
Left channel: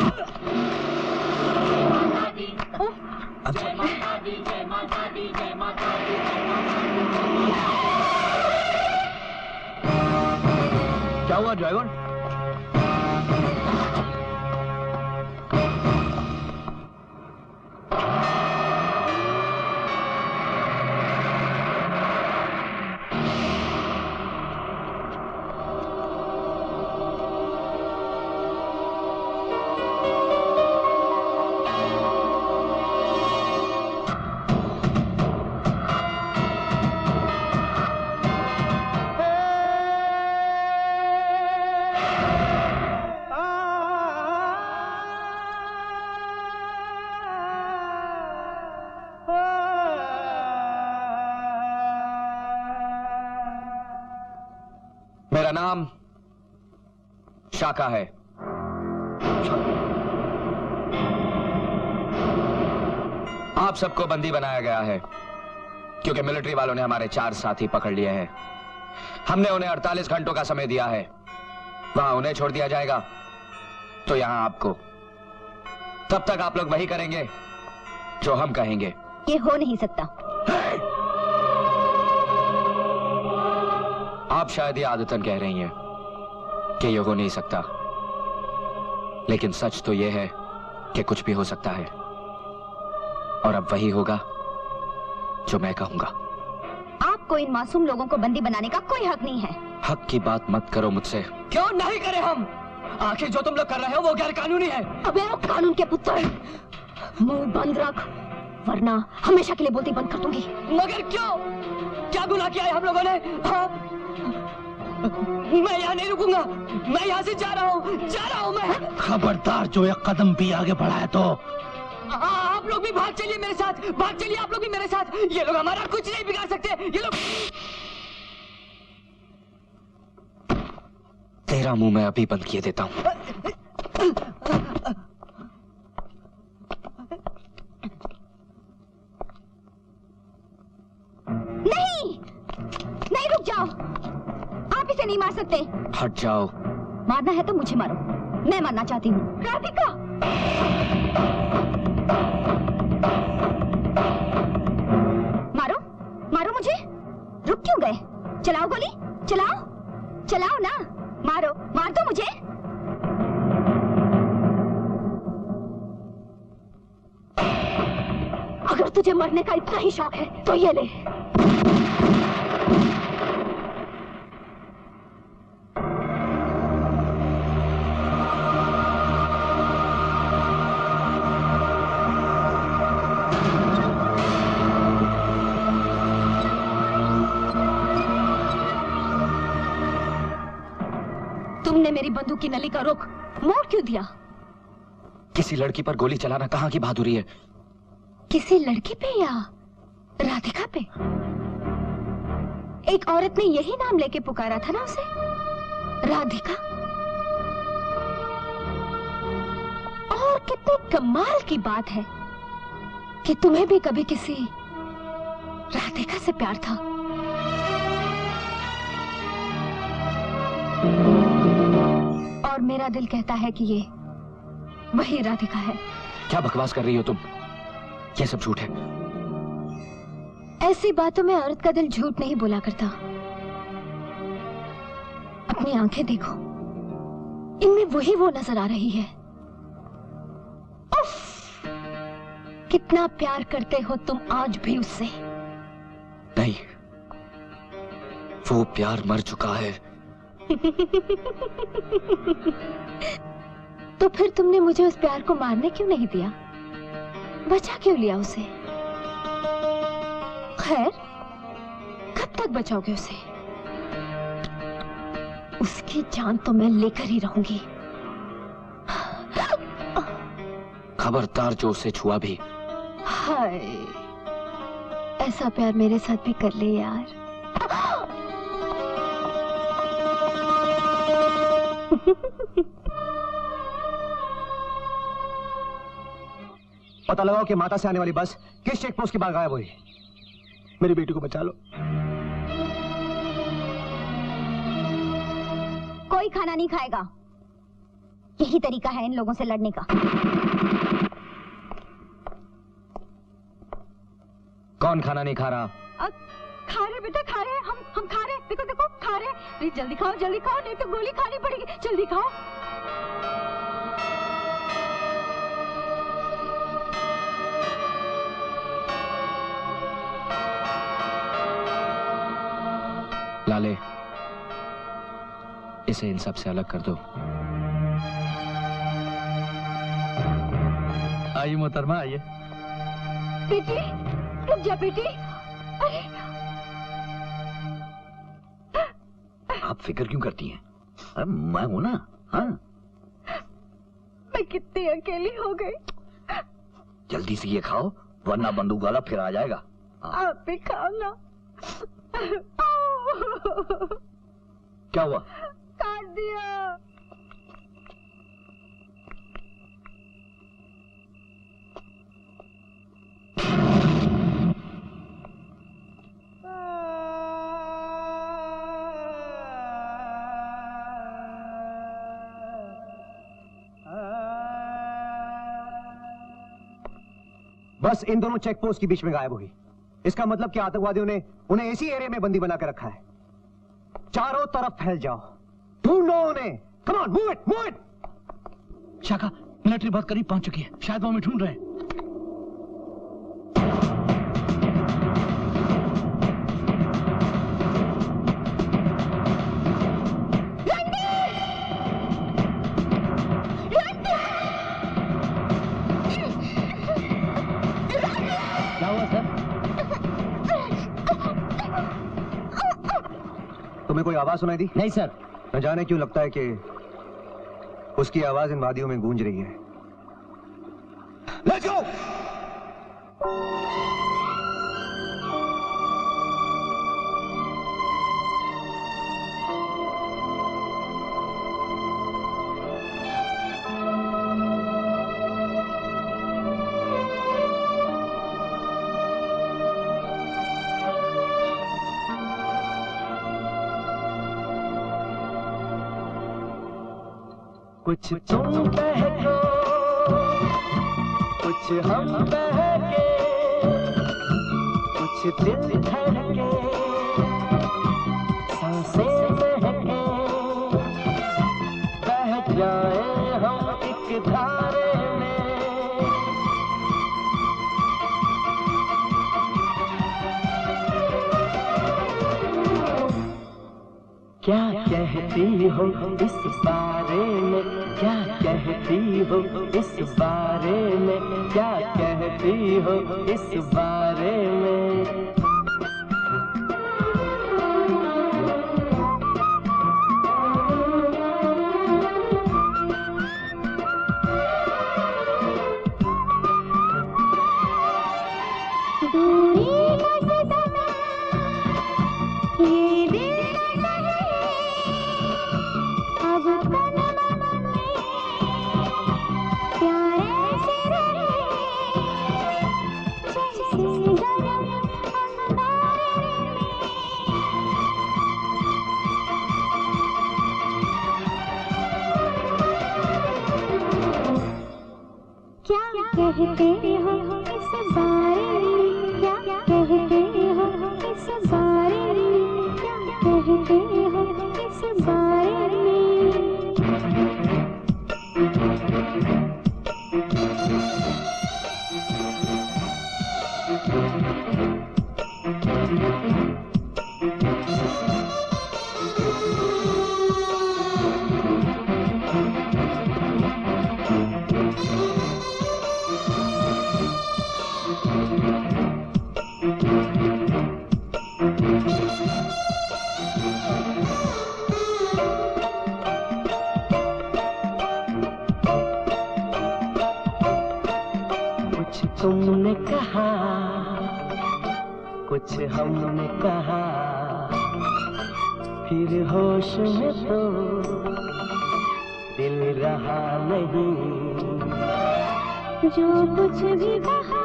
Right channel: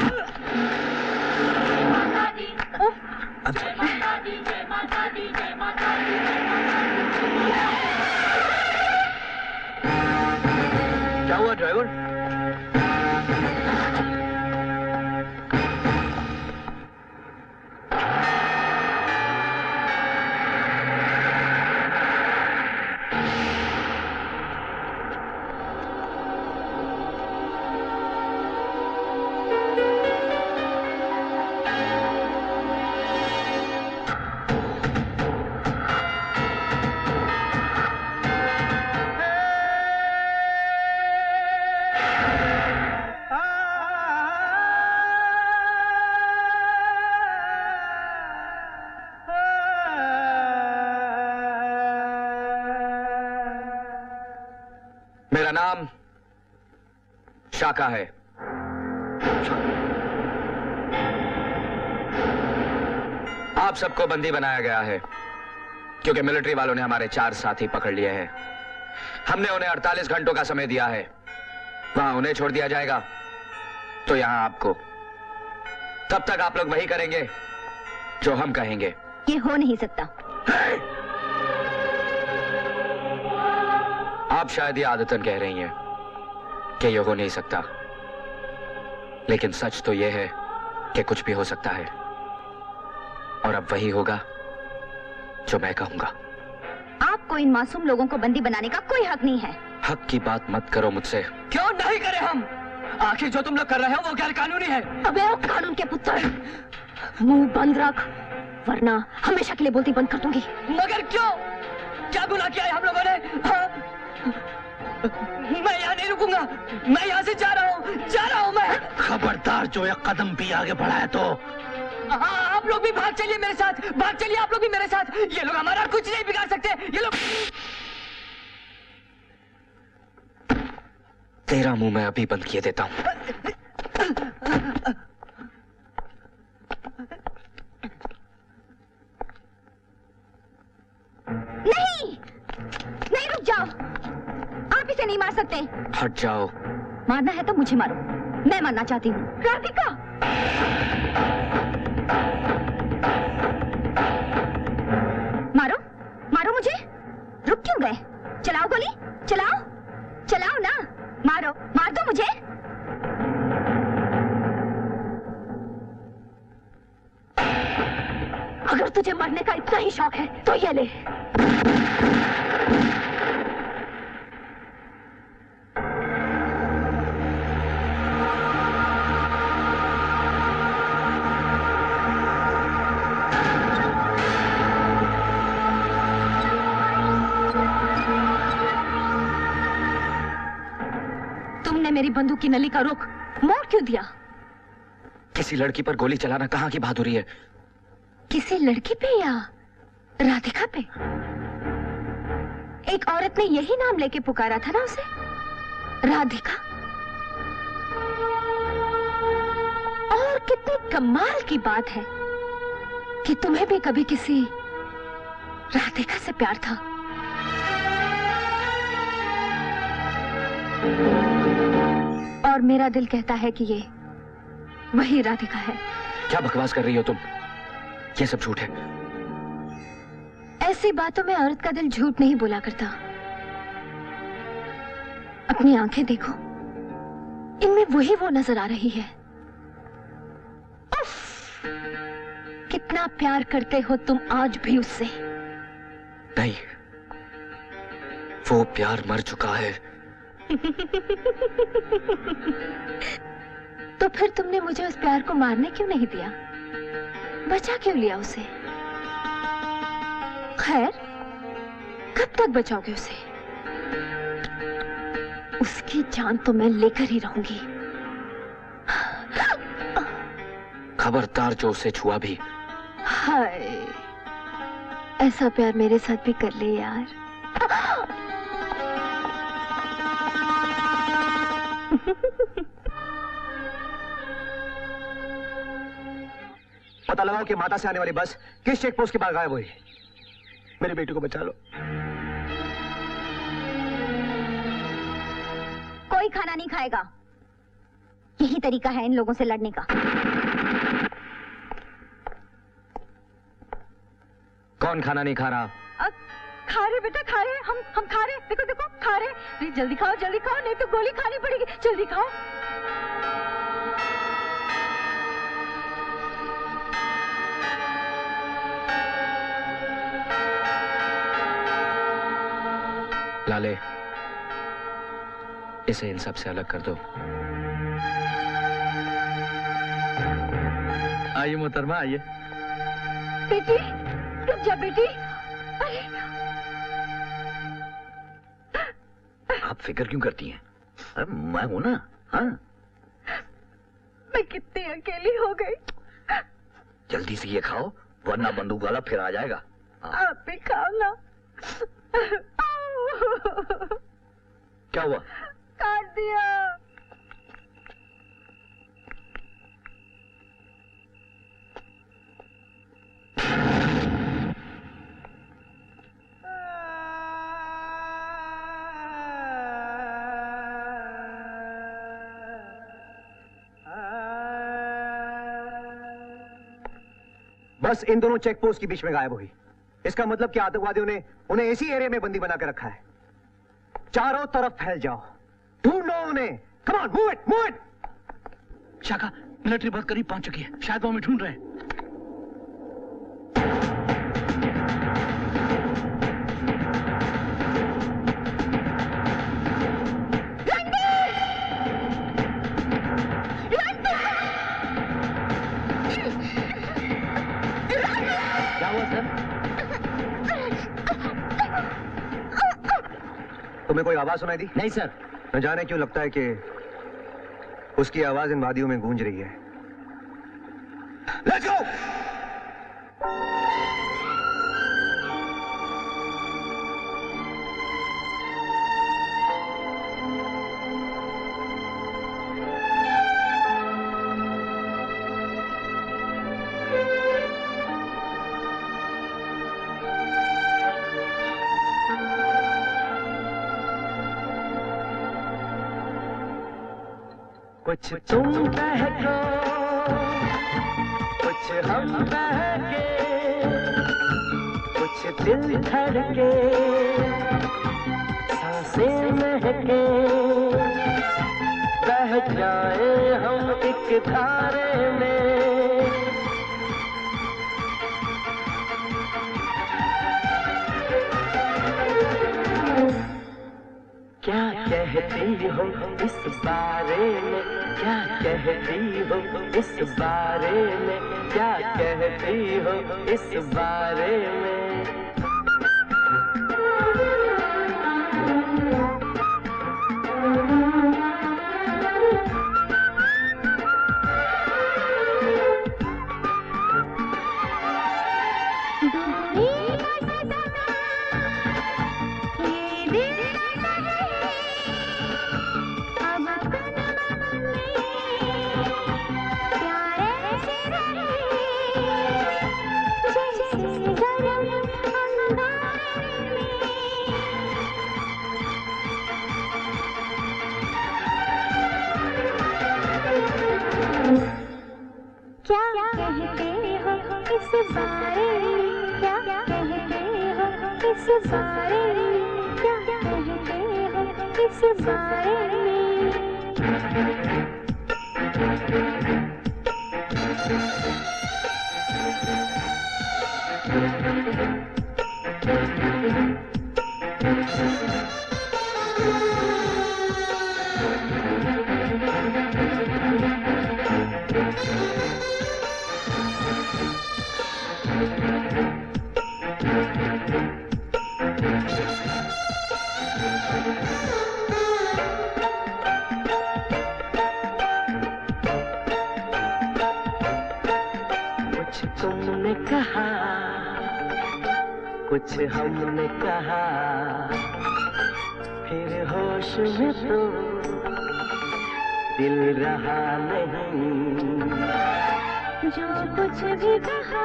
क्या हुआ ड्राइवर? मेरा नाम शाका है। आप सबको बंदी बनाया गया है क्योंकि मिलिट्री वालों ने हमारे 4 साथी पकड़ लिए हैं। हमने उन्हें 48 घंटों का समय दिया है। वहां उन्हें छोड़ दिया जाएगा तो यहां आपको। तब तक आप लोग वही करेंगे जो हम कहेंगे। ये हो नहीं सकता। आप शायद ये आदतन कह रही हैं कि ये हो नहीं सकता, लेकिन सच तो ये है कि कुछ भी हो सकता है, और अब वही होगा जो मैं कहूंगा। आपको इन मासूम लोगों को बंदी बनाने का कोई हक नहीं है। हक की बात मत करो मुझसे। क्यों नहीं करे हम? आखिर जो तुम लोग कर रहे हो वो गैर कानूनी है। अबे ओ कानून के पुत्र, मुंह बंद रख वरना हमेशा के लिए बोलती बंद कर दूंगी। मगर क्यों? क्या गुनाह किया है हम लोगों ने? हाँ? मैं यहाँ नहीं रुकूंगा, मैं यहाँ से जा रहा हूँ मैं। खबरदार जो एक कदम भी आगे बढ़ाए तो। आप लोग भी भाग चलिए मेरे साथ, भाग चलिए आप लोग भी मेरे साथ। ये लोग हमारा कुछ नहीं बिगाड़ सकते। ये लोग। तेरा मुंह मैं अभी बंद किए देता हूँ। नहीं, नहीं रुक जाओ, आप इसे नहीं मार सकते। हट जाओ। मारना है तो मुझे मारो, मैं मरना चाहती हूँ। राधिका! मारो, मारो मुझे। रुक क्यों गए? चलाओ गोली, चलाओ, चलाओ ना। मारो, मार दो मुझे। अगर तुझे मरने का इतना ही शौक है तो ये ले। तुमने मेरी बंदूक की नली का रुख मोड़ क्यों दिया? किसी लड़की पर गोली चलाना कहाँ की बहादुरी है? किसी लड़की पे या राधिका पे? एक औरत ने यही नाम लेके पुकारा था ना उसे, राधिका। और कितनी कमाल की बात है कि तुम्हें भी कभी किसी राधिका से प्यार था। और मेरा दिल कहता है कि ये वही राधिका है। क्या बकवास कर रही हो तुम? ये सब झूठ है। ऐसी बातों में औरत का दिल झूठ नहीं बोला करता। अपनी आंखें देखो, इनमें वही वो नजर आ रही है। उफ! कितना प्यार करते हो तुम आज भी उससे। नहीं, वो प्यार मर चुका है। तो फिर तुमने मुझे उस प्यार को मारने क्यों नहीं दिया? बचा क्यों लिया उसे? खैर, कब तक बचाओगे उसे? उसकी जान तो मैं लेकर ही रहूंगी। खबरदार जो उसे छुआ भी हाय, ऐसा प्यार मेरे साथ भी कर ले यार। पता लगाओ कि माता से आने वाली बस किस चेक पोस्ट के बाद गायब हुई। मेरी बेटी को बचा लो। कोई खाना नहीं खाएगा। यही तरीका है इन लोगों से लड़ने का। कौन खाना नहीं खा रहा? खा रहे बेटा, खा रहे। हम खा रहे। देखो देखो खा रहे। प्लीज जल्दी खाओ, नहीं तो गोली खानी पड़ेगी। जल्दी खाओ। लाले, इसे इन सब से अलग कर दो। आइए मोहतरमा, आइए। बेटी, रुक जा बेटी। अरे आप फिक्र क्यों करती हैं? अरे मैं हूं ना। हाँ, मैं कितनी अकेली हो गई। जल्दी से ये खाओ, वरना बंदूक वाला फिर आ जाएगा। आप भी खाओ ना। क्या हुआ? काट दिया। बस इन दोनों चेक पोस्ट के बीच में गायब हुई। इसका मतलब कि आतंकवादियों ने उन्हें इसी एरिया में बंदी बना कर रखा है। चारों तरफ फैल जाओ, ढूंढो उन्हें। Come on, move it, move it. शाखा, मिलिट्री बहुत करीब पहुंच चुकी है। शायद वो हमें ढूंढ रहे हैं। क्या हुआ सर? तुम्हें कोई आवाज सुनाई दी? नहीं सर। न जाने क्यों लगता है कि उसकी आवाज इन वादियों में गूंज रही है। Let's go! कुछ तुम बहको, कुछ हम बहके, कुछ दिल धड़के, सांसें महके, बह जाए हम एक धारे में। क्या कहती हो इस बारे में, क्या कहती हो इस बारे में, क्या कहती हो इस बारे में। कहते हो इस बारे में, क्या कहते हो इस बारे में, क्या कहते हो इस बारे में। तुमने कहा, कुछ हमने कहा, फिर होश में तो दिल रहा नहीं। जो कुछ भी कहा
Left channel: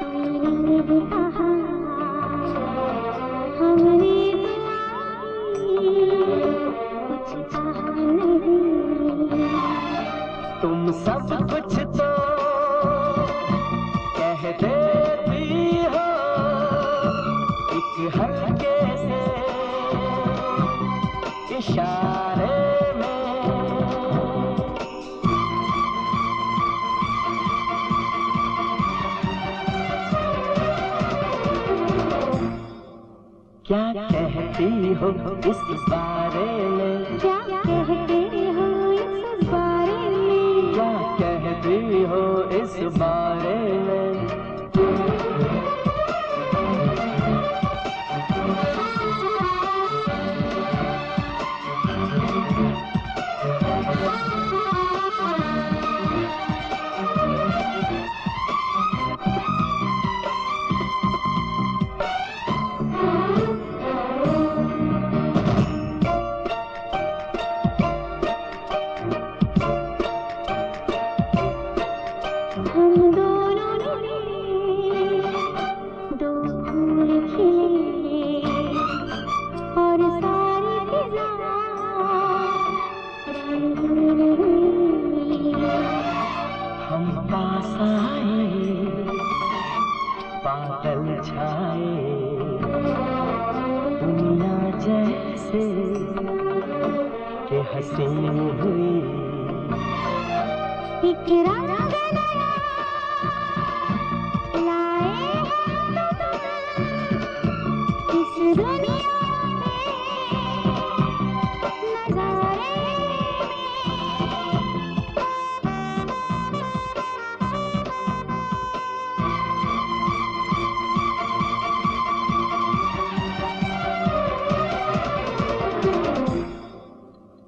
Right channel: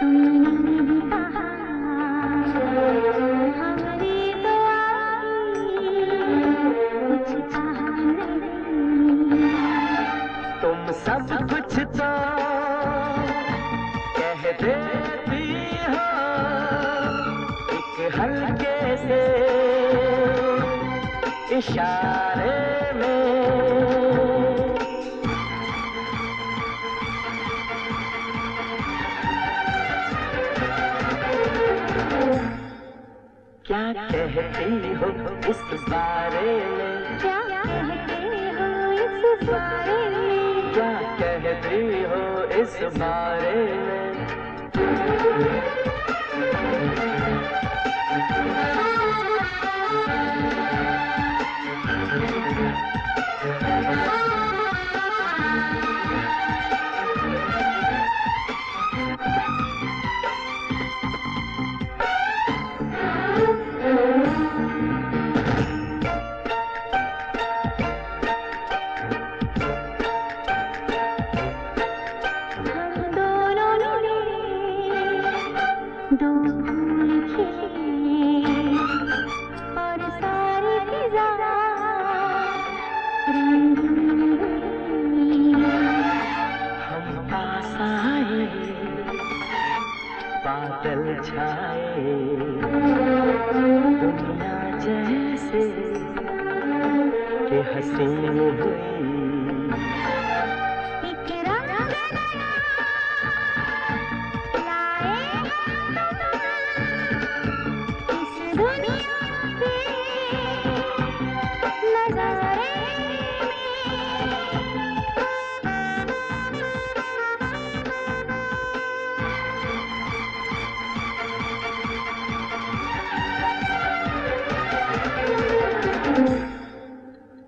तुमने भी कहा, हमने तो कुछ कहा नहीं। तुम सब कुछ तो कह देती हो एक हल्के से इशारे में। क्या कहती हो इस बारे में? क्या कहते हो इस बारे में? क्या कहती हो इस बारे में? दो फूल खिले और सारी फिजा रंगीन हुई। हम पास आए, बादल छाए, दुनिया जैसे के हसीन हुई। एक रंग नया लाए इस दुनिया के नजारे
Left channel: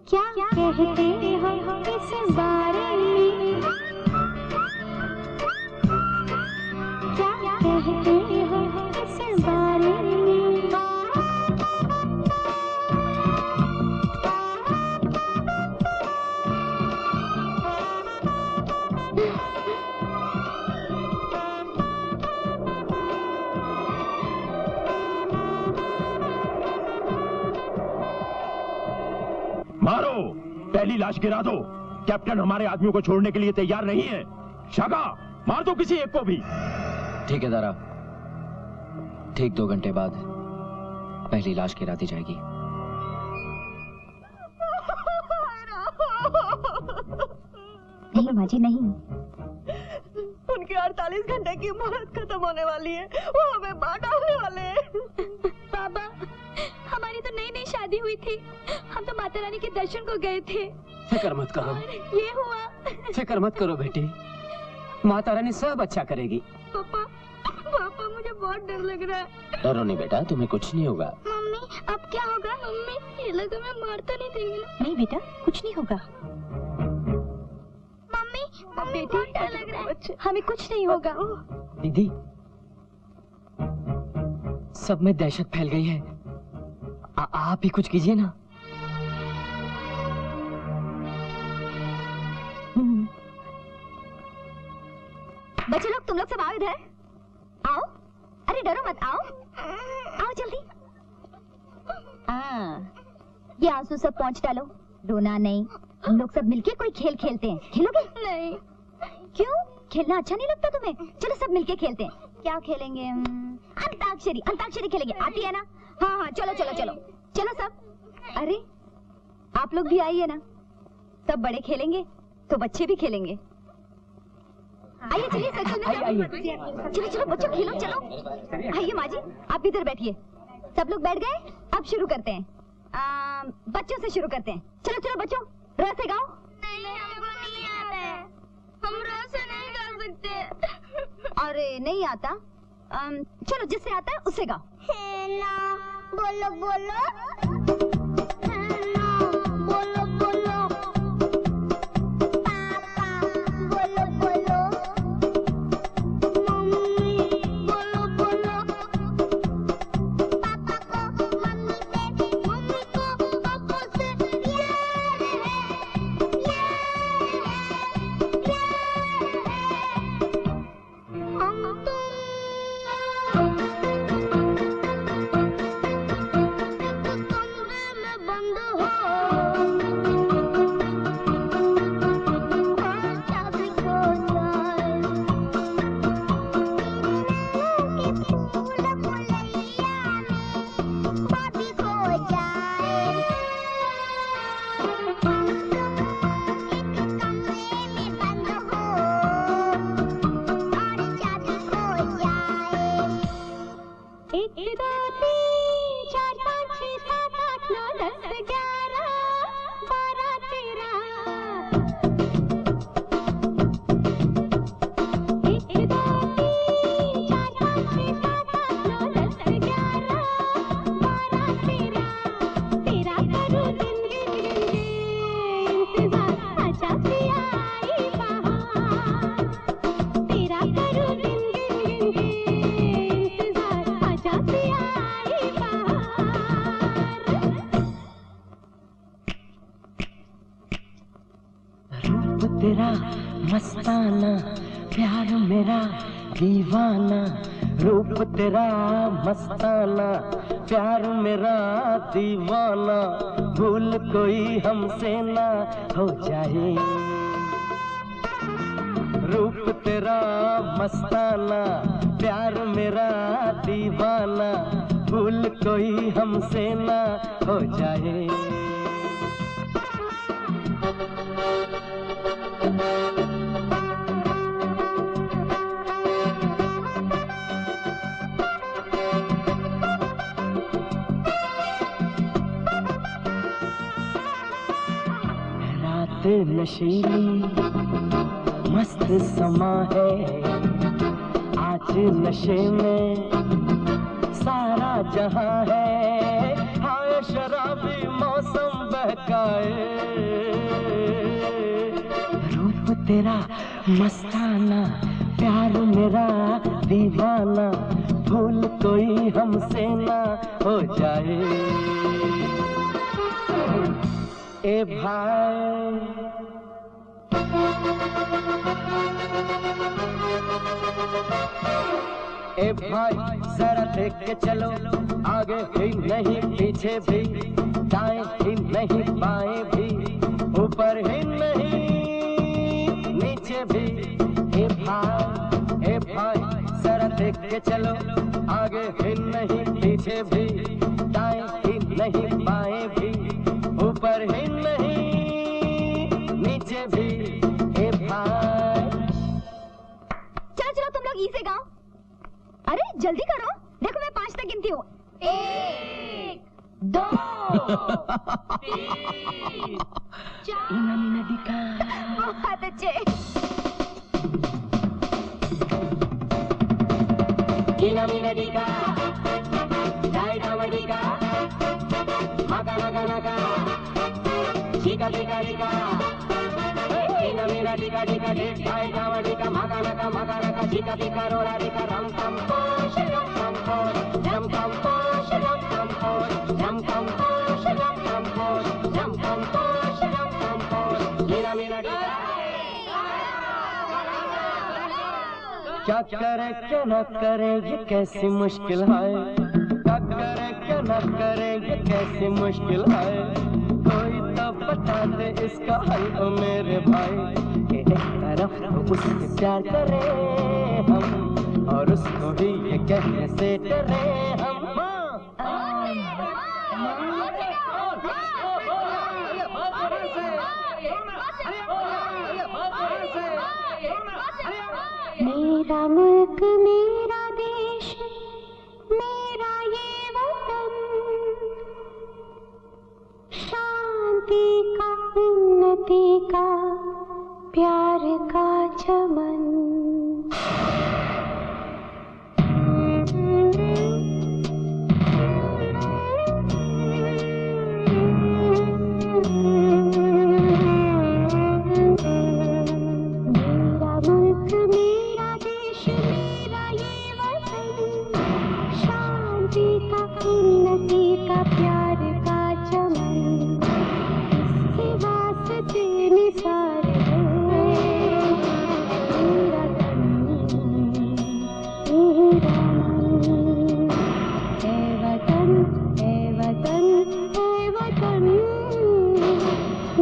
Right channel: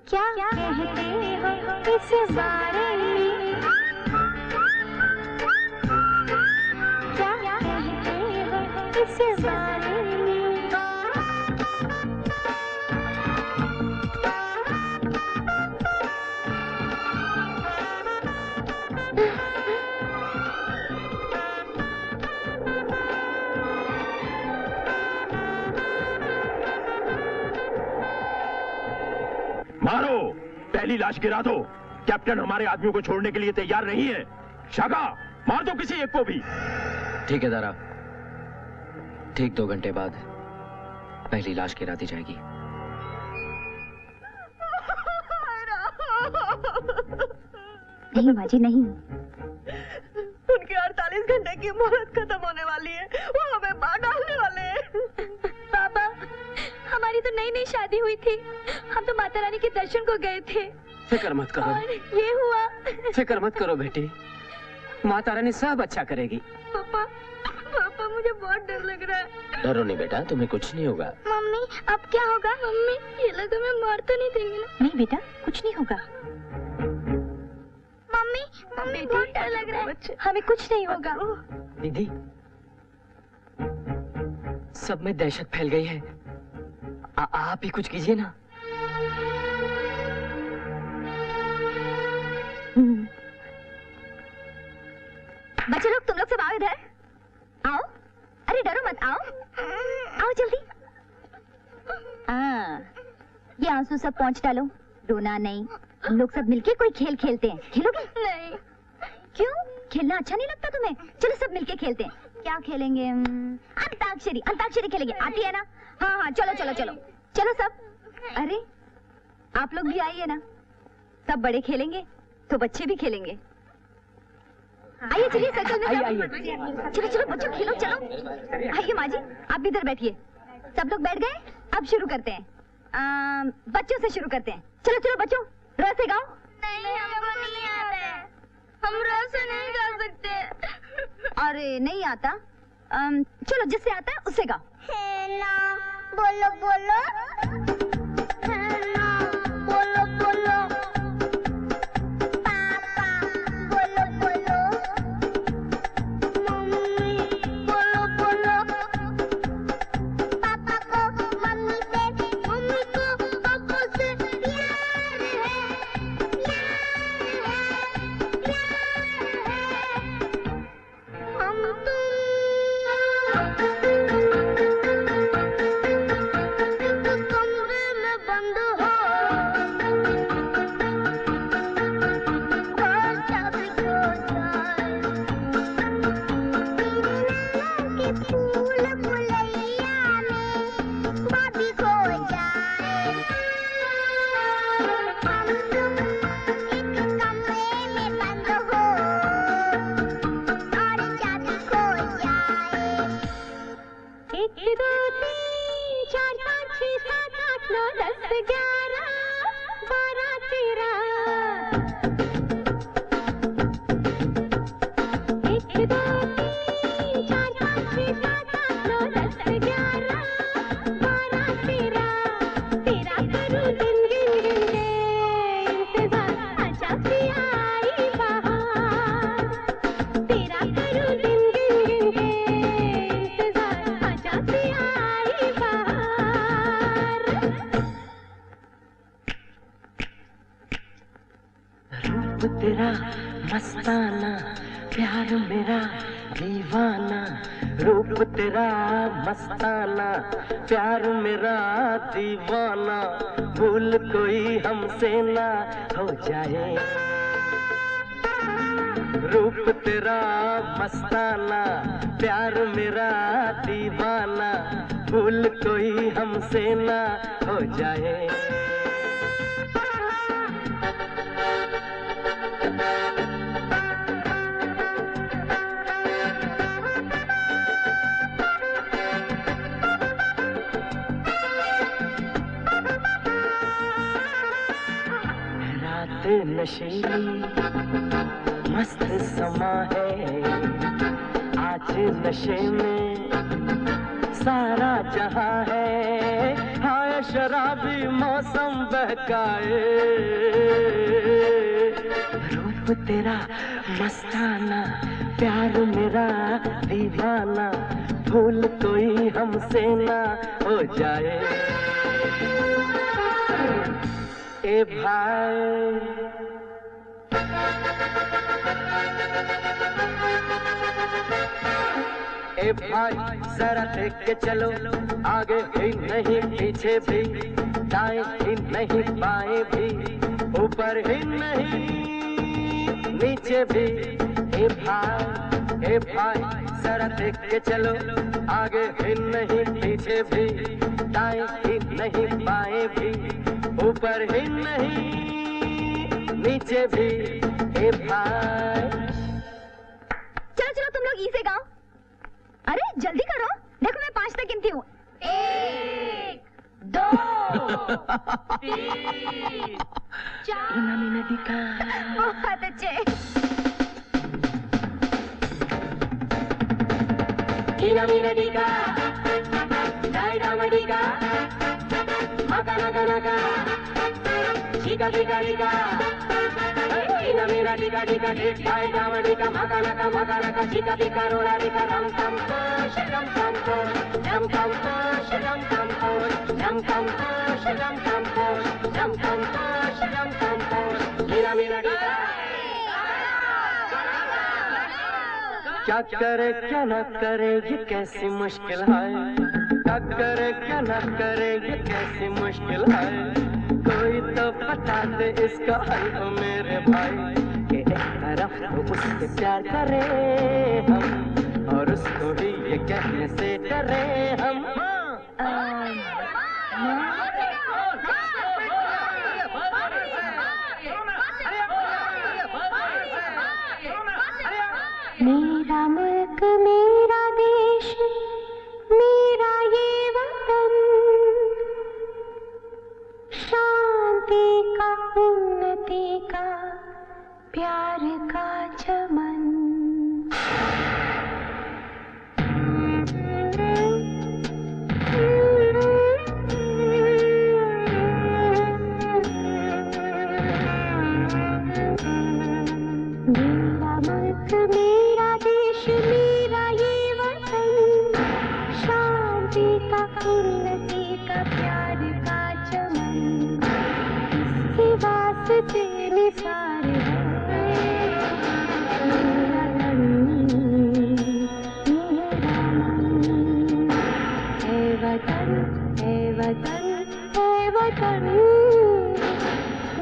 क्या कहते हो इस बारे में? क्या कहते हो इस बारे में? मारो, पहली लाश गिरा दो। कैप्टन हमारे आदमियों को छोड़ने के लिए तैयार नहीं है। शाका, मार दो किसी एक को भी। ठीक है दारा, ठीक 2 घंटे बाद पहली लाश गिरा दी जाएगी। नहीं माँ जी नहीं। उनकी 48 घंटे की मोहलत खत्म होने वाली है, वो हमें मार डालने वाले हैं। बाबा, हमारी तो नई नई शादी हुई थी, हम तो माता रानी के दर्शन को गए थे। फिक्र मत करो, और ये हुआ। फिक्र मत करो बेटी, माता रानी सब अच्छा करेगी। पापा, पापा मुझे बहुत डर लग रहा है। डरो नहीं बेटा, तुम्हें कुछ नहीं होगा। मम्मी, अब क्या होगा? मम्मी, ये लोग हमें मार तो नहीं देंगे ना? नहीं बेटा, कुछ नहीं होगा। मम्मी, मम्मी बहुत डर लग रहा है। हमें कुछ नहीं होगा। दीदी, सब में दहशत फैल गई है, आप ही कुछ कीजिए ना। बच्चे लोग, तुम लोग सब आओ इधर। आओ, अरे डरो मत, आओ आओ जल्दी। ये आंसू सब पोंछ डालो, रोना नहीं। हम लोग सब मिलके कोई खेल खेलते हैं, खेलोगे? नहीं। क्यों? खेलना अच्छा नहीं लगता तुम्हें? चलो सब मिलके खेलते हैं। क्या खेलेंगे? अंताक्षरी, अंताक्षरी खेलेंगे, आती है ना? हाँ हाँ, चलो चलो चलो चलो सब। अरे आप लोग भी आइए ना, सब बड़े खेलेंगे तो बच्चे भी खेलेंगे। आइए चलिए सर्कल में। आइए। चलो चलो बच्चों खेलो, चलो। आइए माँ जी, आप भी इधर बैठिए। सब लोग बैठ गए? अब शुरू करते हैं। बच्चों से शुरू करते हैं। चलो चलो बच्चों, र से गाओ। नहीं, हमको नहीं आता है, हम र से नहीं गा सकते। अरे नहीं आता? चलो जिससे आता है उससे गाओ। बोलो बोलो, बोलो बोलो, पापा बोलो बोलो, तेरा मस्ताना प्यार मेरा दीवाना, रूप तेरा मस्ताना प्यार मेरा दीवाना, भूल कोई हमसे ना हो जाए। रूप तेरा मस्ताना प्यार मेरा दीवाना, भूल कोई हमसे ना हो जाए। नशीली मस्त समा है, आज नशे में सारा जहां है, हाय शराबी मौसम बहकाए। रूप तेरा मस्ताना प्यार मेरा दीवाना, भूल कोई हमसे ना हो जाए। ए भाई ए भाई जरा देख के चलो, आगे ही नहीं पीछे भी, दाएं ही नहीं बाएं भी, ऊपर ही नहीं नीचे भी। ए भाई जरा देख के चलो, आगे ही नहीं पीछे भी, दाएं ही नहीं बाएं भी, ऊपर ही नहीं नीचे भी। ए भाई चलो चलो तुम लोग ई से गाओ। अरे जल्दी करो, देखो मैं 5 तक गिनती हूँ। 1 2 3 4। बहुत अच्छे। Inaminadika, Daidamadika, Makanakanaka, Chika Tika Tika, Inaminadika Tika Tika, Daidamadika, Makanaka Makanaka, Chika Tika Rola Tika, Ram Tam Posh, Ram Tam Posh, Ram Tam Posh, Ram Tam Posh, Ram Tam Posh, Ram Tam Posh, Ram Tam Posh, Ram Tam Posh, Inaminadika. क्या करे क्या ना करे ये कैसी मुश्किल है, क्या करे क्या ना करे ये कैसी मुश्किल है, कोई तो बता दे इसका हल ओ मेरे भाई। कि एक तरफ तो उससे प्यार करें हम, और उसको भी ये कहने से डरें हम। मेरा मुल्क मेरा देश मेरा ये वतन, शांति का उन्नति का प्यार का चमन।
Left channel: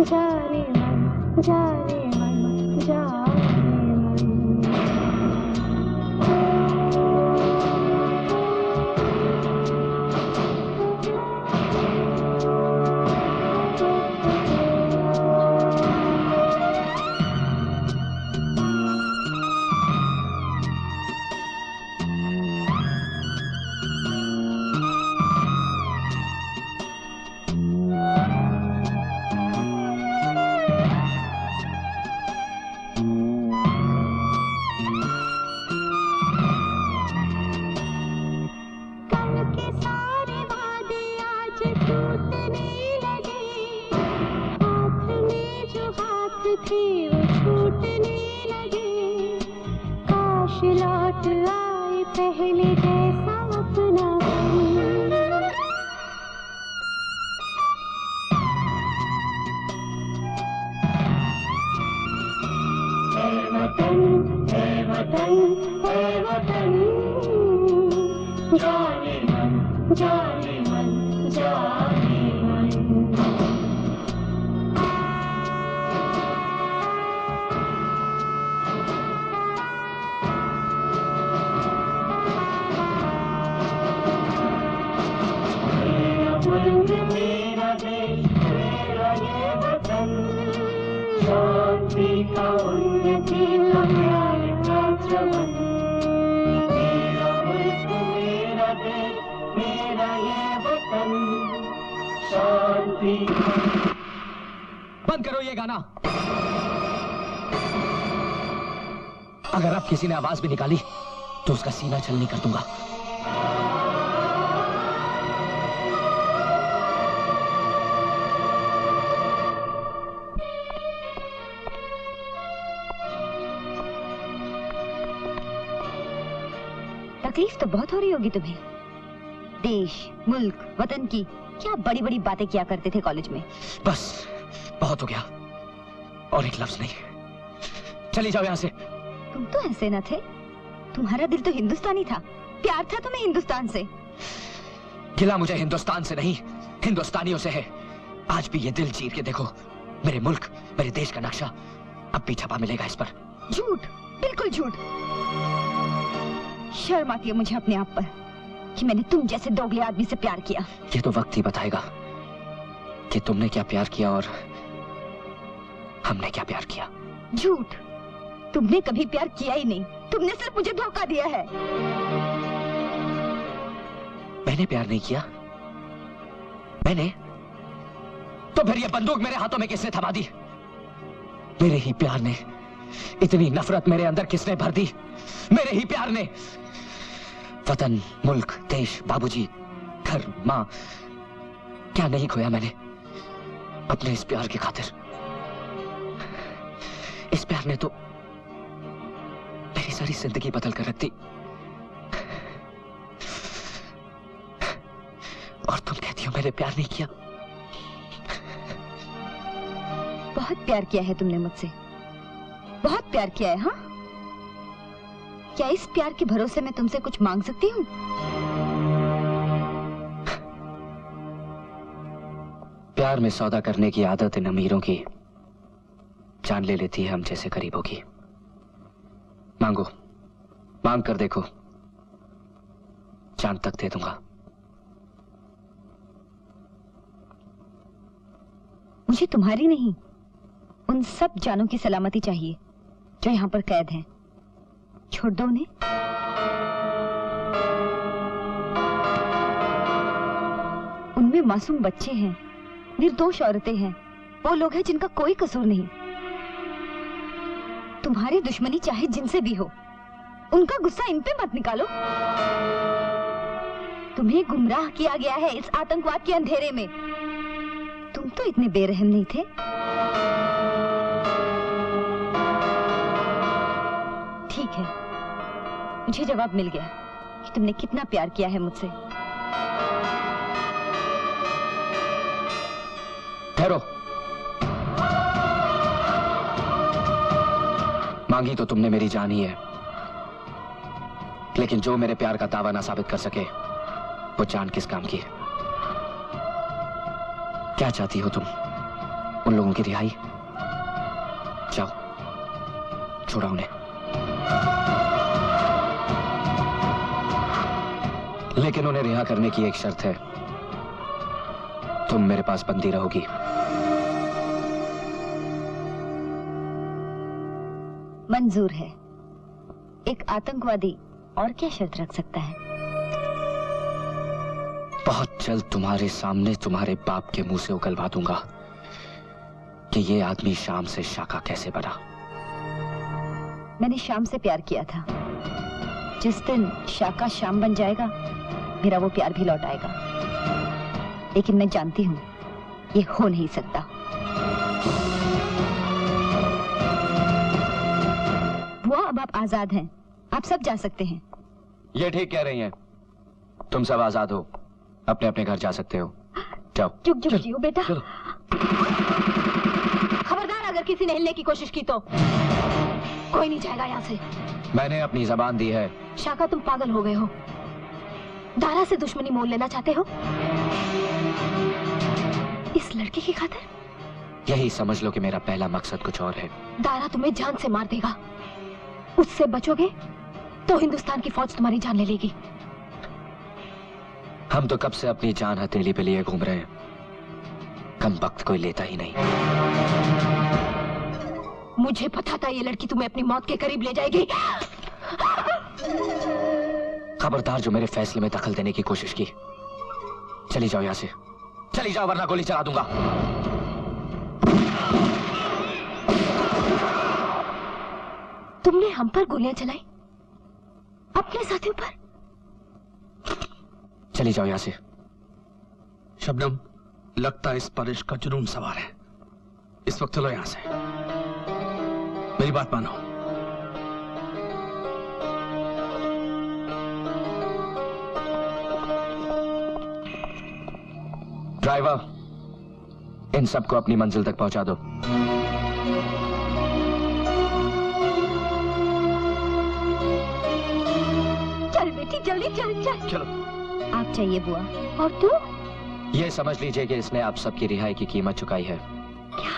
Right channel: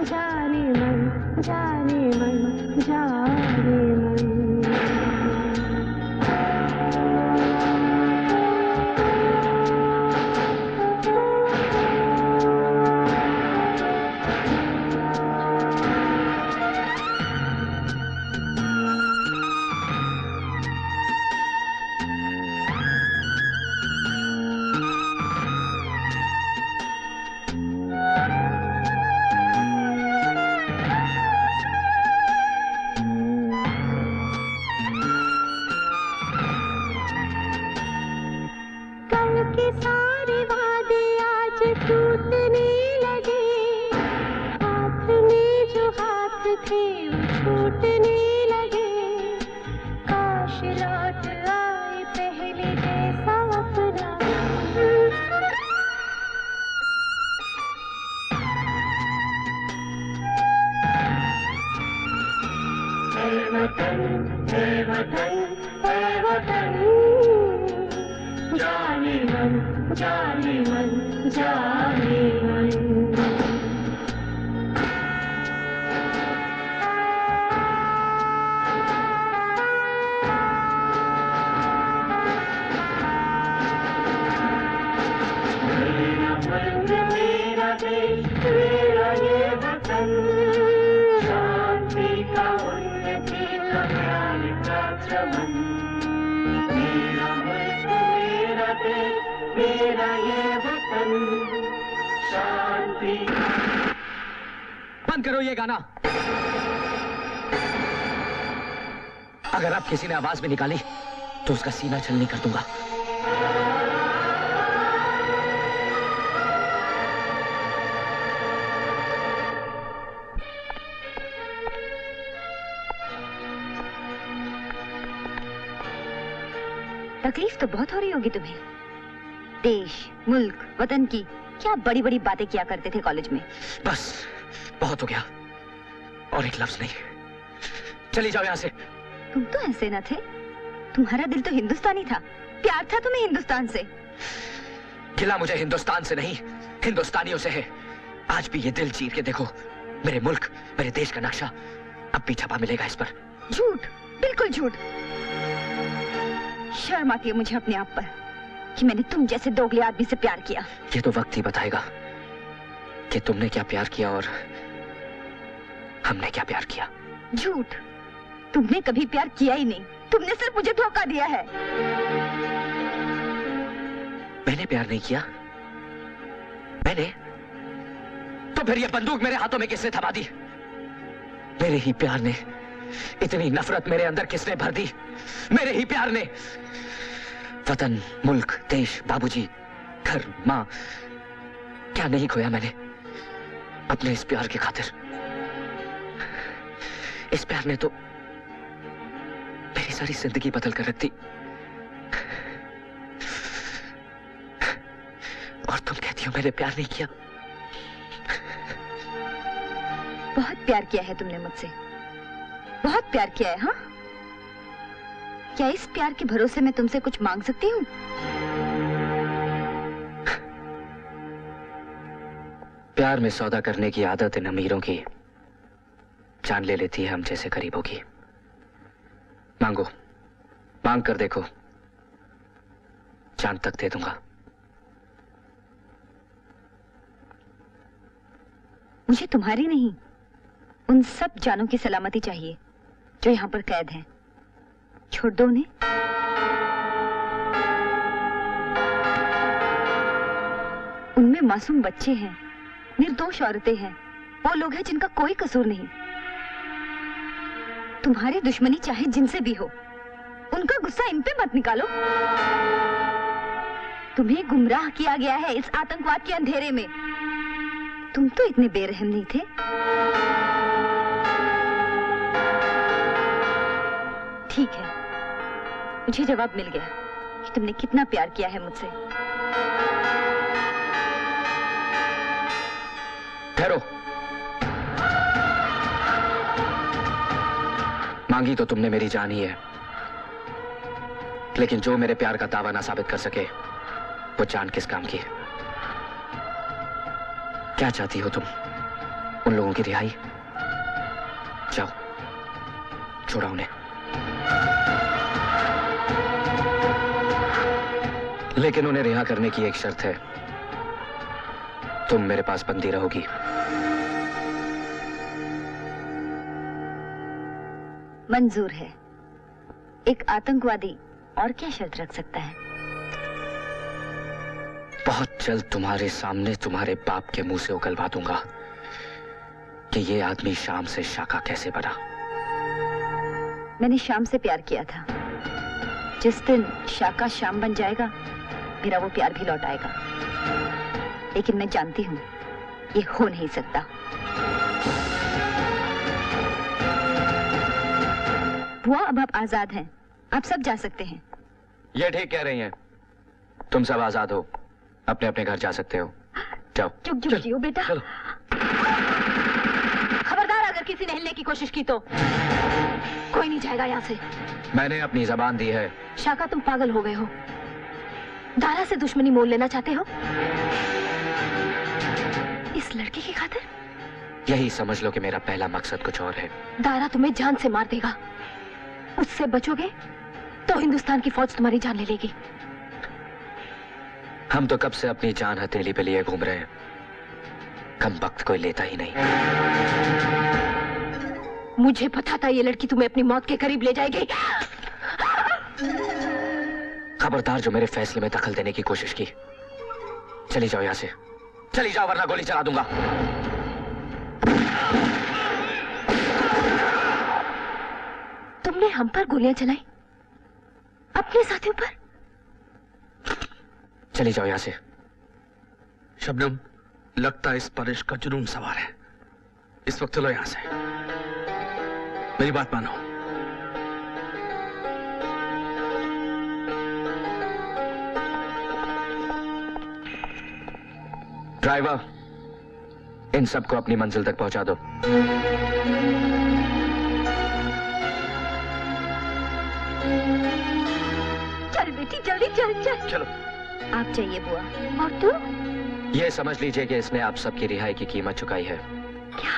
जाने मन जाने मन जाने मन। थे वो छूटने लगे, काश लौट आए पहले जैसा अपना वतन, है वतन, है वतन, जाने मन, जाने मन, जाने मन। मेरा मुल्क, मेरा देश, मेरा ये वतन, शांति का, उन्नति का, प्यार का चमन। मेरा मुल्क, मेरा देश, मेरा ये वतन, शांति का। बंद करो ये गाना। अगर अब किसी ने आवाज भी निकाली तो उसका सीना छलनी कर दूंगा। तकलीफ तो बहुत हो रही होगी तुम्हें। देश, मुल्क, वतन की क्या बड़ी बड़ी बातें किया करते थे कॉलेज में। बस बहुत हो गया, और एक लफ्ज नहीं। चली जाओ यहां से। तुम तो ऐसे न थे, तुम्हारा दिल तो हिंदुस्तानी था, प्यार था तुम्हें हिंदुस्तान से। गिला मुझे हिंदुस्तान से नहीं, हिंदुस्तानियों से है। आज भी ये दिल चीर के देखो, मेरे मुल्क, मेरे देश का नक्शा अब भी छपा मिलेगा इस पर। झूठ, बिल्कुल झूठ। शर्म आती है मुझे अपने आप पर कि मैंने तुम जैसे दोगले आदमी से प्यार किया। ये तो वक्त ही बताएगा कि तुमने क्या प्यार किया और हमने क्या प्यार किया। झूठ, तुमने कभी प्यार किया ही नहीं, तुमने सिर्फ मुझे धोखा दिया है। मैंने प्यार नहीं किया? मैंने? तो फिर ये बंदूक मेरे हाथों में किसने थमा दी? मेरे ही प्यार ने। इतनी नफरत मेरे अंदर किसने भर दी? मेरे ही प्यार ने। वतन, मुल्क, देश, बाबूजी, घर, मां, क्या नहीं खोया मैंने अपने इस प्यार की खातिर। इस प्यार ने तो मेरी सारी जिंदगी बदल कर रख दी। और तुम कहती हो मैंने प्यार नहीं किया। बहुत प्यार किया है तुमने मुझसे, बहुत प्यार किया है। हाँ, क्या इस प्यार के भरोसे मैं तुमसे कुछ मांग सकती हूँ? प्यार में सौदा करने की आदत इन अमीरों की जान ले लेती है हम जैसे गरीबों की। मांगो, मांग कर देखो, जान तक दे दूंगा। मुझे तुम्हारी नहीं, उन सब जानों की सलामती चाहिए जो यहाँ पर कैद हैं। छोड़ दो उन्हें। उनमें मासूम बच्चे हैं, निर्दोष औरतें हैं, वो लोग हैं जिनका कोई कसूर नहीं। तुम्हारी दुश्मनी चाहे जिनसे भी हो, उनका गुस्सा इन पे मत निकालो। तुम्हें गुमराह किया गया है इस आतंकवाद के अंधेरे में। तुम तो इतने बेरहम नहीं थे। ठीक है, मुझे जवाब मिल गया कि तुमने कितना प्यार किया है मुझसे। ठहरो। मांगी तो तुमने मेरी जान ही है, लेकिन जो मेरे प्यार का दावा ना साबित कर सके वो जान किस काम की? क्या चाहती हो तुम? उन लोगों की रिहाई? जाओ, छोड़ा उन्हें। लेकिन उन्हें रिहा करने की एक शर्त है, तुम मेरे पास बंदी रहोगी। मंजूर है। एक आतंकवादी और क्या शर्त रख सकता है? बहुत जल्द तुम्हारे सामने तुम्हारे बाप के मुंह से उगलवा दूंगा कि ये आदमी शाम से शाका कैसे बना। मैंने शाम से प्यार किया था। जिस दिन शाका शाम बन जाएगा, मेरा वो प्यार भी लौट आएगा। लेकिन मैं जानती हूँ ये हो नहीं सकता। बुआ अब आप आजाद हैं, आप सब जा सकते हैं। ये ठीक कह रही हैं। तुम सब आजाद हो, अपने अपने घर जा सकते हो। जाओ। चुप चुप जियो बेटा। खबरदार अगर किसी ने हिलने की कोशिश की तो कोई नहीं जाएगा यहाँ से। मैंने अपनी जबान दी है। शाका तुम पागल हो गए हो, दारा से दुश्मनी मोल लेना चाहते हो इस लड़के की खातिर? यही समझ लो कि मेरा पहला मकसद कुछ और है। दारा तुम्हें जान से मार देगा, उससे बचोगे तो हिंदुस्तान की फौज तुम्हारी जान ले लेगी। हम तो कब से अपनी जान हथेली पे लिए घूम रहे हैं, कम वक्त कोई लेता ही नहीं। मुझे पता था ये लड़की तुम्हें अपनी मौत के करीब ले जाएगी। खबरदार जो मेरे फैसले में दखल देने की कोशिश की। चली जाओ यहाँ से, चली जाओ वरना गोली चला दूंगा। तुमने हम पर गोलियां चलाई, अपने साथियों पर? चली जाओ यहाँ से। शबनम, लगता है इस पर इश्क का जुनून सवार है। इस वक्त चलो यहाँ से, मेरी बात मानो। ड्राइवर, इन सबको अपनी मंजिल तक पहुंचा दो। चल बेटी जल्दी चल चल। चलो। आप चाहिए बुआ, और तू? ये समझ लीजिए कि इसने आप सबकी रिहाई की कीमत चुकाई है। क्या?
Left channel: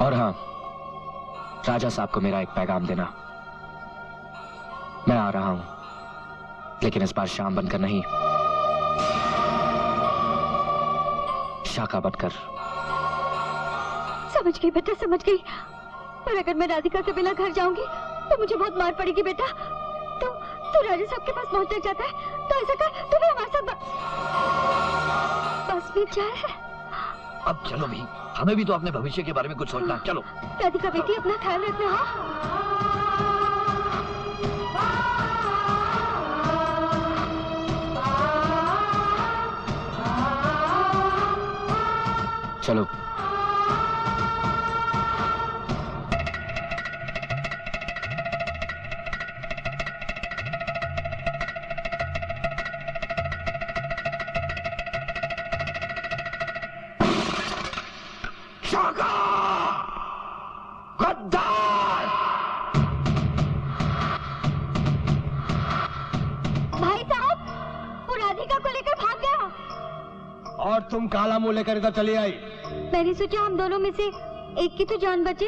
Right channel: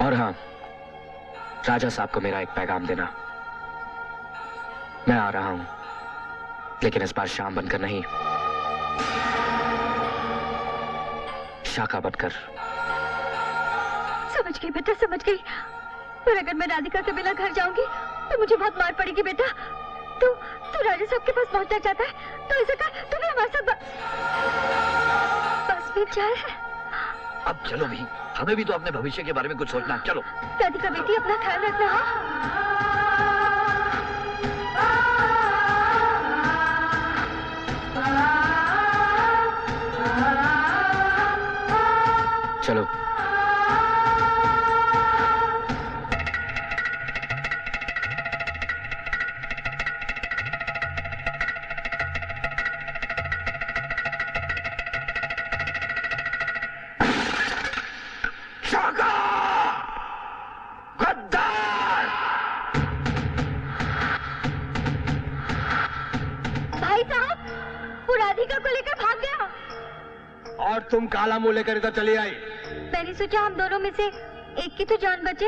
और हाँ, राजा साहब को मेरा एक पैगाम देना। मैं आ रहा हूं, लेकिन इस बार शाम बनकर नहीं, शाका बनकर। समझ गई बेटा, समझ गई। पर अगर मैं राधिका के बिना घर जाऊंगी तो मुझे बहुत मार पड़ेगी बेटा। तू राजा साहब के पास पहुंचना चाहता है तो ऐसा कर, तू भी हमारे साथ बस में चल। अब चलो भी, हमें भी तो अपने भविष्य के बारे में कुछ सोचना है। चलो। राधिका बेटी, अपना ख्याल रखना। हाँ चलो। भाई साहब, वो राधिका को लेकर भाग गया। और तुम काला मुंह लेकर इधर चली आई। मैंने सोचा हम दोनों में से एक की तो जान बचे।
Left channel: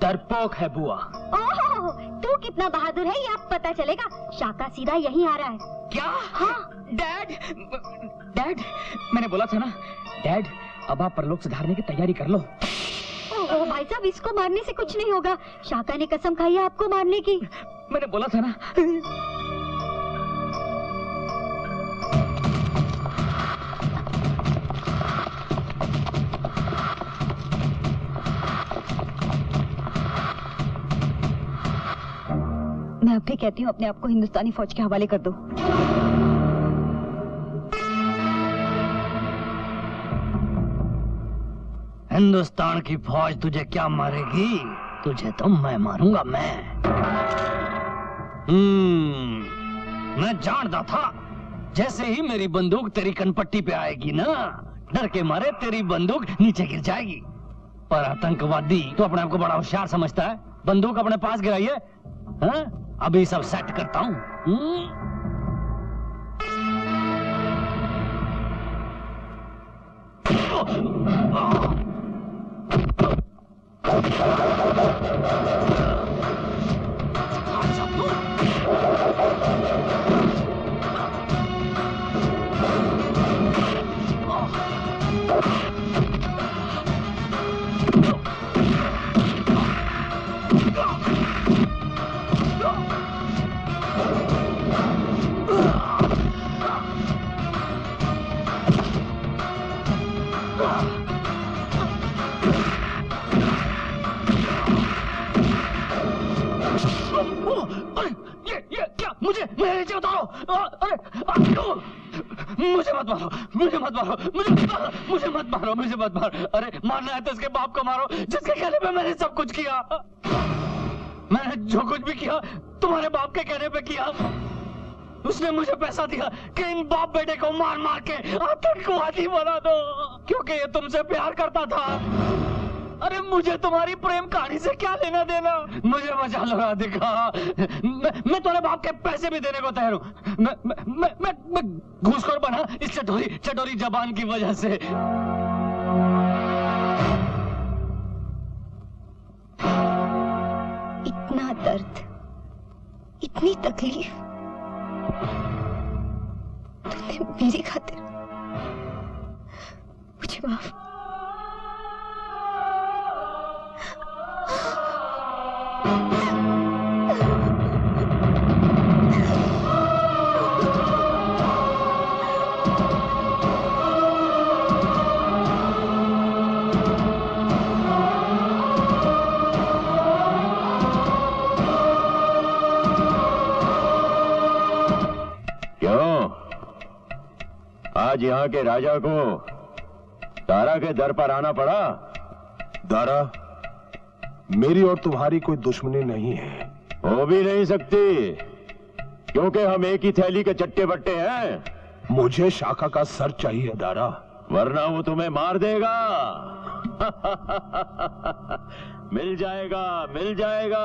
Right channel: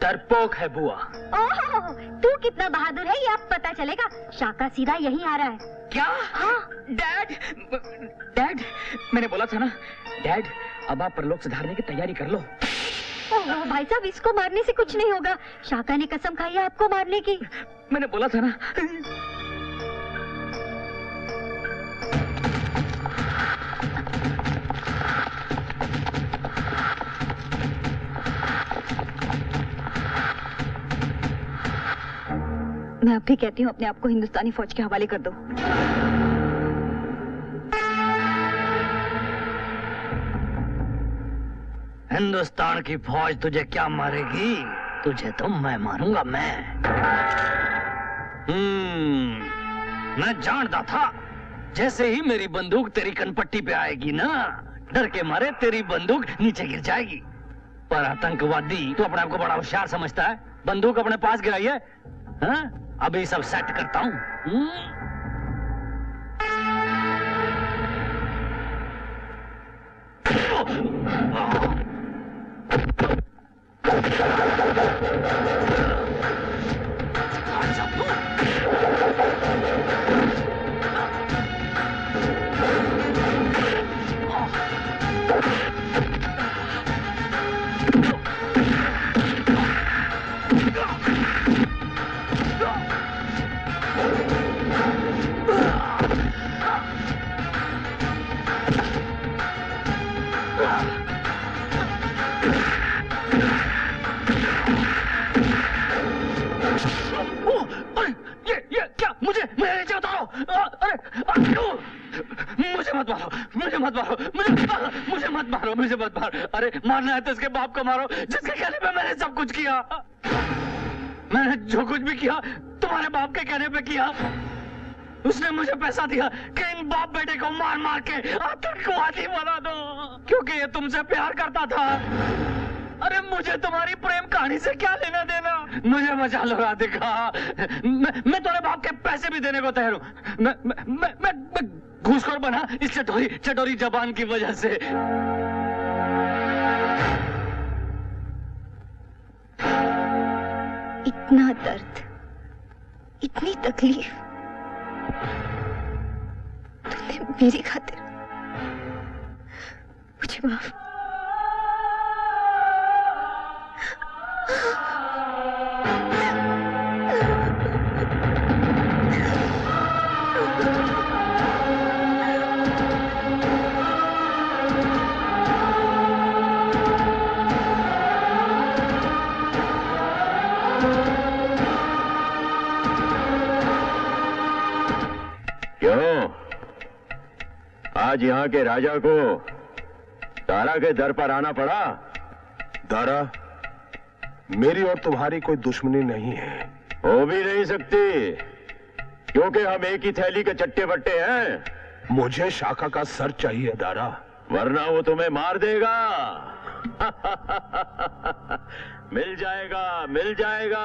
डरपोक है बुआ। ओह, तू कितना बहादुर है ये अब पता चलेगा। शाका सीधा यहीं आ रहा है। क्या? हाँ। डैड, डैड, मैंने बोला था ना डैड, अब आप परलोक सुधारने की तैयारी कर लो। ओह भाई साहब, इसको मारने से कुछ नहीं होगा। शाका ने कसम खाई है आपको मारने की। मैंने बोला था ना। मैं अब भी कहती हूँ अपने आप को हिंदुस्तानी फौज के हवाले कर दो। हिंदुस्तान की फौज तुझे क्या मारेगी? तुझे तो मैं मारूंगा, मैं। मैं जानता था जैसे ही मेरी बंदूक तेरी कनपट्टी पे आएगी ना, डर के मारे तेरी बंदूक नीचे गिर जाएगी। पर आतंकवादी तो अपने आप को बड़ा होशियार समझता है। बंदूक अपने पास गिराई है। हाँ? अभी सब सेट करता हूँ। ये क्या? मुझे नीचे उतारो। अरे मुझे मत मारो, मुझे मत मारो, मुझे मत मारो, मुझे मत मारो। अरे मारना है तो इसके बाप को मारो जिसके कहने पे मैंने सब कुछ किया। मैंने जो कुछ भी किया तुम्हारे बाप के कहने पे किया। उसने मुझे पैसा दिया कि इन बाप बेटे को मार मार के आतंकवादी बना दो, क्योंकि ये तुमसे प्यार करता था। अरे मुझे तुम्हारी प्रेम कहानी से क्या लेना देना? मुझे बचा लो राधिका। मैं तुम्हारे बाप के पैसे भी देने को तैयार हूँ। मैं घूसखोर बना इस चटोरी जबान की वजह से। इतना दर्द, इतनी तकलीफ तूने मेरी खातिर। मुझे माफ। क्यों आज यहाँ के राजा को दारा के दर पर आना पड़ा? दारा, मेरी और तुम्हारी कोई दुश्मनी नहीं है। हो भी नहीं सकती, क्योंकि हम एक ही थैली के चट्टे बट्टे हैं। मुझे शाका का सर चाहिए दारा, वरना वो तुम्हें मार देगा। मिल जाएगा, मिल जाएगा।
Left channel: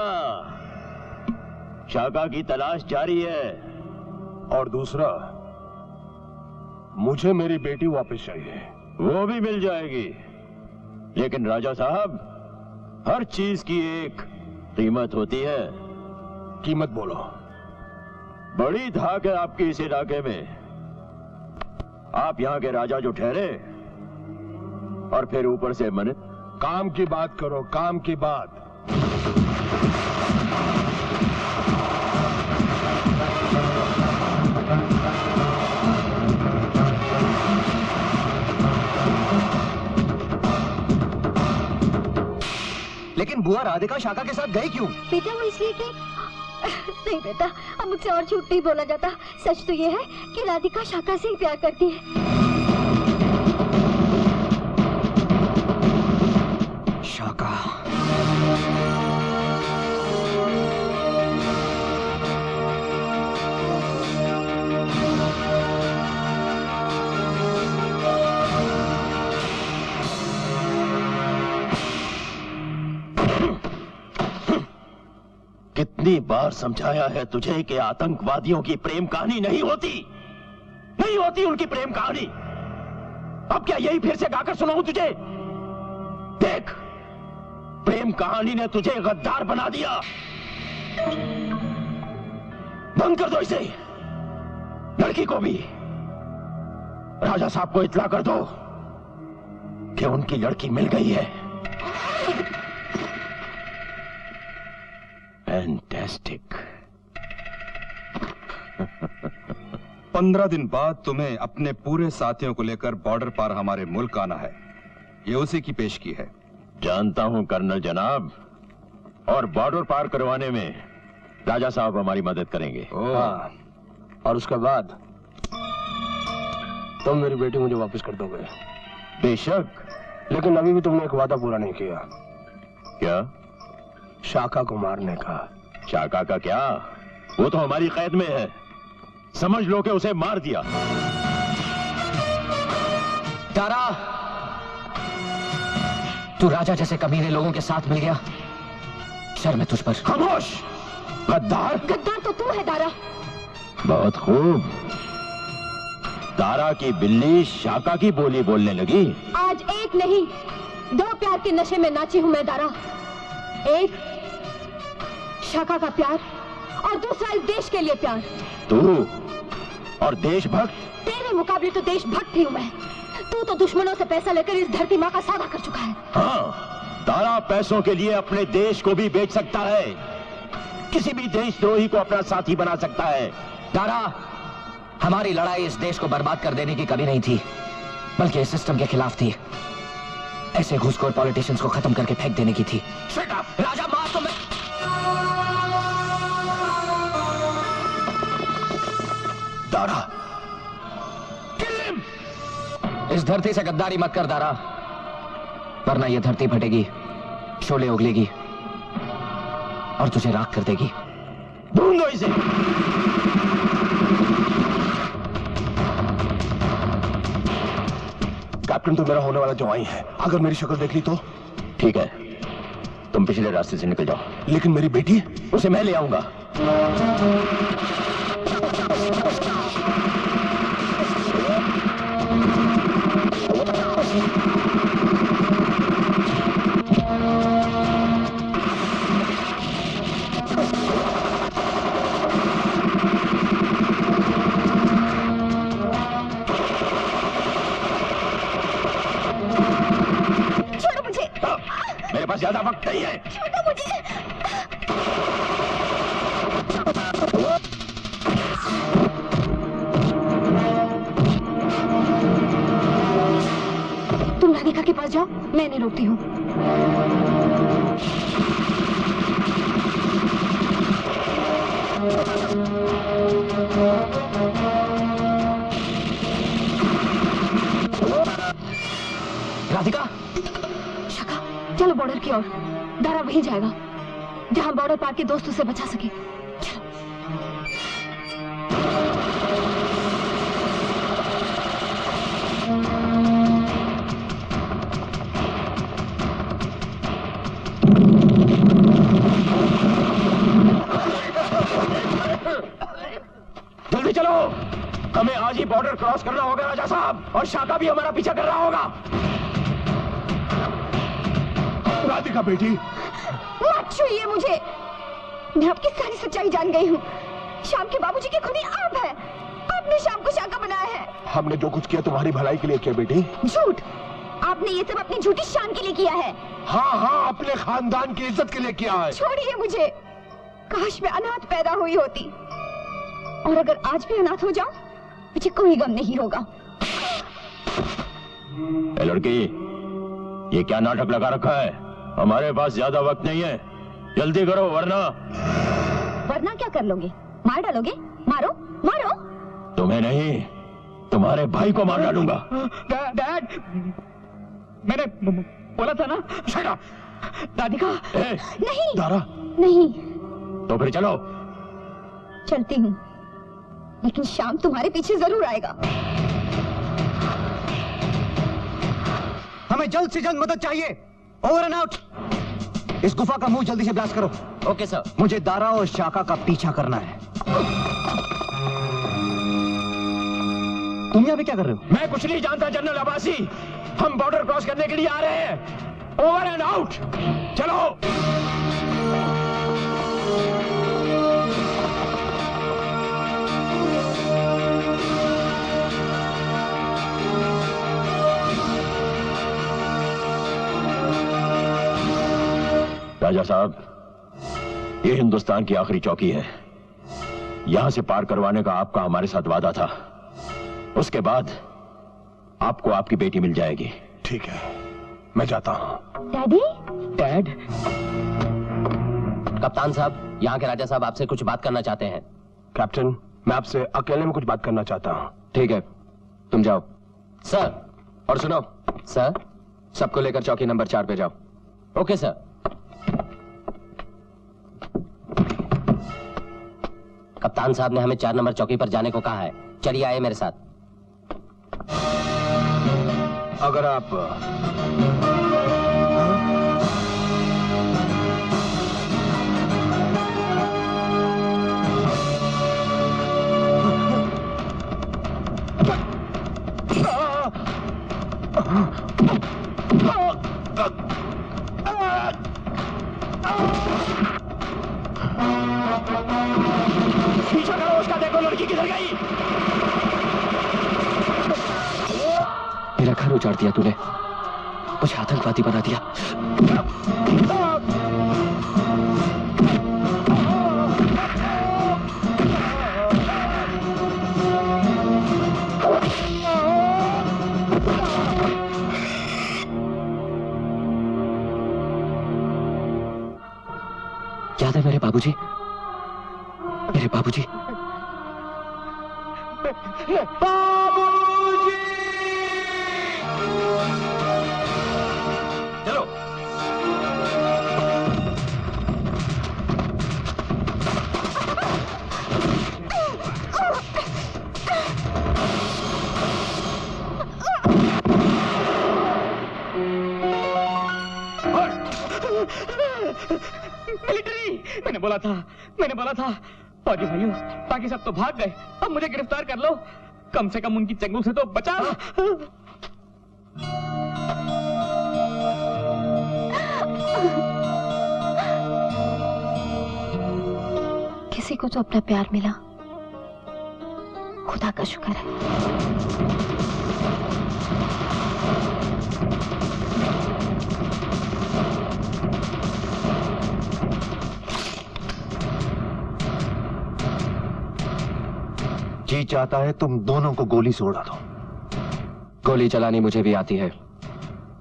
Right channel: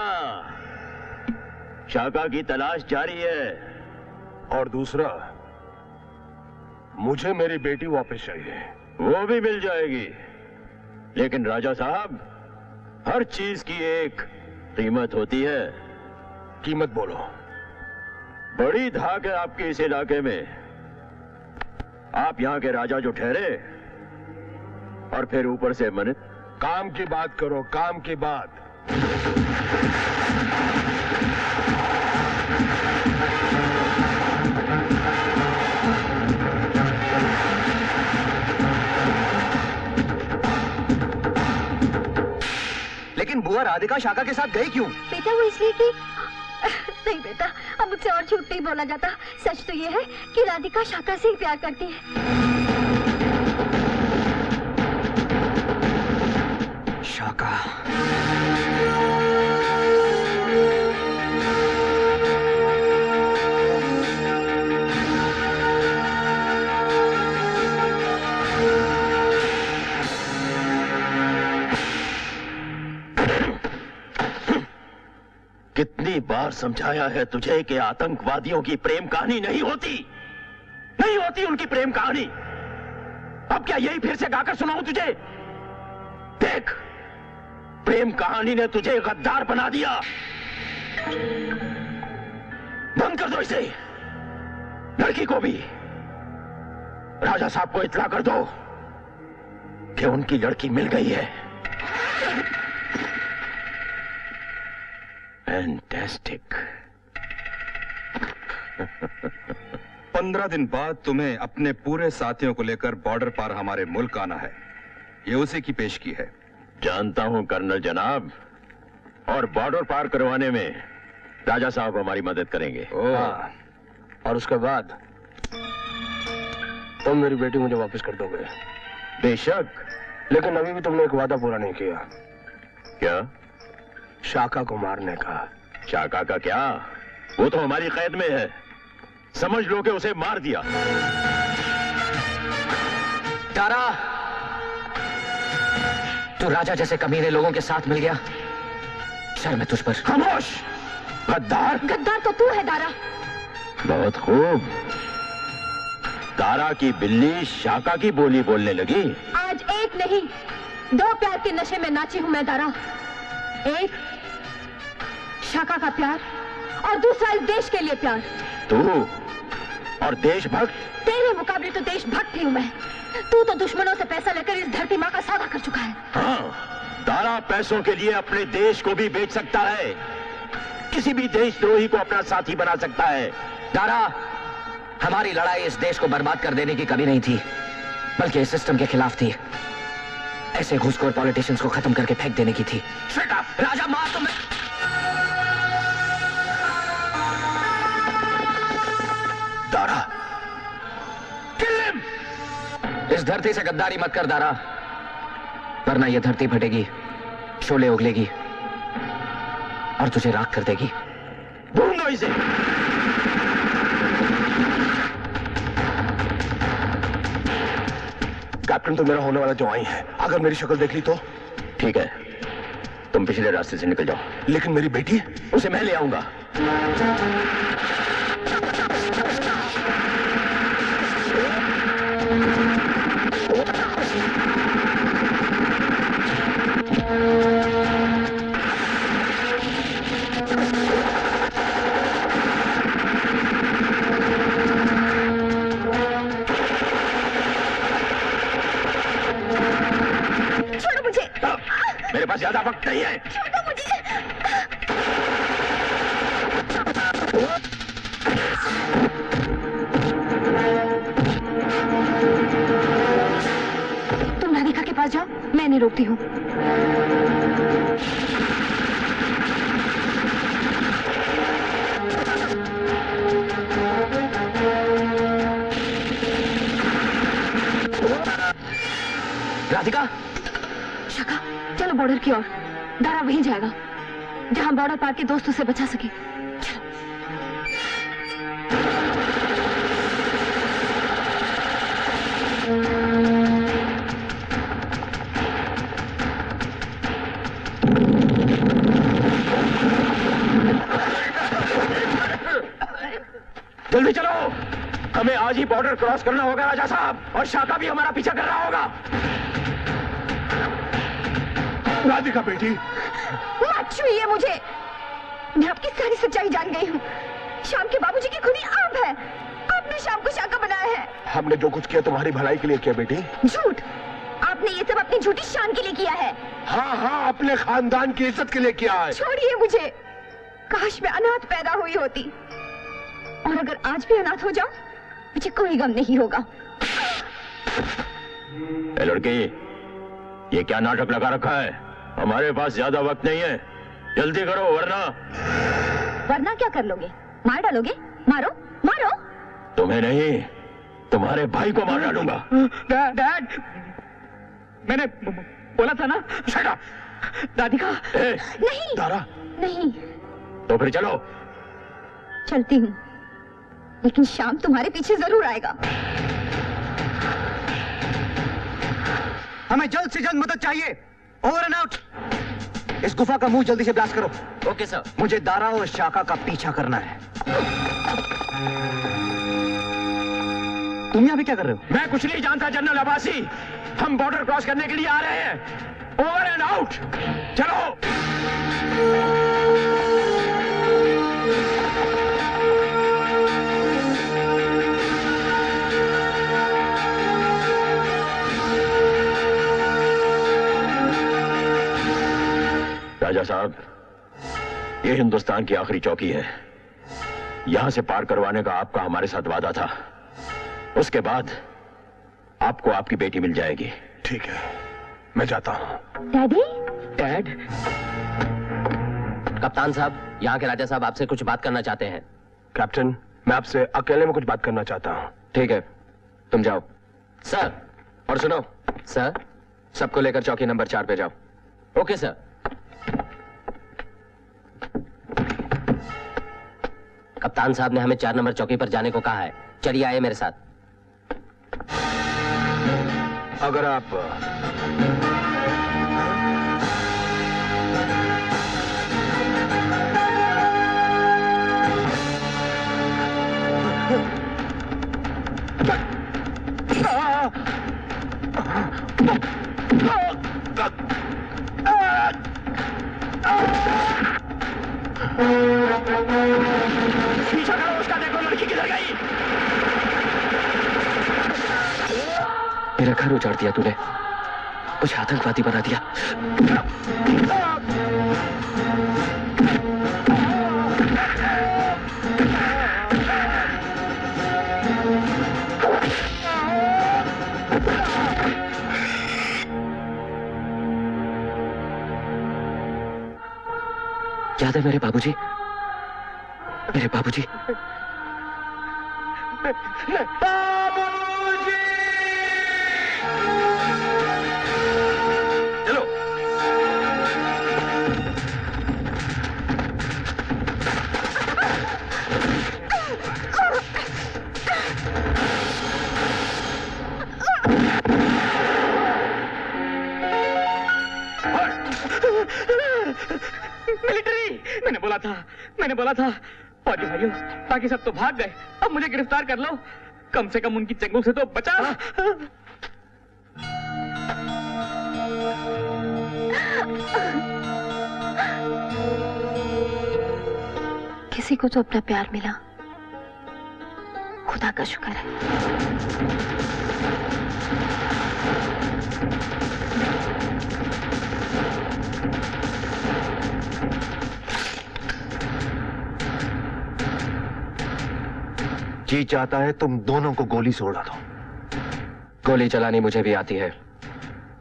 शाका की तलाश जारी है। और दूसरा, मुझे मेरी बेटी वापस चाहिए। वो भी मिल जाएगी, लेकिन राजा साहब, हर चीज की एक कीमत होती है। कीमत बोलो। बड़ी धाक है आपके इस इलाके में। आप यहाँ के राजा जो ठहरे, और फिर ऊपर से मन। काम की बात करो, काम की बात। लेकिन बुआ राधिका शाका के साथ गई क्यों? बेटा वो इसलिए कि नहीं बेटा, अब मुझसे और झूठ नहीं बोला जाता। सच तो ये है कि राधिका शाका से ही प्यार करती है। शाका। कितनी बार समझाया है तुझे कि आतंकवादियों की प्रेम कहानी नहीं होती, नहीं होती उनकी प्रेम कहानी। अब क्या यही फिर से गाकर सुनाऊं तुझे? देख, प्रेम कहानी ने तुझे गद्दार बना दिया। बंद कर दो इसे। लड़की को भी राजा साहब को इत्तला कर दो कि उनकी लड़की मिल गई है। फैंटास्टिक। 15 दिन बाद तुम्हें अपने पूरे साथियों को लेकर बॉर्डर पार हमारे मुल्क आना है। ये उसी की पेशगी है। जानता हूं कर्नल जनाब, और बॉर्डर पार करवाने में राजा साहब हमारी मदद करेंगे। हाँ। और उसके बाद तुम मेरी बेटी मुझे वापस कर दोगे। बेशक, लेकिन अभी भी तुमने एक वादा पूरा नहीं किया। क्या? शाका को मारने का। शाका का क्या? वो तो हमारी कैद में है। समझ लो कि उसे मार दिया। दारा, तू राजा जैसे कमीने लोगों के साथ मिल गया। शर्म है तुझ पर। खामोश गद्दार। गद्दार तो तू है दारा। बहुत खूब। दारा की बिल्ली शाका की बोली बोलने लगी। आज एक नहीं, 2 प्यार के नशे में नाची हूं मैं दारा। एक शाका का प्यार, और दूसरा इस देश के लिए प्यार। तू और देशभक्त? तेरे मुकाबले तो देशभक्त ही हूं मैं। तू तो दुश्मनों से पैसा लेकर इस धरती माँ का सौदा कर चुका है। हाँ, दारा पैसों के लिए अपने देश को भी बेच सकता है, किसी भी देशद्रोही को अपना साथी बना सकता है। दारा, हमारी लड़ाई इस देश को बर्बाद कर देने की कभी नहीं थी, बल्कि इस सिस्टम के खिलाफ थी। ऐसे घूसखोर पॉलिटिशियंस को खत्म करके फेंक देने की थी। Shut up! राजा मार तो मैं। Dara, kill him! इस धरती से गद्दारी मत कर दारा, वरना यह धरती फटेगी, शोले उगलेगी और तुझे राख कर देगी। ढूंढो इसे। कैप्टन तो मेरा होने वाला जवाई है, अगर मेरी शक्ल देख ली तो? ठीक है, तुम पिछले रास्ते से निकल जाओ। लेकिन मेरी बेटी? उसे मैं ले आऊंगा। छोड़ो मुझे। मेरे पास ज्यादा वक्त नहीं है। छोड़ो मुझे। तुम राधिका के पास जाओ, मैं नहीं रोकती हूँ। राधिका, शाका, चलो बॉर्डर की ओर। दारा वहीं जाएगा जहां बॉर्डर पार के दोस्त उसे बचा सके। जल्दी चलो, हमें आज ही बॉर्डर क्रॉस करना होगा राजा साहब, और शाका भी हमारा पीछा कर रहा होगा। राधिका बेटी, मत छूइए मुझे। मैं आपकी सारी सच्चाई जान गई हूँ। शाम के बाबूजी की खुदी आप है। आपने शाम को शाका बनाया है। हमने जो कुछ किया तुम्हारी भलाई के लिए किया बेटी। झूठ। आपने ये सब अपनी झूठी शान के लिए किया है। हाँ हाँ, अपने खानदान की इज्जत के लिए किया है। छोड़िए मुझे। काश मैं अनाथ पैदा हुई होती, और अगर आज भी अनाथ हो जाऊं, मुझे कोई गम नहीं होगा। ए लड़की, ये क्या नाटक लगा रखा है? हमारे पास ज्यादा वक्त नहीं है, जल्दी करो वरना क्या कर लोगे? मार डालोगे? मारो मारो। तुम्हें नहीं, तुम्हारे भाई को मार डालूंगा। डैड, मैंने बोला था ना। Shut up. राधिका। नहीं दारा, नहीं। तो फिर चलो। चलती हूँ, लेकिन शाम तुम्हारे पीछे जरूर आएगा। हमें जल्द से जल्द मदद चाहिए। Over and out. इस गुफा का मुंह जल्दी से ब्लास्ट करो। Okay sir. मुझे दारा और शाका का पीछा करना है। तुम यहाँ पे क्या कर रहे हो? मैं कुछ नहीं जानता जनरल अब्बासी, हम बॉर्डर क्रॉस करने के लिए आ रहे हैं। Over and out. चलो। राजा साहब, ये हिंदुस्तान की आखिरी चौकी है। यहां से पार करवाने का आपका हमारे साथ वादा था। उसके बाद आपको आपकी बेटी मिल जाएगी। ठीक है, मैं जाता हूं। डैडी? डैड? कप्तान साहब, यहाँ के राजा साहब आपसे कुछ बात करना चाहते हैं। कैप्टन, मैं आपसे अकेले में कुछ बात करना चाहता हूं। ठीक है, तुम जाओ। सर। और सुनो सर, सबको लेकर चौकी नंबर 4 पे जाओ। Okay sir. कप्तान साहब ने हमें 4 नंबर चौकी पर जाने को कहा है। चलिए आइए मेरे साथ। अगर आप पीछा करो उसका, देखो लड़की किधर गई। मेरा घर उजाड़ दिया तूने, मुझे आतंकवादी बना दिया। याद है मेरे बाबूजी? मेरे बाबूजी। चलो। मिलिट्री! मैंने बोला था। फौजी भाइयों, बाकी सब तो भाग गए, अब मुझे गिरफ्तार कर लो, कम से कम उनकी चंगुल से तो बचा। किसी को तो अपना प्यार मिला, खुदा का शुक्र है। जी चाहता है तुम दोनों को गोली से उड़ा दो। गोली चलानी मुझे भी आती है।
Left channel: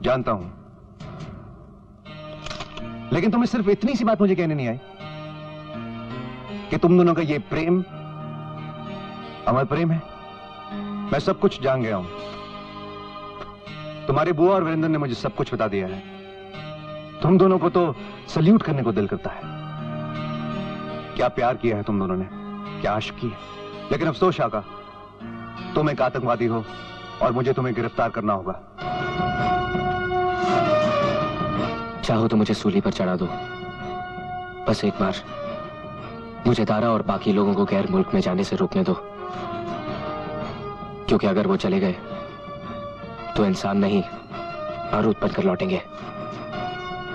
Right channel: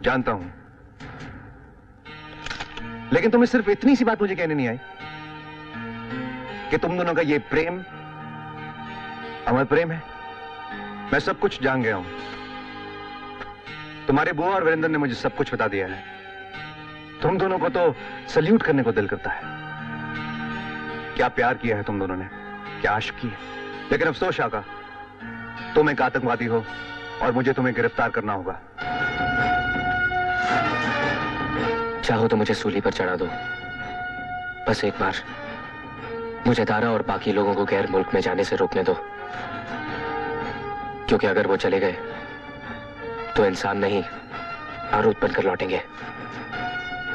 जानता हूं, लेकिन तुम्हें सिर्फ इतनी सी बात मुझे कहने नहीं आई कि तुम दोनों का ये प्रेम अमर प्रेम है। मैं सब कुछ जान गया हूं। तुम्हारे बुआ और वीरेंद्र ने मुझे सब कुछ बता दिया है। तुम दोनों को तो सल्यूट करने को दिल करता है। क्या प्यार किया है तुम दोनों ने, क्या आशिक की है। लेकिन अफसोस शाका, तुम एक आतंकवादी हो और मुझे तुम्हें गिरफ्तार करना होगा। चाहो तो मुझे सूली पर चढ़ा दो, बस एक बार मुझे दारा और बाकी लोगों को गैर मुल्क में जाने से रोकने दो, क्योंकि अगर वो चले गए तो इंसान नहीं बारूद बनकर लौटेंगे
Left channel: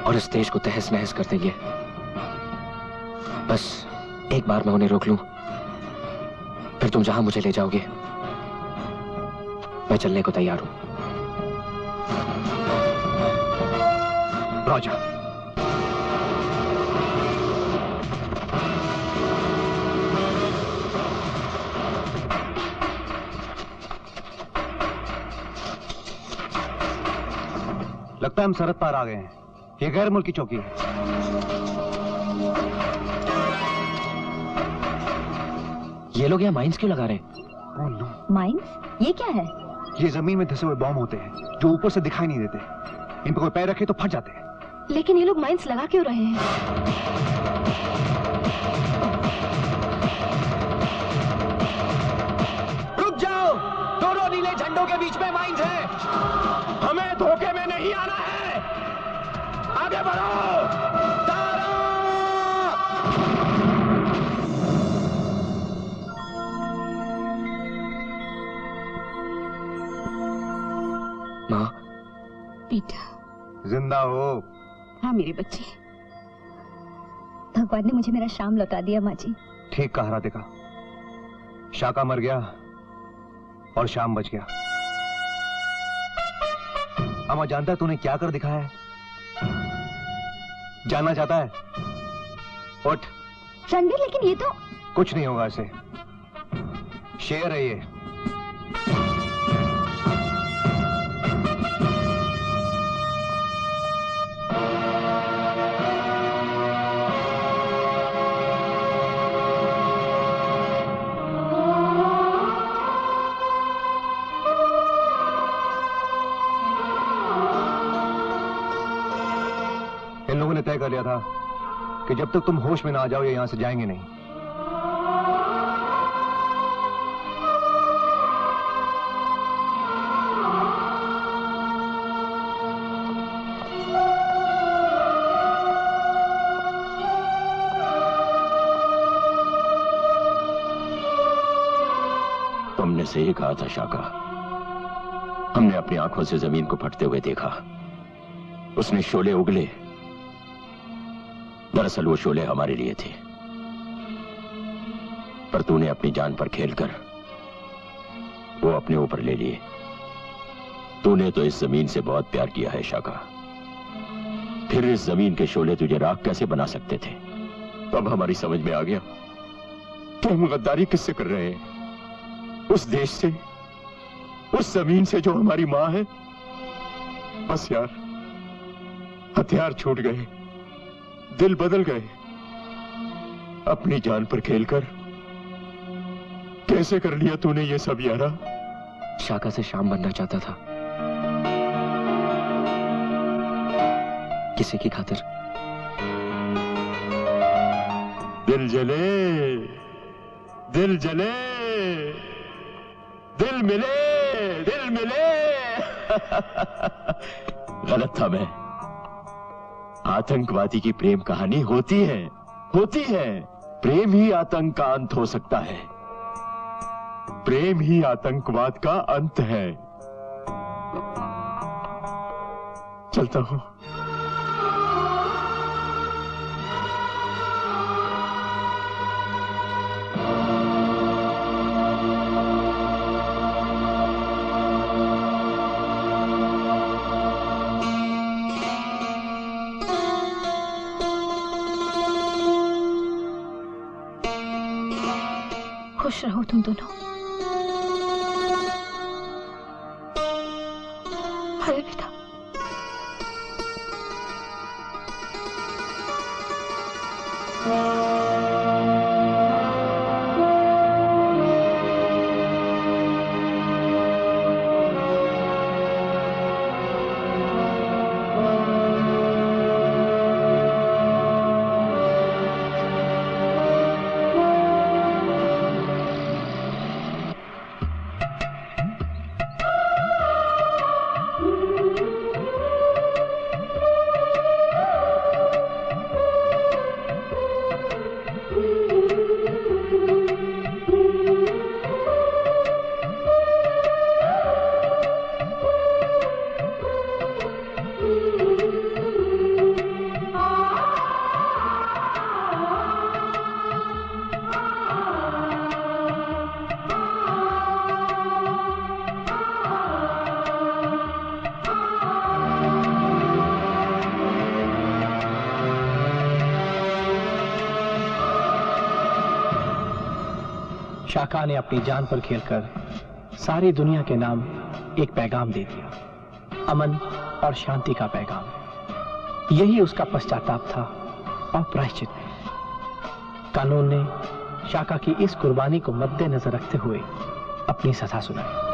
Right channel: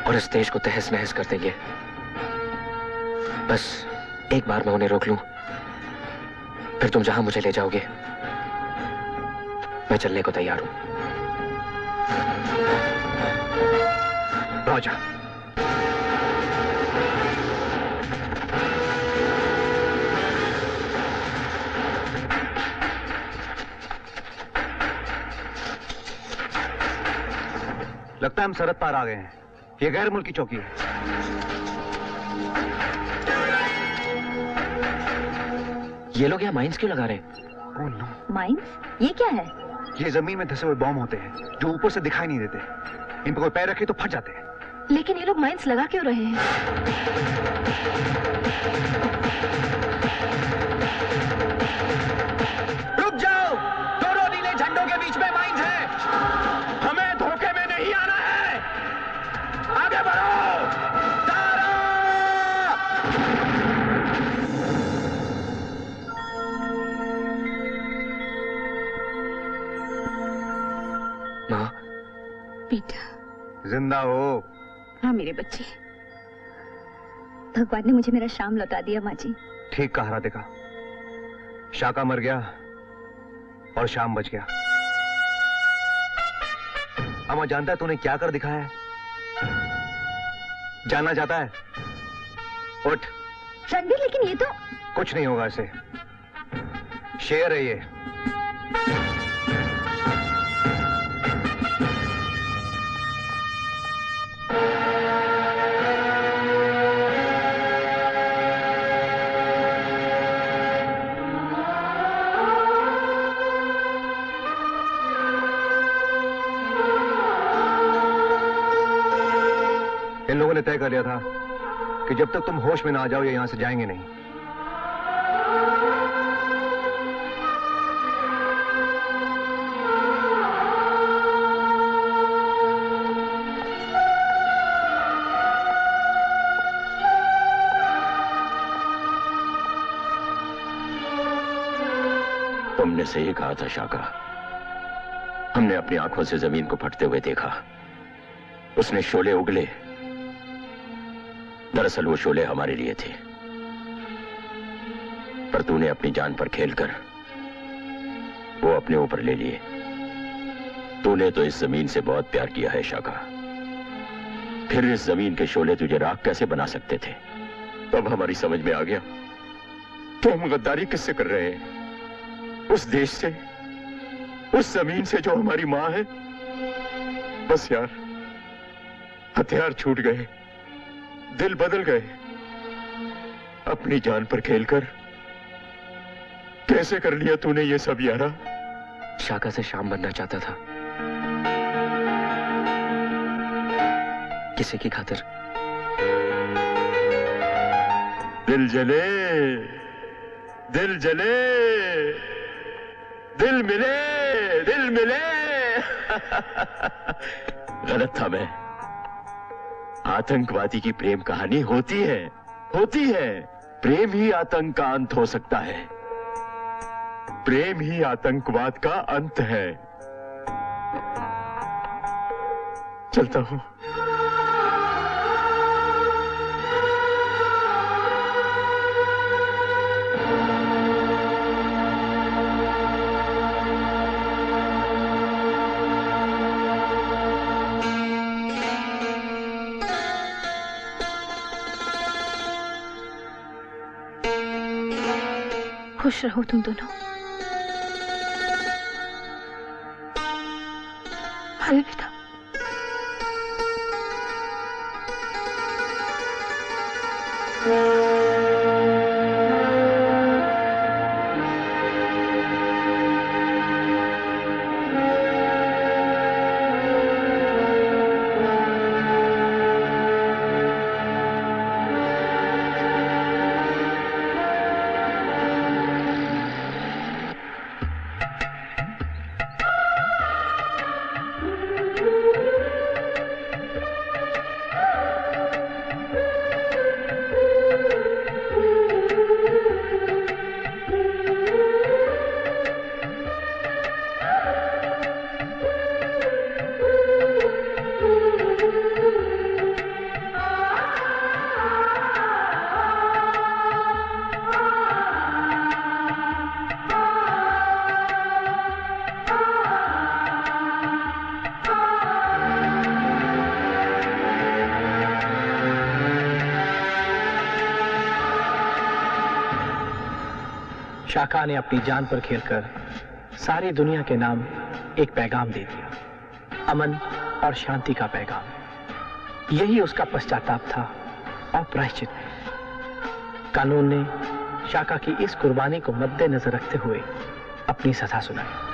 और इस देश को तहस नहस कर देंगे। बस एक बार मैं उन्हें रोक लूं, फिर तुम जहां मुझे ले जाओगे मैं चलने को तैयार हूं। राजा, लगता है हम सरहद पार आ गए हैं। ये गैर मुल्की चौकी है। ये लोग यहाँ माइंस क्यों लगा रहे हैं? Oh no. माइंस? ये क्या है? ये जमीन में धसे हुए बॉम्ब होते हैं जो ऊपर से दिखाई नहीं देते। इन पर कोई पैर रखे तो फट जाते हैं। लेकिन ये लोग माइंस लगा क्यों रहे हैं? रुक जाओ, दोनों नीले झंडों के बीच में माइंस है। हमें धोखे में नहीं आना है। आगे बढ़ो। माँ, बेटा जिंदा हो? हाँ मेरे बच्चे। भगवान ने मुझे मेरा शाम लौटा दिया माँ जी। ठीक कहा राधिका, शाका मर गया और शाम बच गया। अम्मा जानता है तूने क्या कर दिखाया है? जानना चाहता है? उठ। रणबीर, लेकिन ये तो कुछ नहीं होगा इसे। शेर है ये। इन लोगों ने तय कर लिया था कि जब तक तुम होश में ना आ जाओ ये यहां से जाएंगे नहीं। तुमने सही कहा था शाका। हमने अपनी आंखों से जमीन को फटते हुए देखा। उसने शोले उगले। दरअसल वो शोले हमारे लिए थे, पर तूने अपनी जान पर खेलकर वो अपने ऊपर ले लिए। तूने तो इस जमीन से बहुत प्यार किया है शाका, फिर इस जमीन के शोले तुझे राख कैसे बना सकते थे? तब हमारी समझ में आ गया कि हम गद्दारी किससे कर रहे हैं। उस देश से, उस जमीन से जो हमारी मां है। बस यार, हथियार छूट गए, दिल बदल गए। अपनी जान पर खेलकर कैसे कर लिया तूने ये सब यारा? शाका से शाम बनना चाहता था, किसी की खातिर। दिल जले, दिल जले, दिल मिले, दिल मिले। गलत था मैं। आतंकवादी की प्रेम कहानी होती है, होती है। प्रेम ही आतंक का अंत हो सकता है। प्रेम ही आतंकवाद का अंत है। चलता हूं। खुश रहो तुम दोनों। अरे बेटा, शाका ने अपनी जान पर खेलकर सारी दुनिया के नाम एक पैगाम दे दिया, अमन और शांति का पैगाम। यही उसका पश्चाताप था और प्रायश्चित भी। कानून ने शाका की इस कुर्बानी को मद्देनजर रखते हुए अपनी सजा सुनाई।